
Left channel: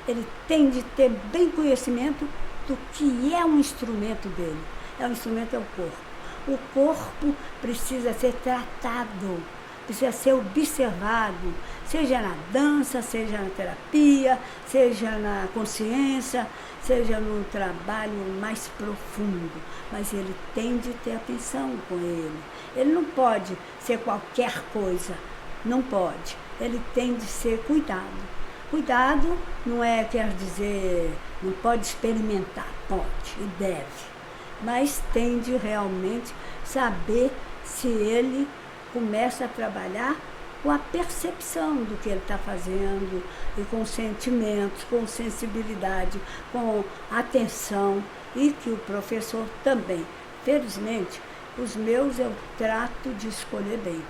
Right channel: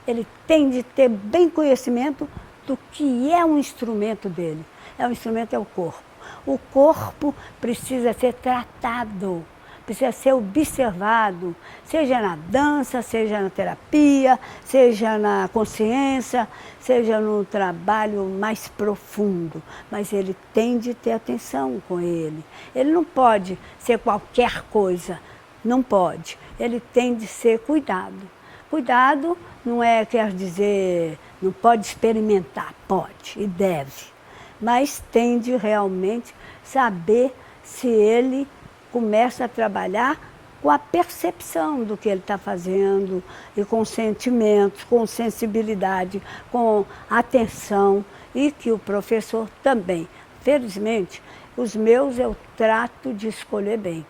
ele tem de ter bem conhecimento do que é um instrumento dele. O instrumento é o corpo. O corpo precisa ser tratado, precisa ser observado, seja na dança, seja na terapia, seja na consciência, seja no trabalho mais profundo. Mas ele tem de ter atenção com ele. Ele não pode ser qualquer coisa, não pode. Ele tem de ser cuidado. Cuidado não quer dizer, não pode experimentar, pode e deve. Mas tem de realmente saber se ele começa a trabalhar com a percepção do que ele está fazendo, e com sentimentos, com sensibilidade, com atenção, e que o professor também. Felizmente, os meus eu trato de escolher bem.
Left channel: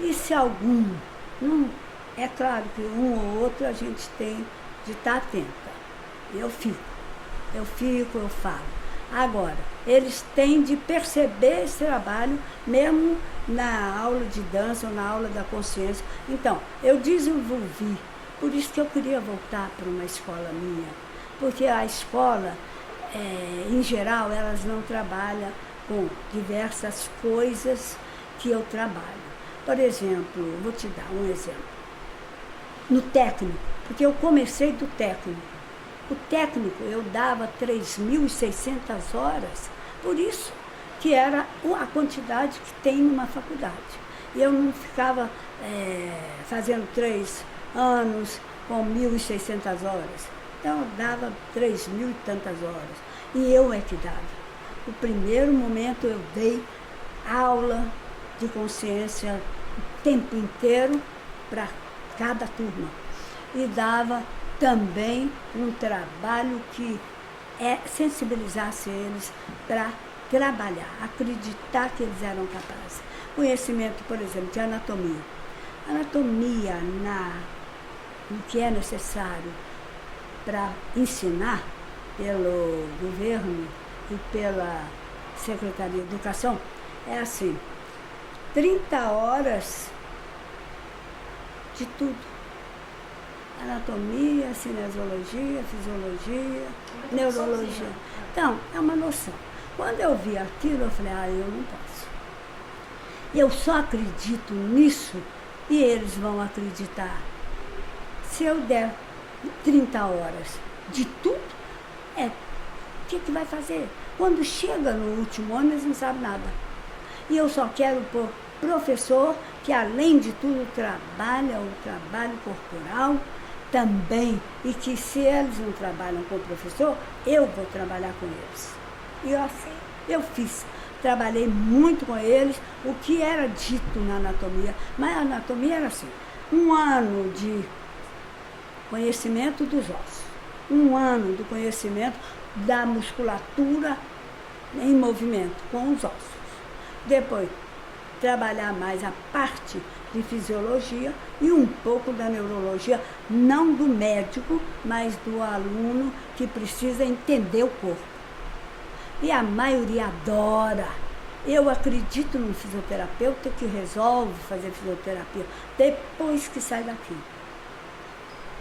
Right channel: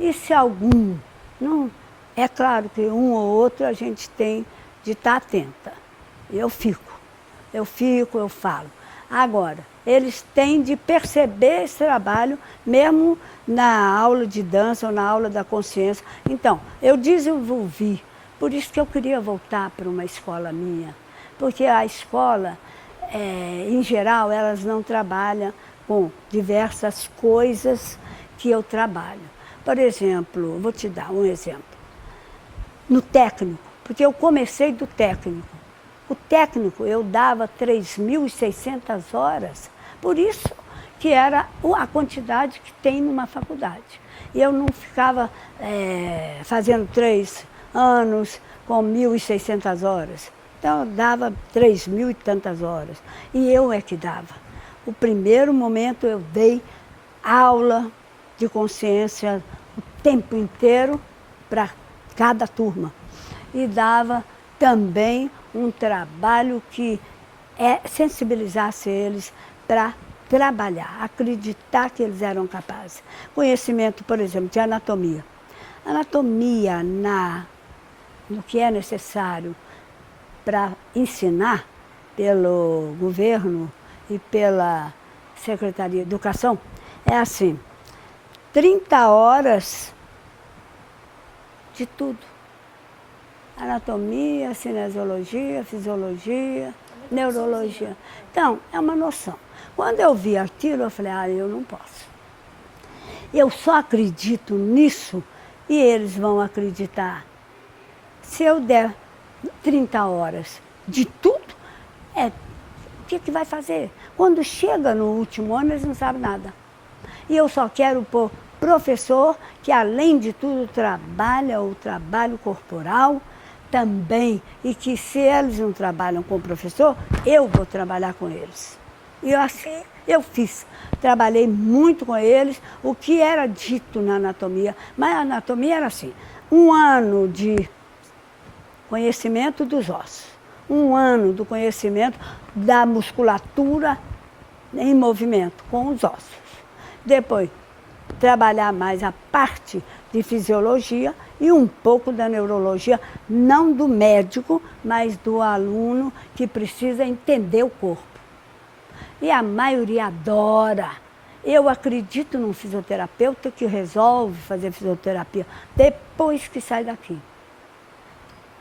E se algum, não, é claro que um ou outro a gente tem de estar atenta. Eu falo. Agora, eles têm de perceber esse trabalho, mesmo na aula de dança ou na aula da consciência. Então, eu desenvolvi, por isso que eu queria voltar para uma escola minha, porque a escola, em geral, elas não trabalham com diversas coisas que eu trabalho. Por exemplo, vou te dar um exemplo. No técnico, porque eu comecei do técnico. O técnico eu dava 3.600 horas, por isso que era a quantidade que tem numa faculdade. Eu não ficava fazendo 3 anos com 1.600 horas. Então, eu dava 3.000 e tantas horas. E eu é que dava. O primeiro momento eu dei aula de consciência o tempo inteiro para cada turma. E dava também um trabalho que sensibilizasse eles para trabalhar, acreditar que eles eram capazes. Conhecimento, por exemplo, de anatomia. Anatomia no que é necessário para ensinar pelo governo e pela Secretaria de Educação, é assim, 30 horas de tudo. Anatomia, cinesiologia, fisiologia, neurologia. Então, é uma noção. Quando eu vi aquilo, eu falei, eu não posso. Eu só acredito nisso e eles vão acreditar. Se eu der 30 horas de tudo, o que vai fazer? Quando chega no último ano, eles não sabem nada. E eu só quero pôr professor que, além de tudo, trabalha o trabalho corporal também. E que, se eles não trabalham com o professor, eu vou trabalhar com eles. E assim eu fiz. Trabalhei muito com eles, o que era dito na anatomia. Mas a anatomia era assim, 1 ano de conhecimento dos ossos, 1 ano do conhecimento da musculatura em movimento com os ossos. Depois, trabalhar mais a parte de fisiologia e um pouco da neurologia, não do médico, mas do aluno que precisa entender o corpo. E a maioria adora. Eu acredito num fisioterapeuta que resolve fazer fisioterapia depois que sai daqui,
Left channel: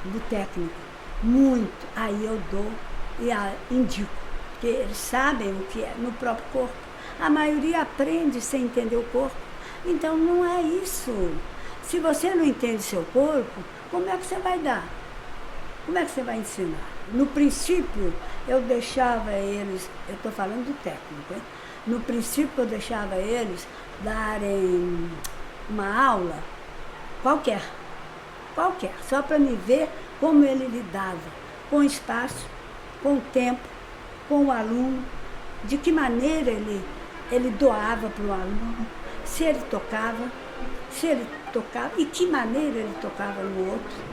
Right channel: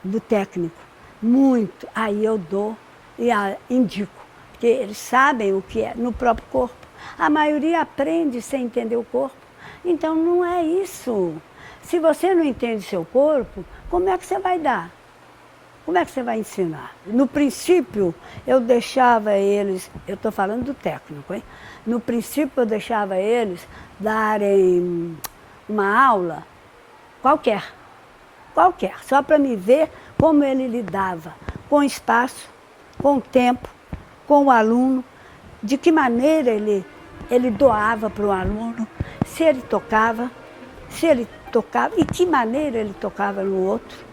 do técnico. Muito. Aí eu dou e indico, porque eles sabem o que é no próprio corpo. A maioria aprende sem entender o corpo. Então não é isso. Se você não entende seu corpo, como é que você vai dar? Como é que você vai ensinar? No princípio, eu deixava eles, eu estou falando do técnico, hein? No princípio, eu deixava eles darem uma aula qualquer, só para me ver como ele lidava com o espaço, com o tempo, com o aluno, de que maneira ele doava para o aluno, se ele tocava, e que maneira ele tocava no outro.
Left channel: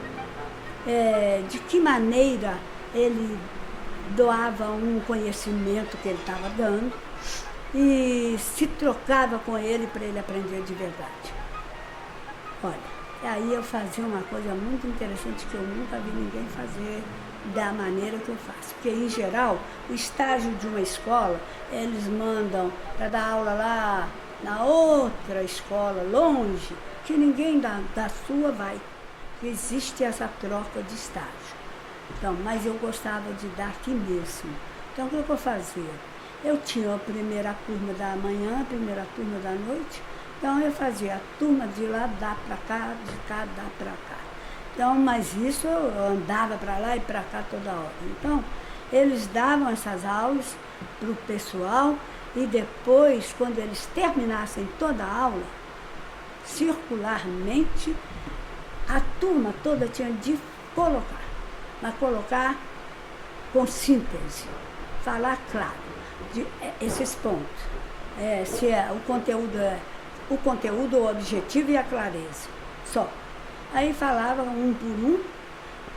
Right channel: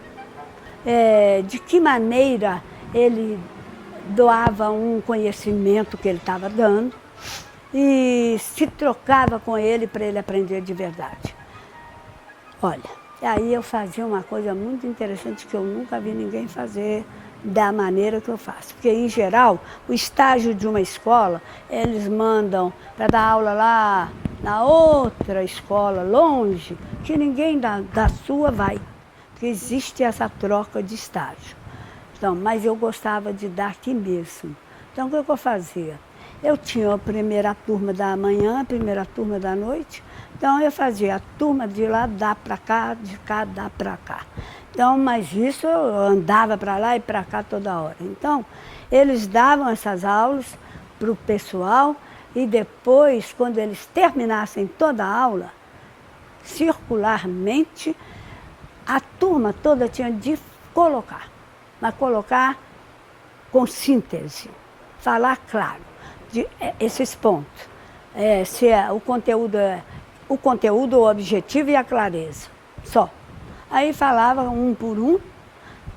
De que maneira ele doava um conhecimento que ele estava dando e se trocava com ele para ele aprender de verdade. Olha, aí eu fazia uma coisa muito interessante que eu nunca vi ninguém fazer da maneira que eu faço. Porque, em geral, o estágio de uma escola, eles mandam para dar aula lá na outra escola, longe, que ninguém da sua vai. Porque existe essa troca de estágio. Então, mas eu gostava de dar aqui mesmo. Então, o que eu fazia? Eu tinha a primeira turma da manhã, a primeira turma da noite. Então, eu fazia a turma de lá, dá para cá, de cá, dá para cá. Então, mas isso eu andava para lá e para cá toda hora. Então, eles davam essas aulas para o pessoal e depois, quando eles terminassem toda a aula, circularmente, a turma toda tinha de colocar, mas colocar com síntese, falar claro, esses pontos. Se o conteúdo, o objetivo e a clareza, só. Aí falava um por um,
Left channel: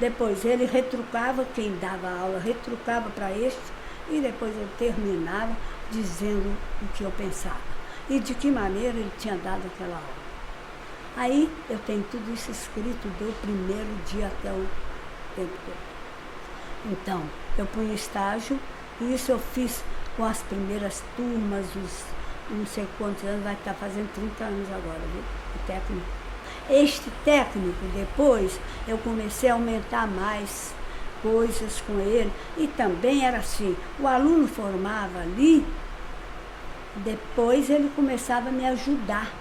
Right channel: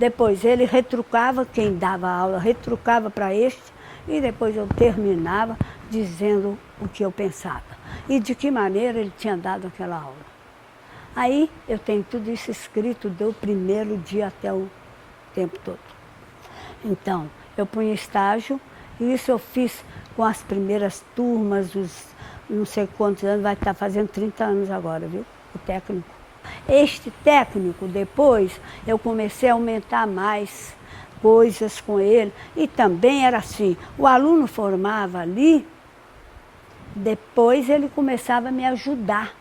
depois ele retrucava, quem dava aula retrucava para este, e depois eu terminava dizendo o que eu pensava e de que maneira ele tinha dado aquela aula. Aí eu tenho tudo isso escrito do primeiro dia até o tempo todo. Então, eu punho estágio, e isso eu fiz com as primeiras turmas, os não sei quantos anos, vai estar fazendo 30 anos agora, viu? O técnico. Este técnico, depois, eu comecei a aumentar mais coisas com ele. E também era assim, o aluno formava ali, depois ele começava a me ajudar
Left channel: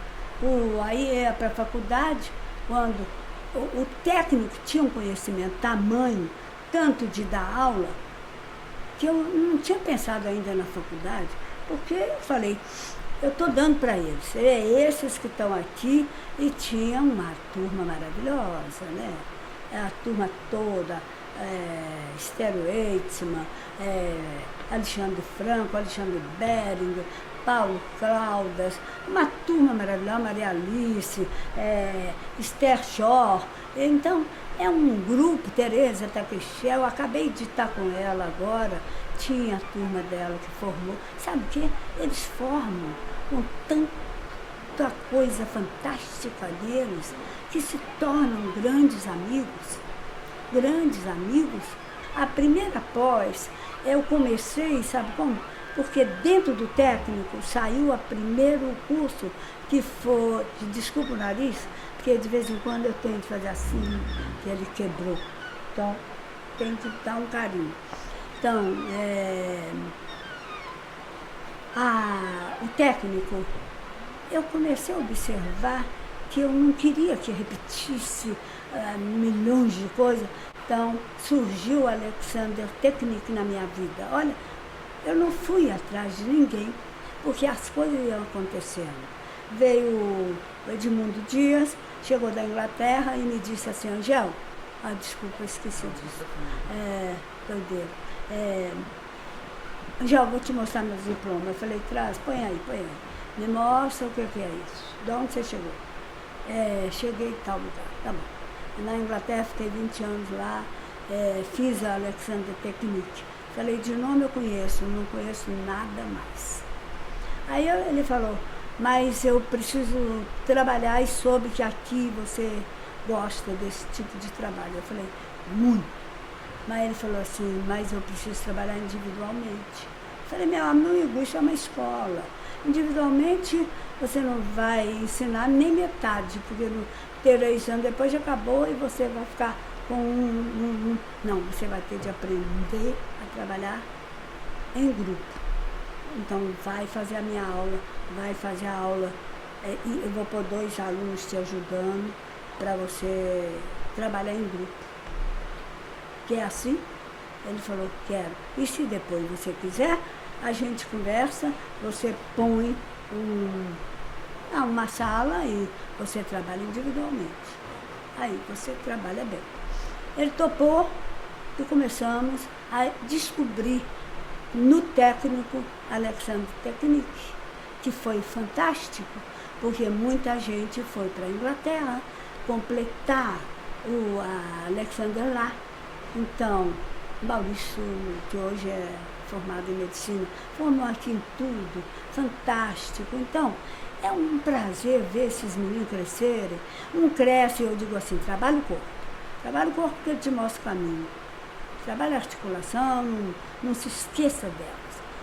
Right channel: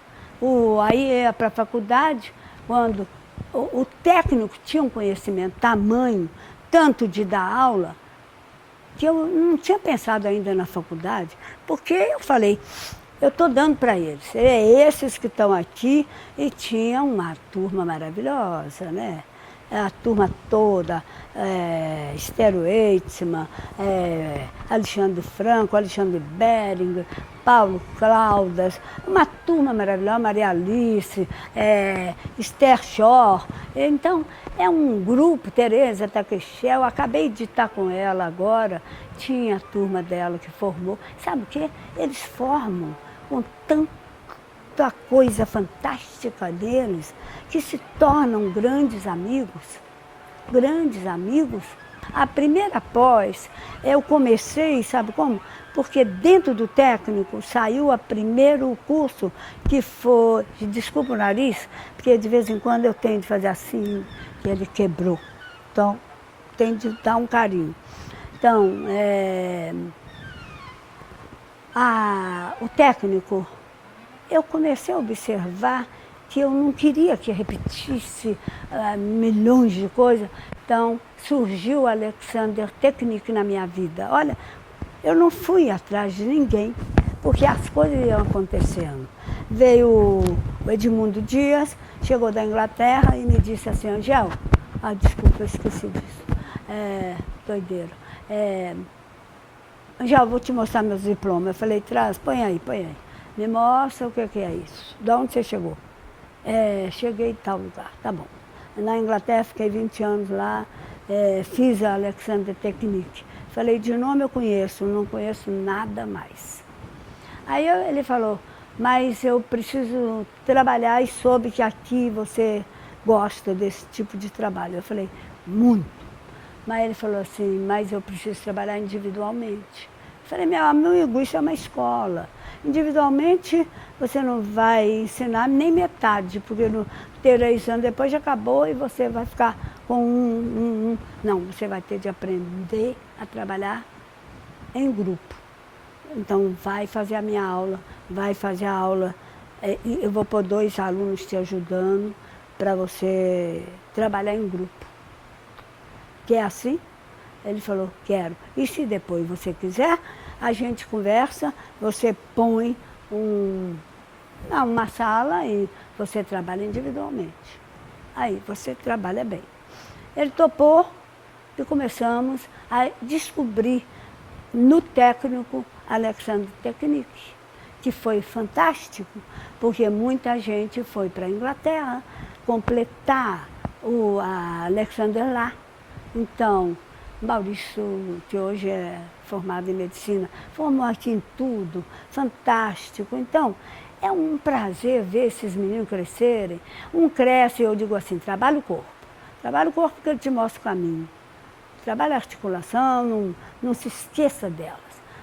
Aí ia para a faculdade, quando o técnico tinha um conhecimento tamanho, tanto de dar aula, que eu não tinha pensado ainda na faculdade, porque eu falei, eu estou dando para eles, esses que estão aqui, e tinha uma turma maravilhosa, né? A turma toda, Esther Eitzmann, Alexandre Franco, Alexandre Beringer, Paulo Claudas, uma turma maravilhosa, Maria Alice, Esther Schor. Então, é um grupo, Tereza Taquechel, acabei de estar com ela agora, tinha a turma dela que formou. Sabe o quê? Eles formam com tanta coisa fantástica deles, que se tornam grandes amigos. Grandes amigos. A primeira pós, eu comecei, sabe como? Porque dentro do técnico saiu o primeiro curso que foi, desculpa o nariz, porque de vez em quando eu tenho de fazer assim, que ele quebrou. Então, tem de dar um carinho. Então, o técnico, eu comecei a observar que eu não queria que repetisse milhões de coisas. Então, surgiu o Alexander Technic na minha vida. Olha, eu não fui atrás de ninguém, porque as coisas iam acontecendo. Veio o Edmundo Dias, chegou da Inglaterra e me disse assim, Angel, desculpa, eu esqueci disso, doideiro. Angel, vou te mostrar meus diplomas. Eu falei, traz, põe aí. Me mostra o que é isso. De onde você chegou? Cheguei em tal lugar, tá bom. Na Inglaterra, fiquei 20 anos lá, fiz a Alexander Technic. Falei, de nome eu conheço, não conheço nada mais. Aí ele falou, mas eu preciso trabalhar e soube que aqui você gosta desse tipo de trabalho. Eu falei, muito. Mas ele falou assim, mas eu preciso trabalhar individualmente. Eu falei, meu amigo, isso é uma escola. Individualmente, você não vai ensinar nem metade, porque no 3 anos depois já acabou e você vai ficar com Não, você vai ter de aprender a trabalhar em grupo. Então, vai fazer a minha aula, vai fazer a aula. E eu vou pôr 2 alunos te ajudando para você trabalhar em grupo. Quer assim? Ele falou, quero. E se depois você quiser, a gente conversa, você põe uma sala e você trabalha individualmente. Aí você trabalha bem. Ele topou e começamos a descobrir no técnico Alexander Technic, que foi fantástico, porque muita gente foi para a Inglaterra completar a Alexander lá. Então, Maurício, que hoje é formado em medicina, formou aqui em tudo, fantástico. Então, é um prazer ver esses meninos crescerem. Um cresce, eu digo assim, trabalha o corpo. Trabalha o corpo porque ele te mostra o caminho. Trabalha a articulação, não se esqueça delas.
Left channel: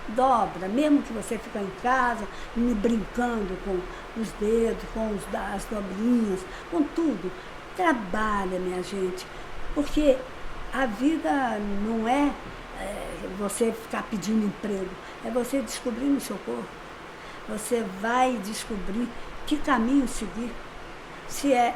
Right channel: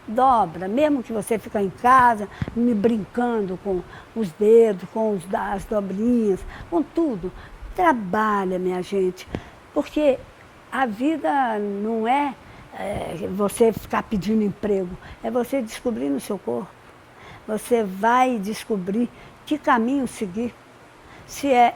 Dobra, mesmo que você fique em casa, brincando com os dedos, com as dobrinhas, com tudo. Trabalha, minha gente, porque a vida não é você ficar pedindo emprego, é você descobrir no seu corpo. Você vai descobrir que caminho seguir. Se é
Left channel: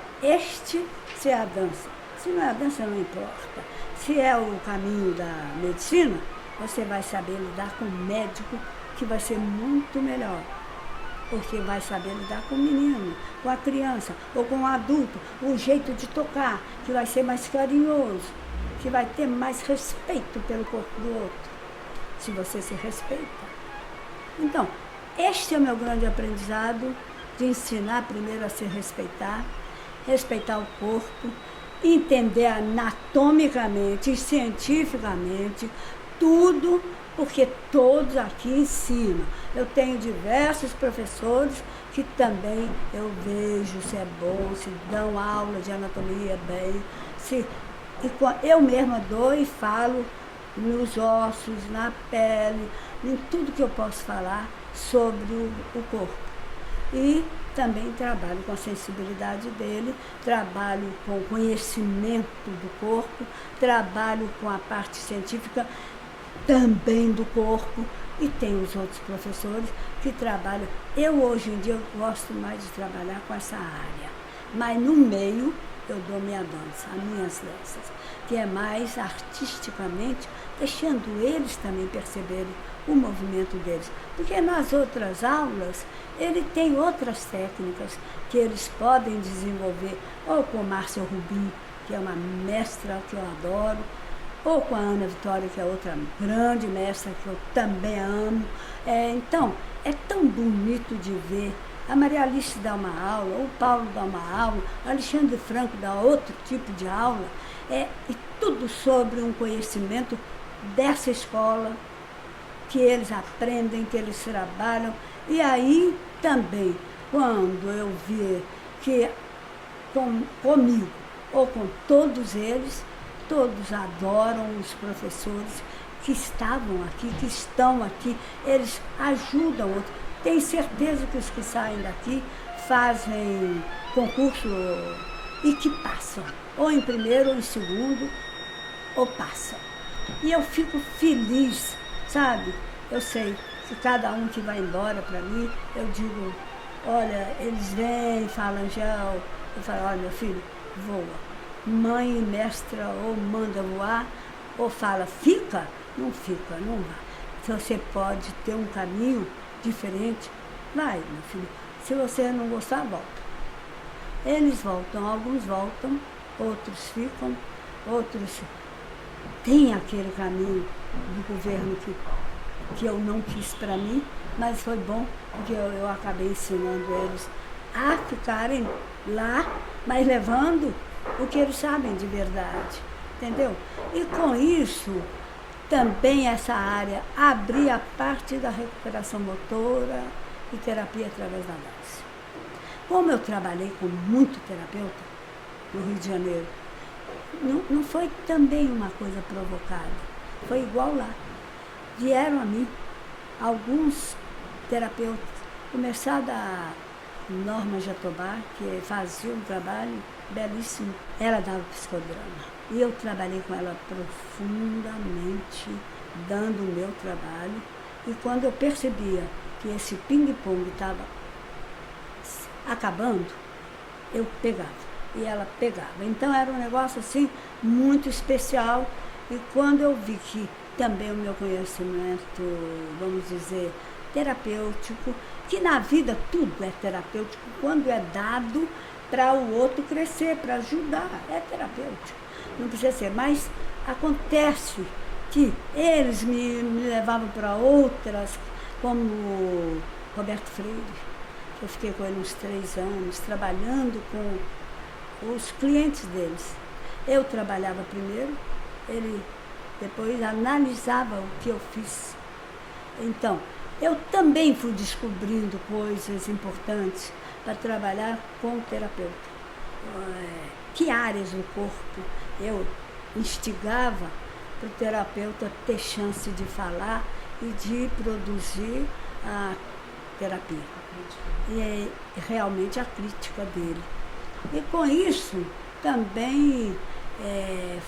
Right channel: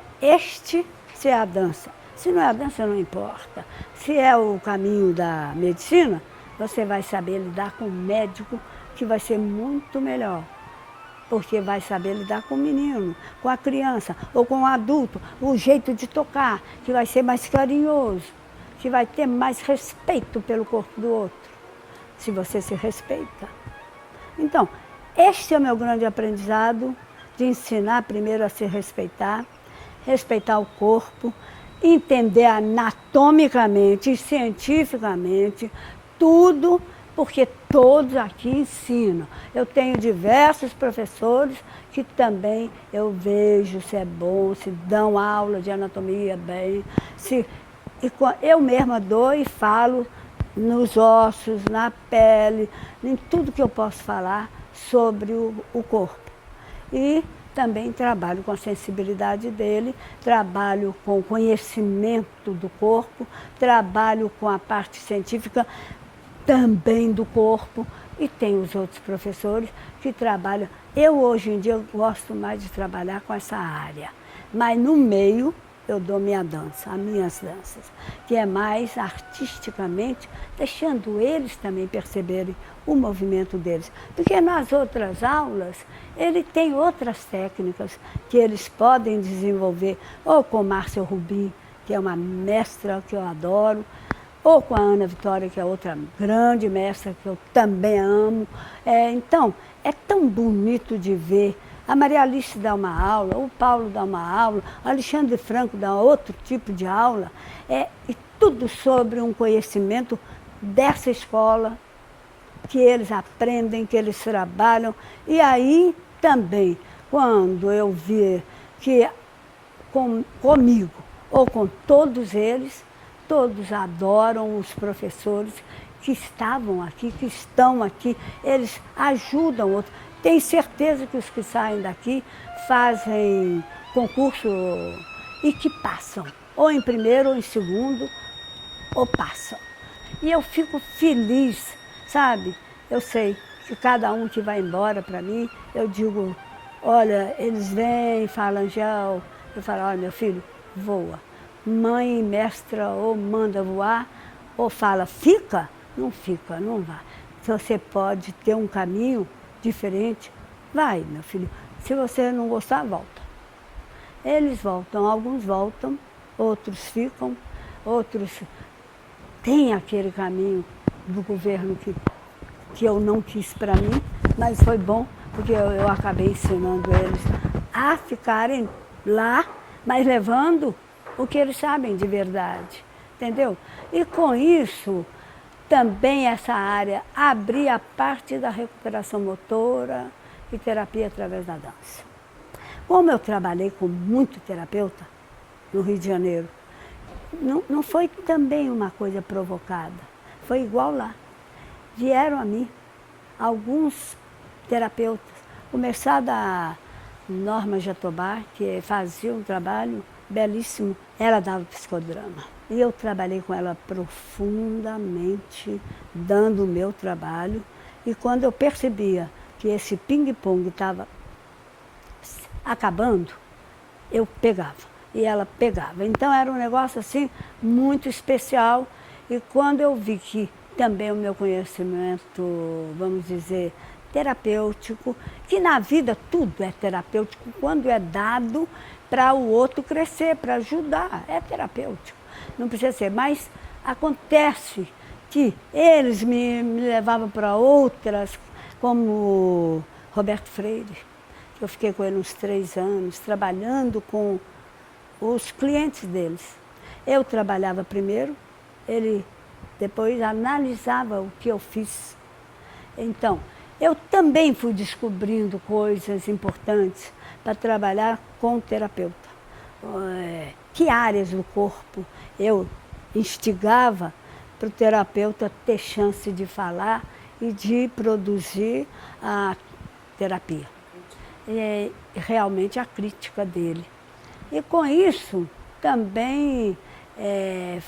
se é a dança. Se não é a dança, não importa. Se é o caminho da medicina, você vai saber lidar com o médico, que vai ser muito melhor. Porque vai saber lidar com o menino, com a criança, ou com o adulto, o jeito de tocar, que vai ser mais carinhoso, que vai ter mais respeito pelo corpo do outro, se você se respeita. Então, este é o meu grande aprendizado, de ensinar primeiro a se respeitar, respeitar o corpo, entender anatomicamente e cientificamente tudo, porque todos aqui ensinam. Eu tenho diversos professores que também eu vejo se é bom, se dão aula de anatomia bem, eu mesma dou e falo nos ossos, na pele, em tudo que eu posso falar sobre o corpo. E também trabalho com a sensibilidade dele, trabalho com o conhecimento do corpo, trabalho com a parte científica, também do corpo, e tem os outros professores que trabalham. Eu, hoje em dia, eu gosto mais de trabalhar com essa área, mas no meio eu dou minha dança, as minhas danças, que é mais artisticamente, deixando eles também perceberem o movimento deles. Porque nas outras aulas, ele tem outras técnicas que eles podem desenvolver, ou com Márcia Rubim, que é uma mestra que eu adoro, ou com a Ana Vitória, que é outra grande mestra que eu também amo. Então, é tão bonito de ver. A Maria Alice dá uma aula, o Paulo dá uma aula, o Alexandre Franco dá outro tipo de aula, e tudo sobre um conhecimento dessa escola, que eles aprendem, que eles trabalham. E aí também, quando eu vi que comigo ou com todos eles, todos adoram os professores que estavam aqui, que estão aqui, eles ajudam outros. Tenho certeza que os que saem daqui fazem concurso e que passam, ou em primeiro ou em segundo, ou passam. E eu fico feliz, sabe? Eu sei que cada um que vai embora para mim, eu digo, olha, eles vêm e falam, Angel, eu falo, olha, meu filho, voa. Mãe, mestra, ou manda voar, ou fala, fica, não vai. Se você pode ter um caminho diferente, vai, meu filho. Se você não gostar, volta. Eles voltam, alguns voltam, outros ficam, outros têm aquele caminho do governo que eu não quis para mim, mas foi bom, porque eu acabei ensinando eles a ficarem lá, mas levando o que eles sabem de verdade, entendeu? E com isso, também essa área abrir a parte da recuperação motora e terapia através da dança. Como eu trabalhei com muito terapeuta no Rio de Janeiro, não foi também uma coisa provocada, foi igual lá. Vieram a mim alguns terapeutas, começar da Norma Jatobá, que fazia um trabalho belíssimo. Ela dava psicodrama. E eu trabalhei com ela profundamente, dando o meu trabalho. E quando eu percebia que esse ping-pong estava acabando, eu pegava. E ela pegava. Então era um negócio assim, muito especial. E quando eu vi que também o meu conhecimento, vamos dizer, terapêutico, que na vida tudo é terapêutico, quando é dado para o outro crescer, para ajudar, é terapêutico. Não precisa ser, mas acontece que eles me levavam para outras, como Roberto Freire, que eu fiquei com ele uns 3 anos, trabalhando com os clientes deles. Eu trabalhava primeiro, ele depois analisava o que eu fiz. Então, eu também fui descobrindo coisas importantes para trabalhar com o terapeuta. Que áreas do corpo eu instigava para o terapeuta ter chance de falar e de produzir a terapia. E realmente a crítica dele. E com isso também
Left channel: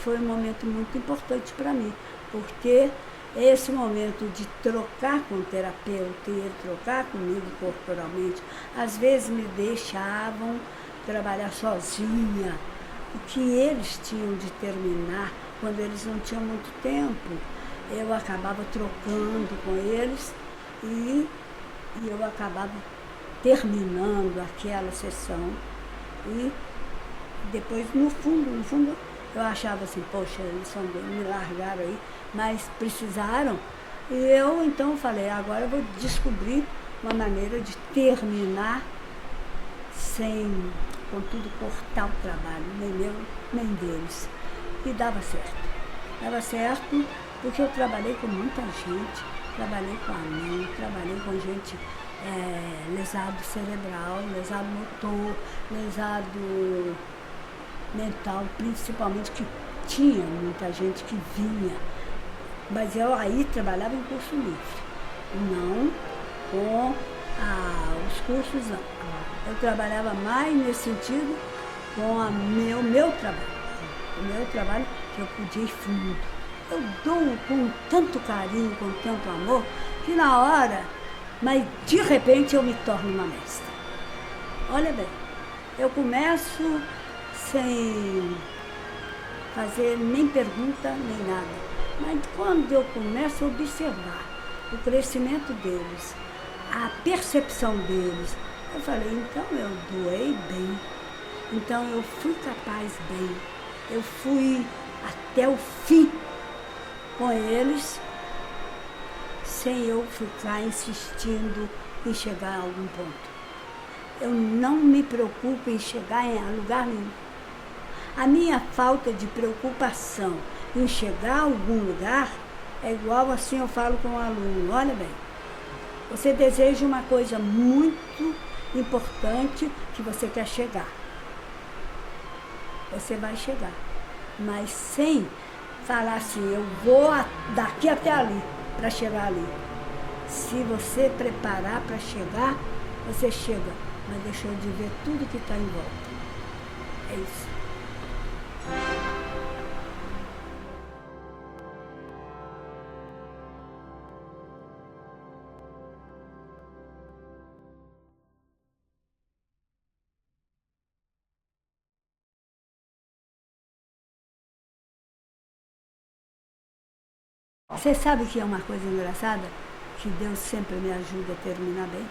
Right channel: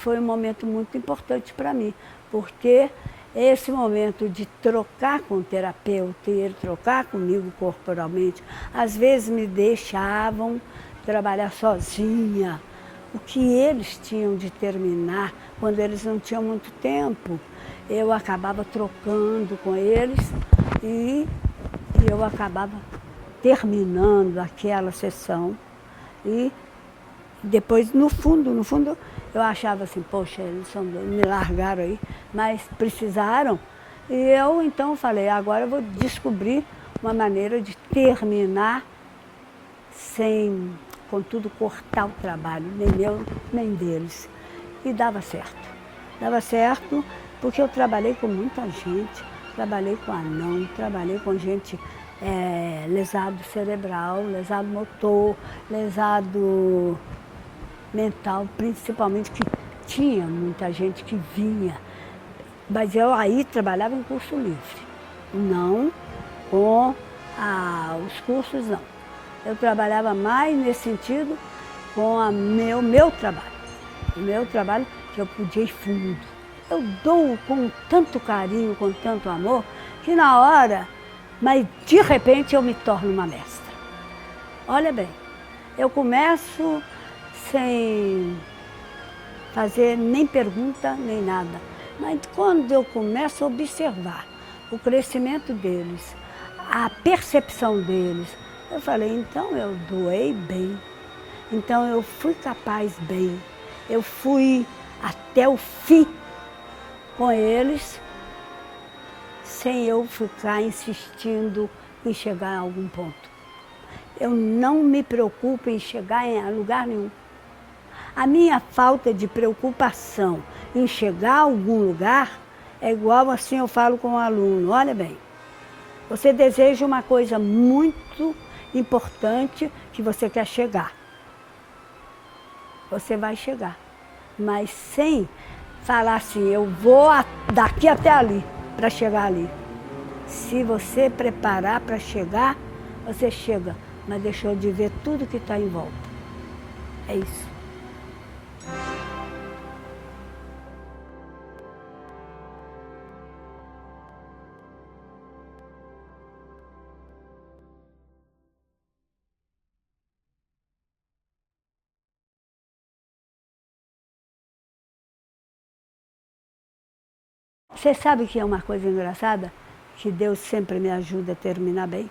foi um momento muito importante para mim, porque esse momento de trocar com o terapeuta e ele trocar comigo corporalmente, às vezes me deixavam trabalhar sozinha, o que eles tinham de terminar, quando eles não tinham muito tempo, eu acabava trocando com eles e eu acabava terminando aquela sessão. E depois, no fundo, eu achava assim, poxa, eles me largaram aí, mas precisaram. E eu então falei, agora eu vou descobrir uma maneira de terminar sem, contudo, cortar o trabalho, nem meu, nem deles. E dava certo. Dava certo porque eu trabalhei com muita gente, trabalhei com anão, trabalhei com gente lesado cerebral, lesado motor, lesado mental, principalmente, que tinha muita gente que vinha. Mas eu aí trabalhava em curso livre, não com os cursos, não. Eu trabalhava mais nesse sentido com o meu trabalho. O meu trabalho que eu podia ir fundo. eu dou com tanto carinho, com tanto amor, que na hora, mas de repente eu me torno uma mestra. Olha bem, eu começo sem fazer nem pergunta, nem nada. Mas quando eu começo a observar o crescimento deles, a percepção deles, eu falei, então eu doei bem, então eu fui capaz bem, eu fui até o fim com eles, sem eu ficar insistindo em chegar a algum ponto. Eu não me preocupo em chegar em lugar nenhum. A minha falta de preocupação em chegar a algum lugar é igual assim eu falo com o aluno, olha bem, você deseja uma coisa muito importante que você quer chegar. Você vai chegar, mas sem falar assim, eu vou daqui até ali, para chegar ali. Se você preparar para chegar, você chega, mas deixou de ver tudo que está em volta. É isso. Você sabe que é uma coisa engraçada? Que Deus sempre me ajuda a terminar bem.